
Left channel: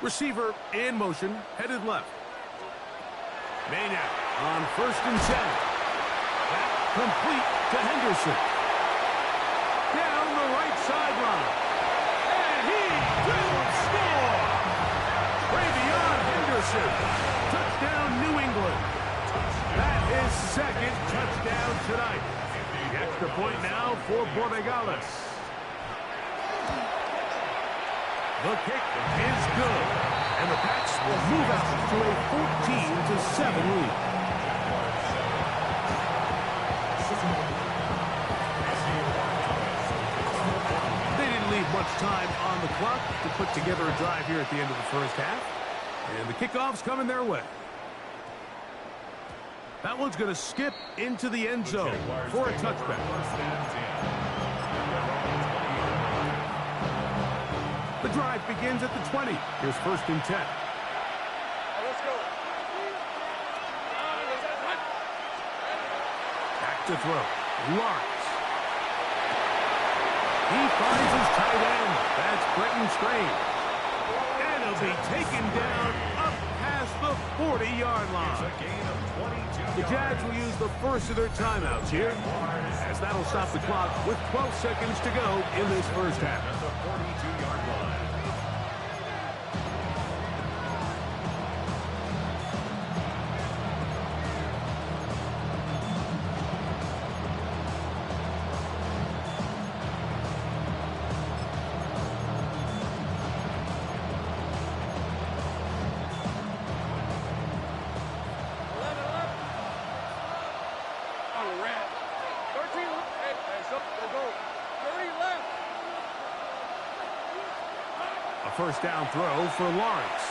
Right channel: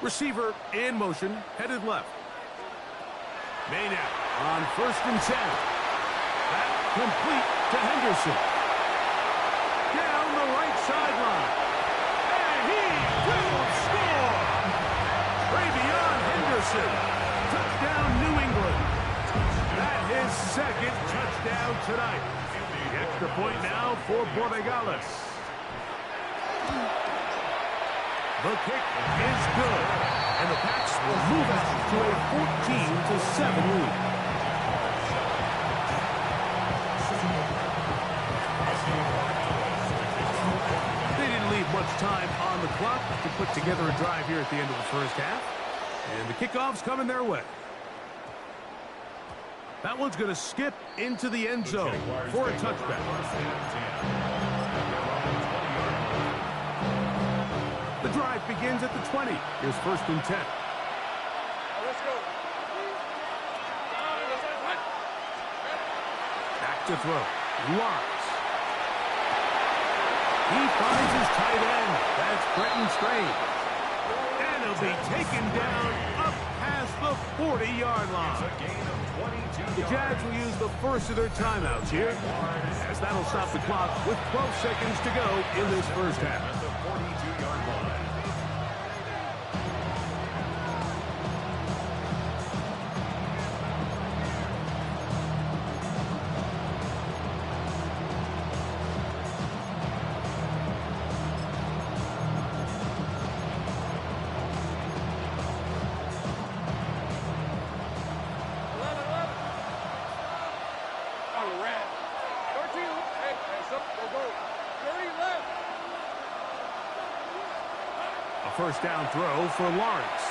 Receiver in motion, headed left. May now on 1st and 10. That complete to Henderson. Down the right sideline. And he will score! Travion Henderson. Touchdown, New England. That is 2nd touchdown tonight. The extra point now for Borregales. The kick is good, and the Pats will move out to a 14-7 lead. They didn't leave much time on the clock to put together a drive here at the end of the 1st half, and the kickoff's coming their way. That one's going to skip into the end zone for a touchback. 1st and 10 at their own 20-yard line. The drive begins at the 20. Here's 1st and 10. Let's go. Back to throw. Lawrence. He finds his tight end. That's Brenton Strange. And he'll be taken down up past the 40-yard line. The Jags will use the first of their timeouts here, as that'll stop the clock with 12 seconds to go in this 1st half. At the 42-yard line. A 1st down throw for Lawrence.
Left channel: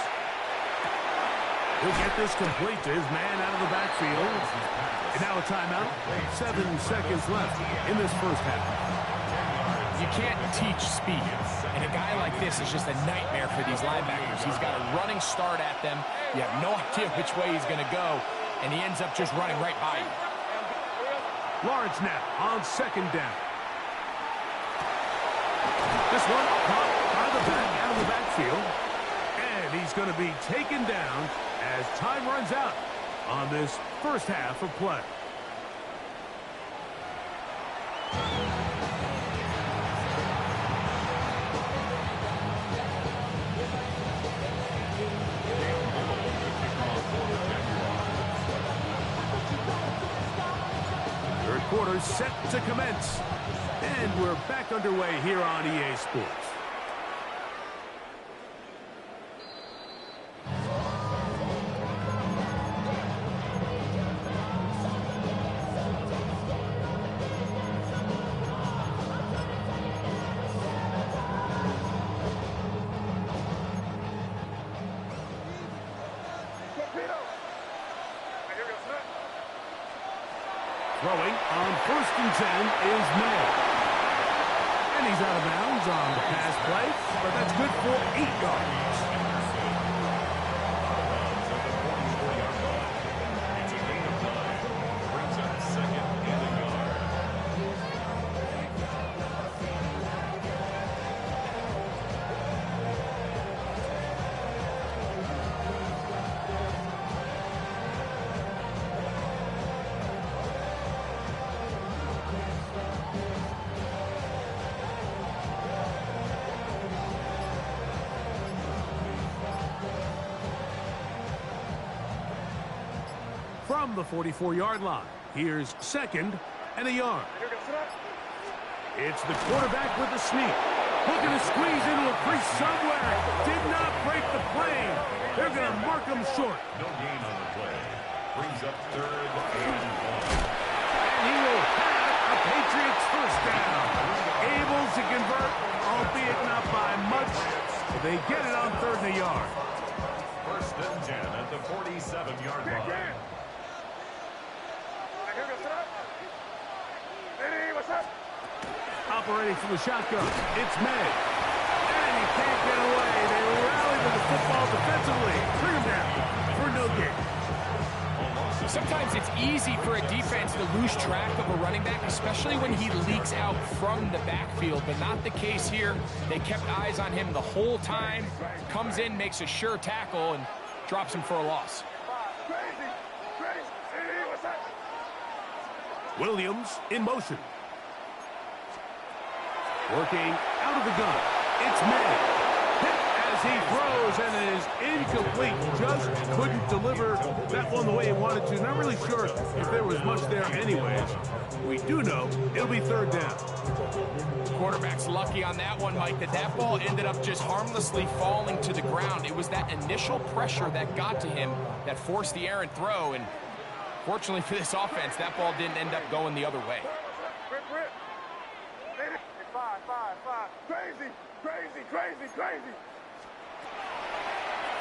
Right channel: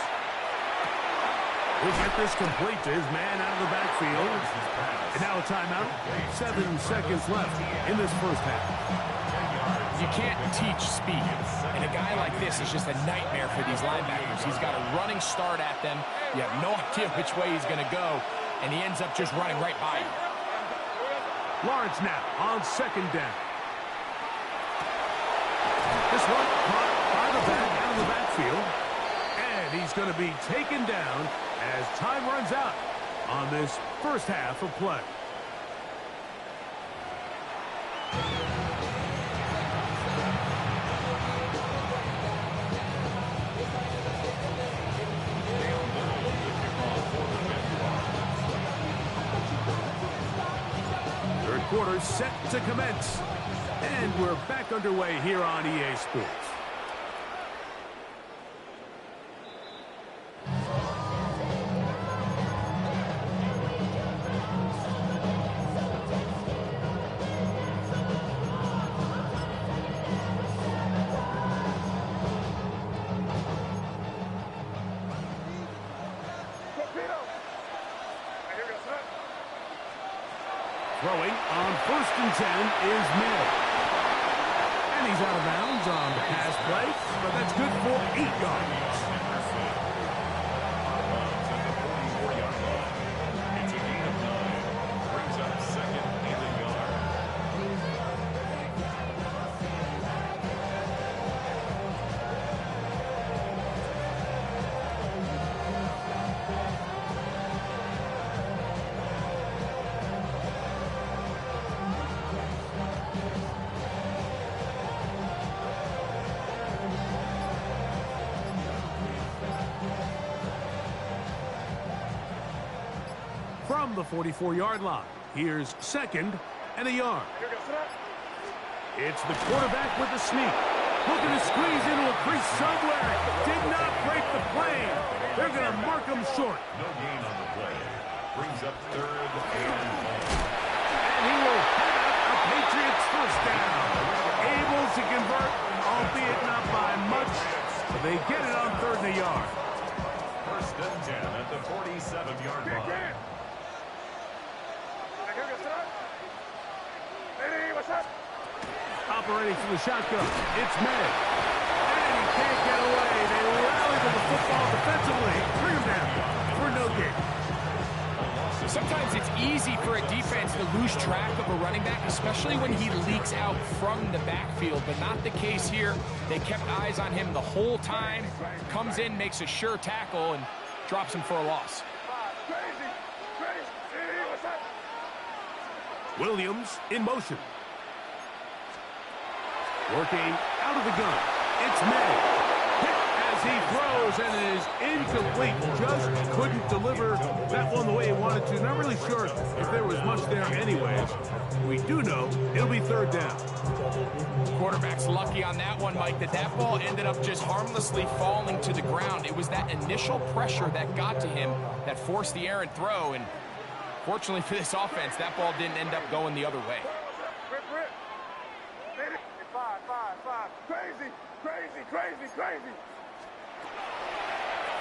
He'll get this complete to his man out of the backfield. And now a timeout. 7 seconds left in this 1st half. You can't teach speed. And a guy like this is just a nightmare for these linebackers. He's got a running start at them. You have no idea which way he's going to go. And he ends up just running right by you. Lawrence now on 2nd down. This one caught by the back out of the backfield. And he's going to be taken down as time runs out on this 1st half of play. Cam Little, the kickoff for the Jaguars. quarter set to commence. And we're back underway here on EA Sports. Throwing on 1st and 10 is May. And he's out of bounds on the pass play, but that's good for 8 yards. Out of bounds at the 44-yard line. It's a gain of 9. Brings up 2nd and a yard. From the 44-yard line, here's 2nd and a yard. It's the quarterback with the sneak. Looking to squeeze into a crease somewhere. Did not break the plane. They're going to mark him short. No gain on the play. Brings up 3rd and 1. And he will have a Patriots first down. Able to convert, albeit not by much. But they get it on 3rd and a yard. 1st and 10 at the 47-yard line. Operating from the shotgun, it's May. And he can't get away. They rally to the football defensively. Bring him down for no gain. Sometimes it's easy for a defense to lose track of a running back, especially when he leaks out from the backfield, but not the case here. They kept eyes on him the whole time. Comes in, makes a sure tackle, and drops him for a loss. Williams in motion. Working out of the gun. It's May. Hit as he throws, and it is incomplete. Just couldn't deliver that one the way he wanted to. Not really sure if there was much there anyways. We do know it'll be 3rd down. Quarterback's lucky on that one, Mike, that ball ended up just harmlessly falling to the ground. It was that initial pressure that got to him that forced the errant throw, and fortunately for this offense, that ball didn't end up going the other way. Crazy.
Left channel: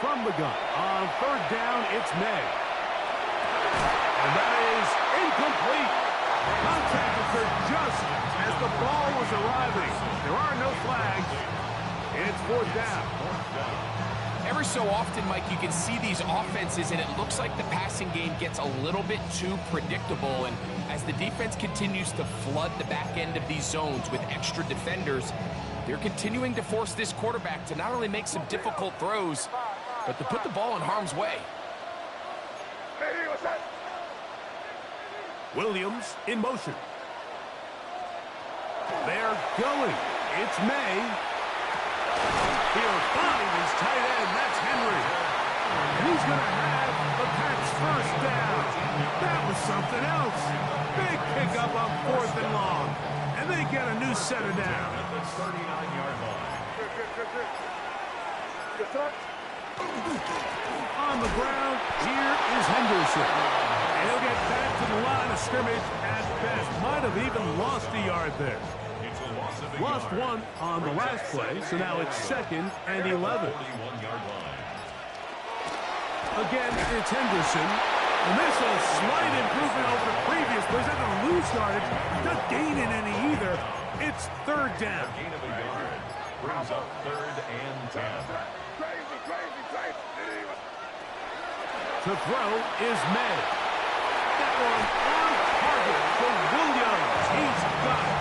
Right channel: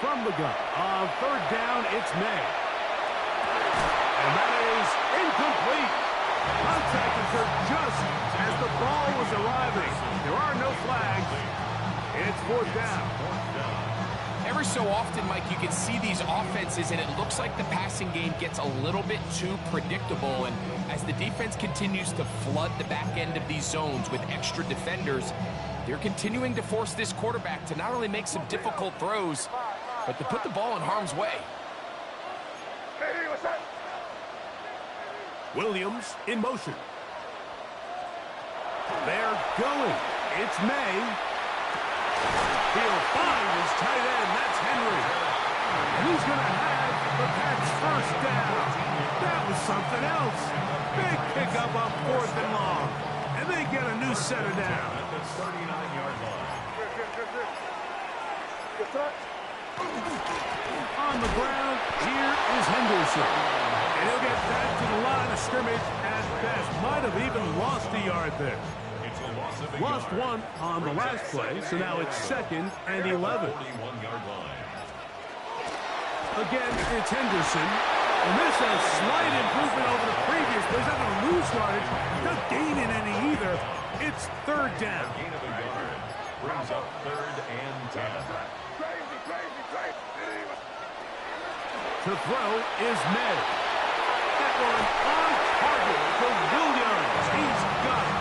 From the gun, on 3rd down, it's May. And that is incomplete. Contact occurred just as the ball was arriving. There are no flags. It's 4th down. Every so often, Mike, you can see these offenses, and it looks like the passing game gets a little bit too predictable. And as the defense continues to flood the back end of these zones with extra defenders, they're continuing to force this quarterback to not only make some difficult throws, but to put the ball in harm's way. Williams in motion. They're going. It's May. He'll find his tight end. That's Henry. And he's going to have the Pats first down. That was something else. Big pickup on 4th and long. And they get a new set of down. At the 39-yard line. On the ground, here is Henderson. And he'll get back to the line of scrimmage at best. Might have even lost a yard there. It's a loss of a Lost yard. one on the last play, so now it's 2nd and 11. 41-yard line. Again, it's Henderson. And this is a slight improvement over the previous play. He's not going to lose yardage. He's not gaining any either. It's 3rd down. A gain of a yard. Brings up 3rd and 10. To throw is May. That one on target to Williams. He's got it.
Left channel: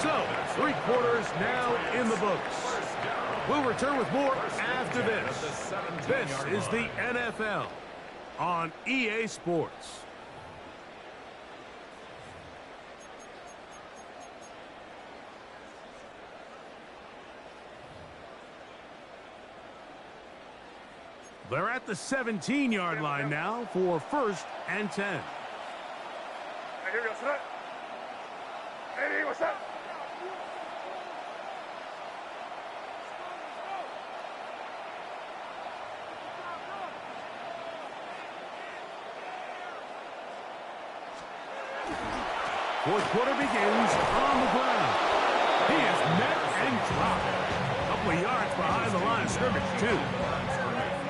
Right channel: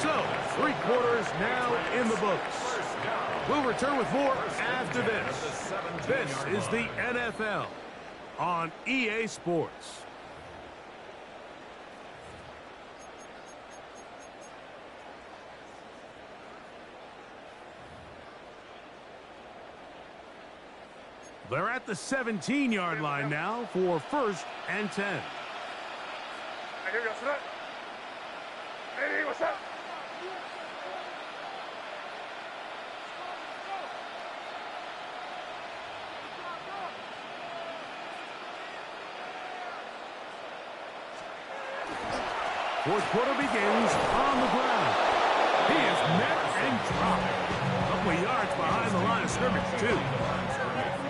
So, 3 quarters now in the books. We'll return with more after this. This is the NFL on EA Sports. They're at the 17-yard line now for 1st and 10. Hey, here we go. Sit up. Hey, what's up? Fourth quarter begins on the ground. He is met and dropped. A couple of yards behind the line of scrimmage, too.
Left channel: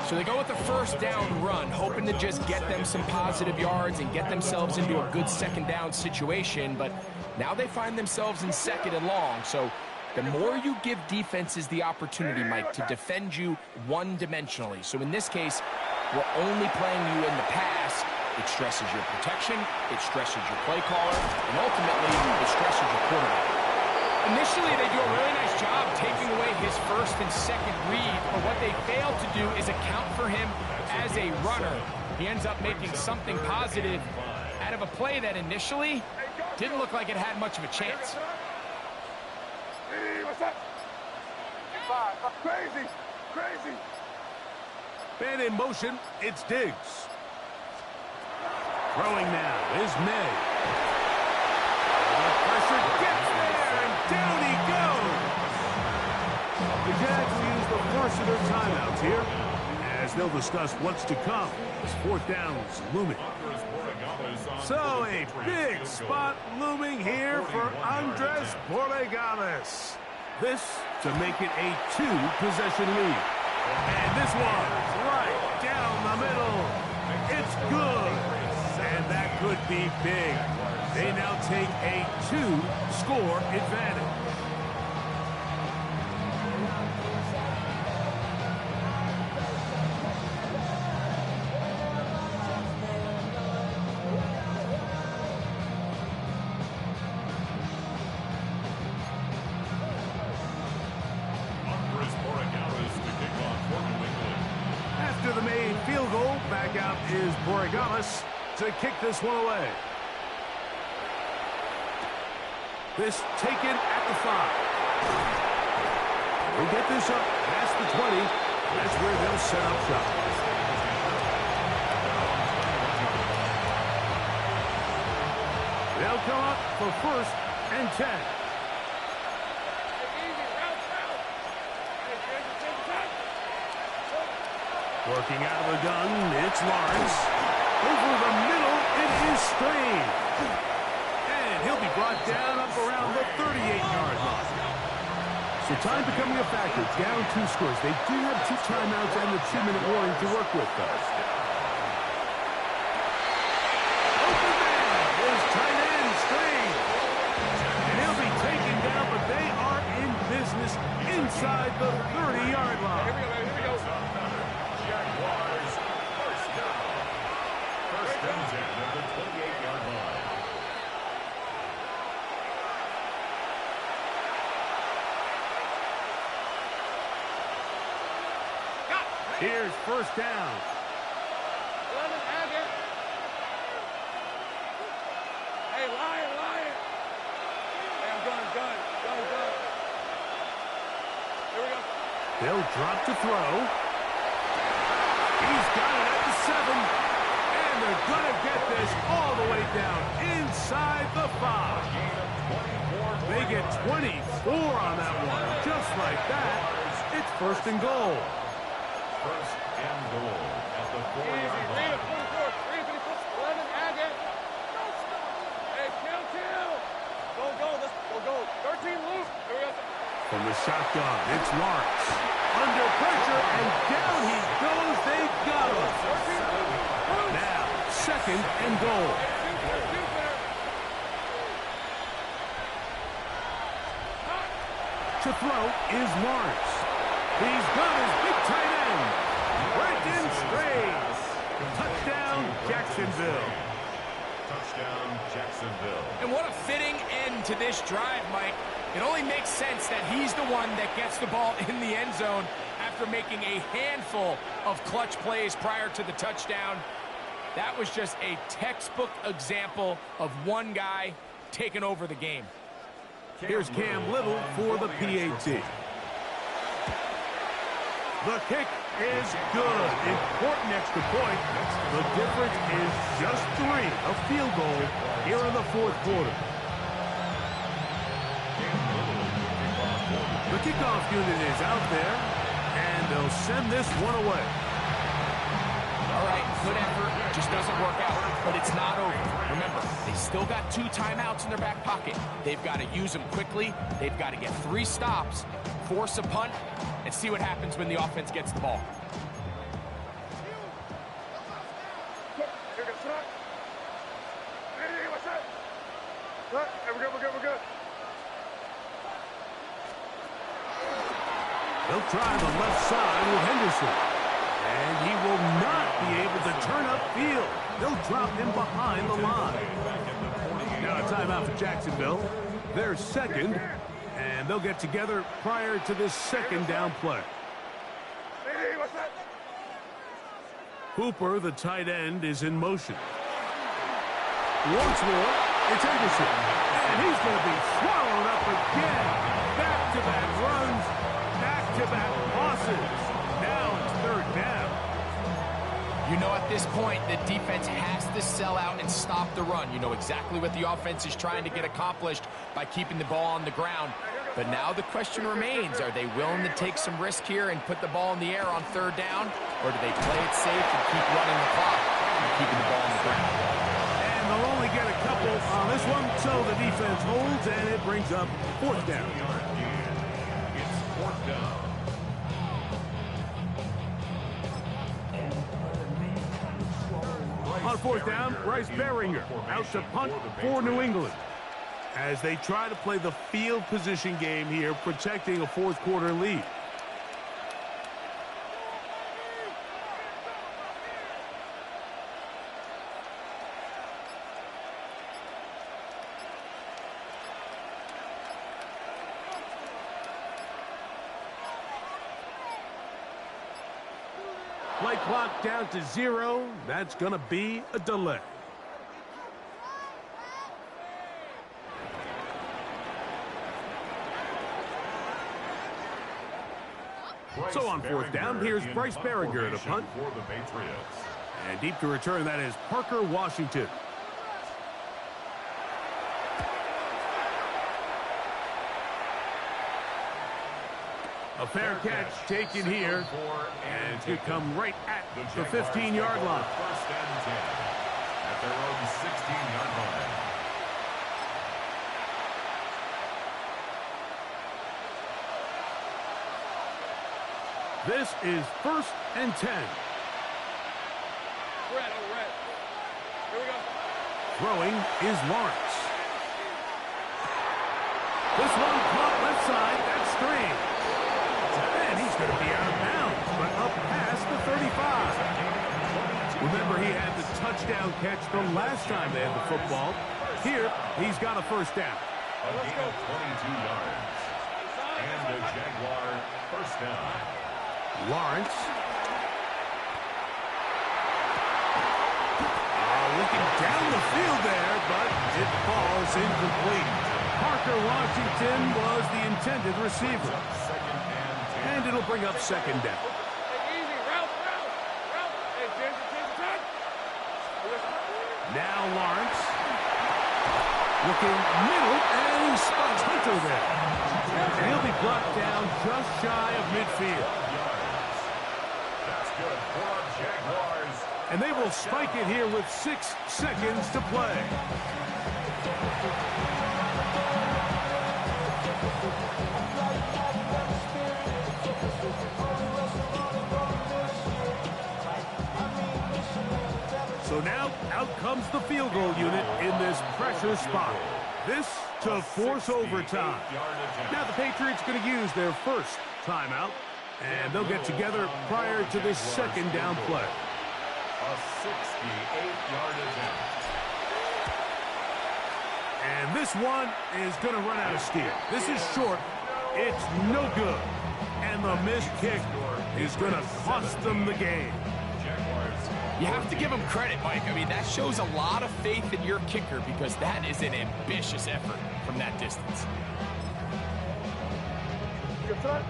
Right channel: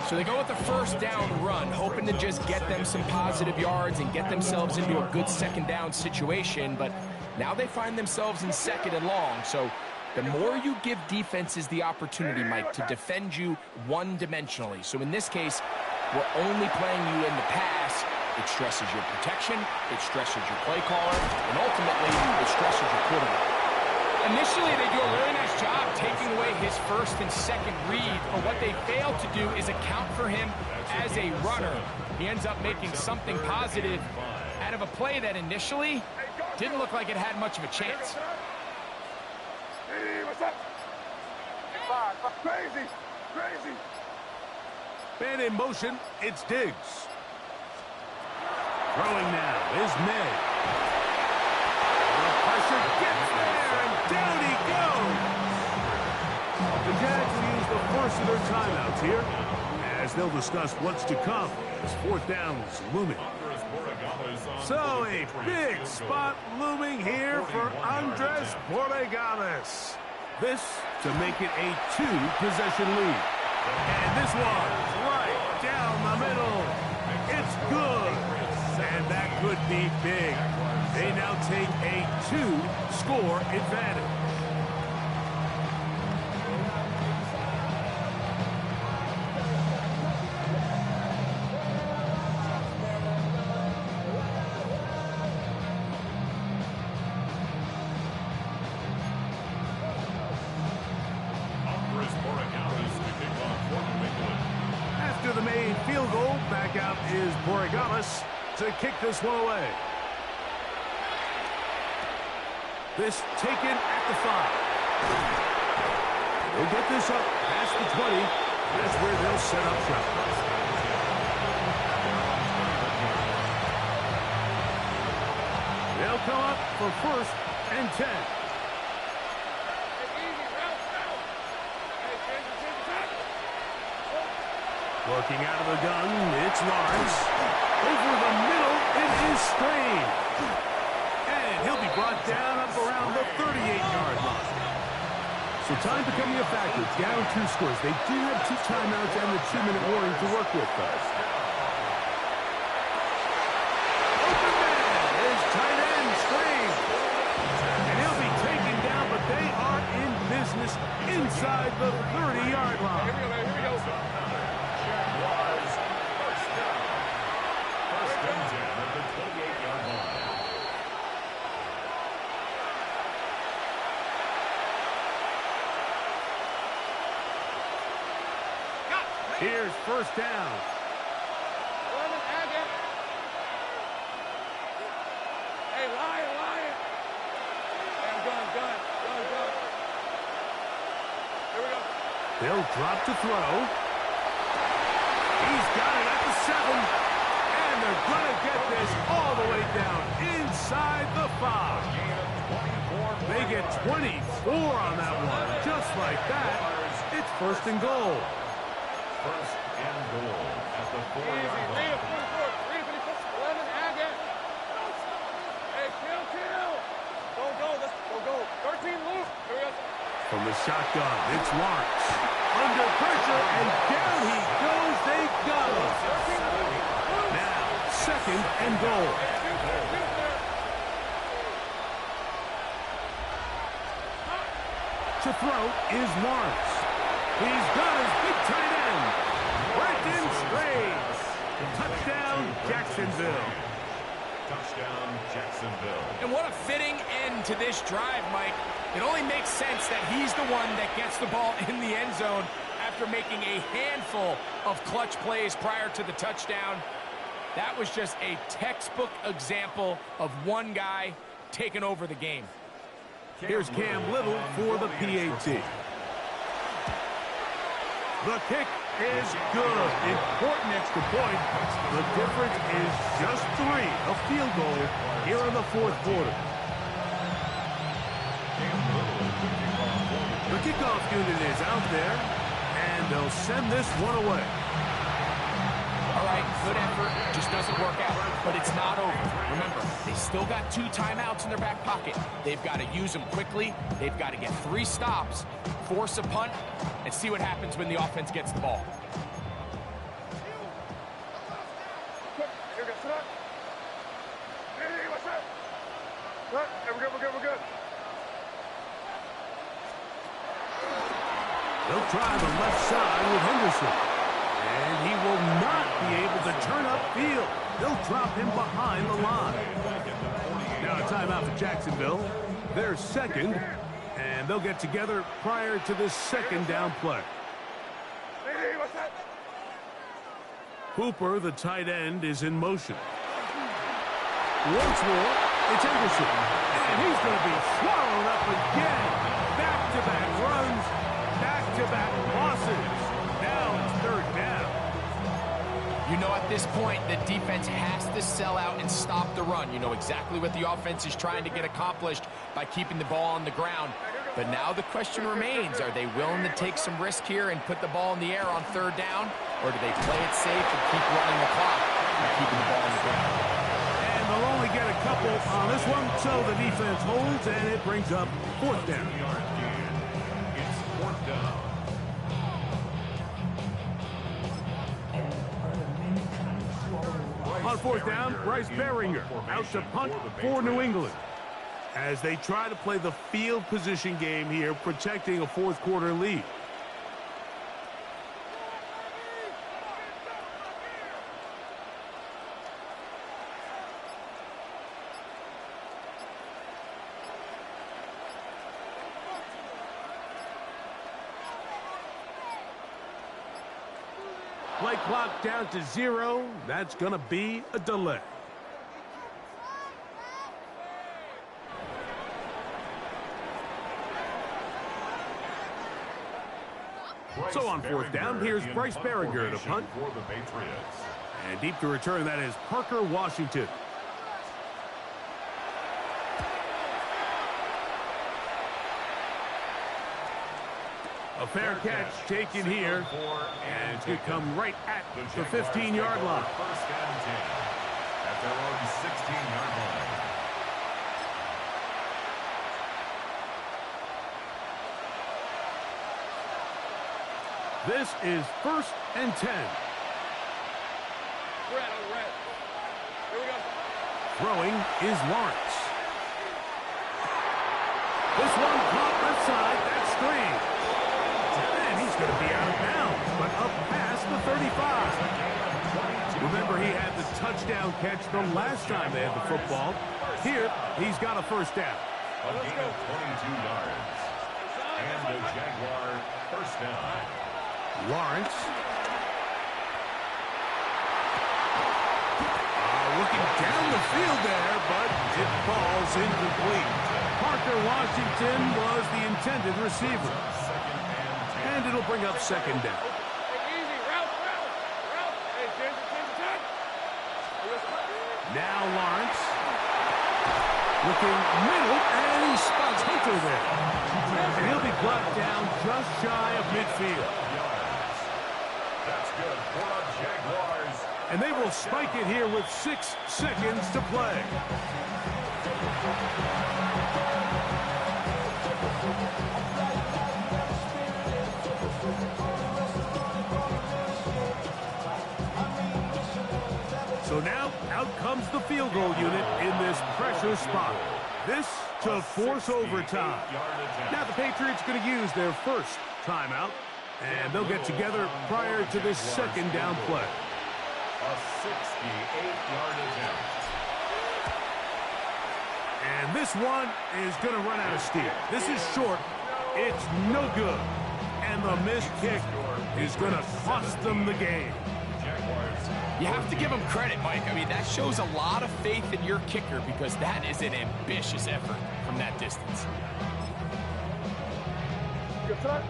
So they go with the first down run, hoping to just get them some positive yards and get themselves into a good second down situation. But now they find themselves in 2nd and long. So the more you give defenses the opportunity, Mike, to defend you one-dimensionally. So in this case, we're only playing you in the pass. It stresses your protection, it stresses your play caller, and ultimately, it stresses your quarterback. Initially, they do a really nice job taking away his 1st and 2nd read, but what they fail to do is account for him as a runner. He ends up making something positive out of a play that initially didn't look like it had much of a chance. Hey, what's up? Crazy, crazy. Man in motion, it's Diggs. Throwing now is May. The pressure gets there, and down he goes. The Jags will use the first of their timeouts here, as they'll discuss what's to come as 4th down's looming. So a big spot looming here for Andres Borregales. This to make it a 2-possession lead. And this one's right down the middle. It's good. And that could be big. They now take a 2-score advantage. After the made field goal, back out is Borregales to kick this one away. This taken at the 5. They'll get this up past the 20. That's where they'll set up shop. They'll come up for 1st and 10. Working out of the gun, it's Lawrence. Over the middle, it is Strain. And he'll be brought down up around the 38-yard line. So time becoming a factor, down 2 scores. They do have 2 timeouts and the 2-minute warning to work with, though. Open man is tight end Strain. And he'll be taken down, but they are in business inside the 30-yard line. Here we go, man. Here we go. Jaguars, 1st down. 1st and 10 at the 28-yard line. Here's 1st down. 11, add it. Hey, Lion. Hey, I'm done. Here we go. They'll drop to throw. He's got it at the 7. And they're going to get this all the way down inside the 5. They get 24 on that one. Just like that, it's 1st and goal. 1st and goal at the 4-yard line. Read it, 44. Read it, 54. 11, add it. Hey, kill. Let's go. 13 loop. Here we go. From the shotgun, it's Lawrence. Under pressure, and down he goes. They got him. Now, 2nd and goal. To throw is Lawrence. He's got his big tight end. Brenton Strays. Touchdown, Jacksonville. Touchdown, Jacksonville. And what a fitting end to this drive, Mike. It only makes sense that he's the one that gets the ball in the end zone after making a handful of clutch plays prior to the touchdown. That was just a textbook example of one guy taking over the game. Here's Cam Little for the PAT. The kick is good. Important extra point. The difference is just 3, a field goal here in the fourth quarter. The kickoff unit is out there, and they'll send this one away. All right, good effort. Just doesn't work out, but it's not over. Remember, they still got 2 timeouts in their back pocket. They've got to use them quickly. They've got to get 3 stops, force a punt, and see what happens when the offense gets the ball. We're good. They'll try the left side with Henderson. And he will not be able to turn upfield. They'll drop him behind the line. Now a timeout for Jacksonville. They're second, and they'll get together prior to this second down play. Hooper, the tight end, is in motion. Once more, it's Henderson. And he's going to be swallowed up again. Back-to-back runs, back-to-back losses. Now it's third down. You know, at this point, the defense has to sell out and stop the run. You know exactly what the offense is trying to get accomplished by keeping the ball on the ground. But now the question remains, are they willing to take some risk here and put the ball in the air on third down? Or do they play it safe and keep running the clock by keeping the ball on the ground? And they'll only get a couple on this one, so the defense holds, and it brings up fourth down. It's fourth down. On fourth down, Bryce Baringer out to punt for New England as they try to play the field position game here, protecting a fourth quarter lead. Play clock down to 0. That's going to be a delay. So on fourth down, here's Bryce Baringer to punt. For the Patriots. And deep to return, that is Parker Washington. A fair catch taken here, and it's going to come right at the 15-yard line. First and 10 at their own 16-yard line. This is first and 10. We're at. Here we go. Throwing is Lawrence. This one caught left side. That's Strange. And he's going to be out of bounds, but up past the 35. Remember, he had the touchdown catch the last time they had the football. Here, he's got a first down. A gain of 22 yards. And the Jaguar first down. Lawrence. Looking down the field there, but it falls incomplete. Parker Washington was the intended receiver. And it'll bring up second down. Hey, easy. Route. Hey, Ginger. Now Lawrence. Looking middle, and he spots Hunter there. And he'll be brought down just shy of midfield. That's good for the Jaguars. And they will spike it here with 6 seconds to play. So now, out comes the field goal unit in this pressure spot. This to force overtime. Now the Patriots going to use their first timeout, and they'll get together prior to this second down play. A 68-yard attempt. And this one is going to run out of steam. This is short. It's no good. And the missed kick is going to cost them the game. You have to give him credit, Mike. I mean, that shows a lot of faith in your kicker because that is an ambitious effort from that distance. Good shot.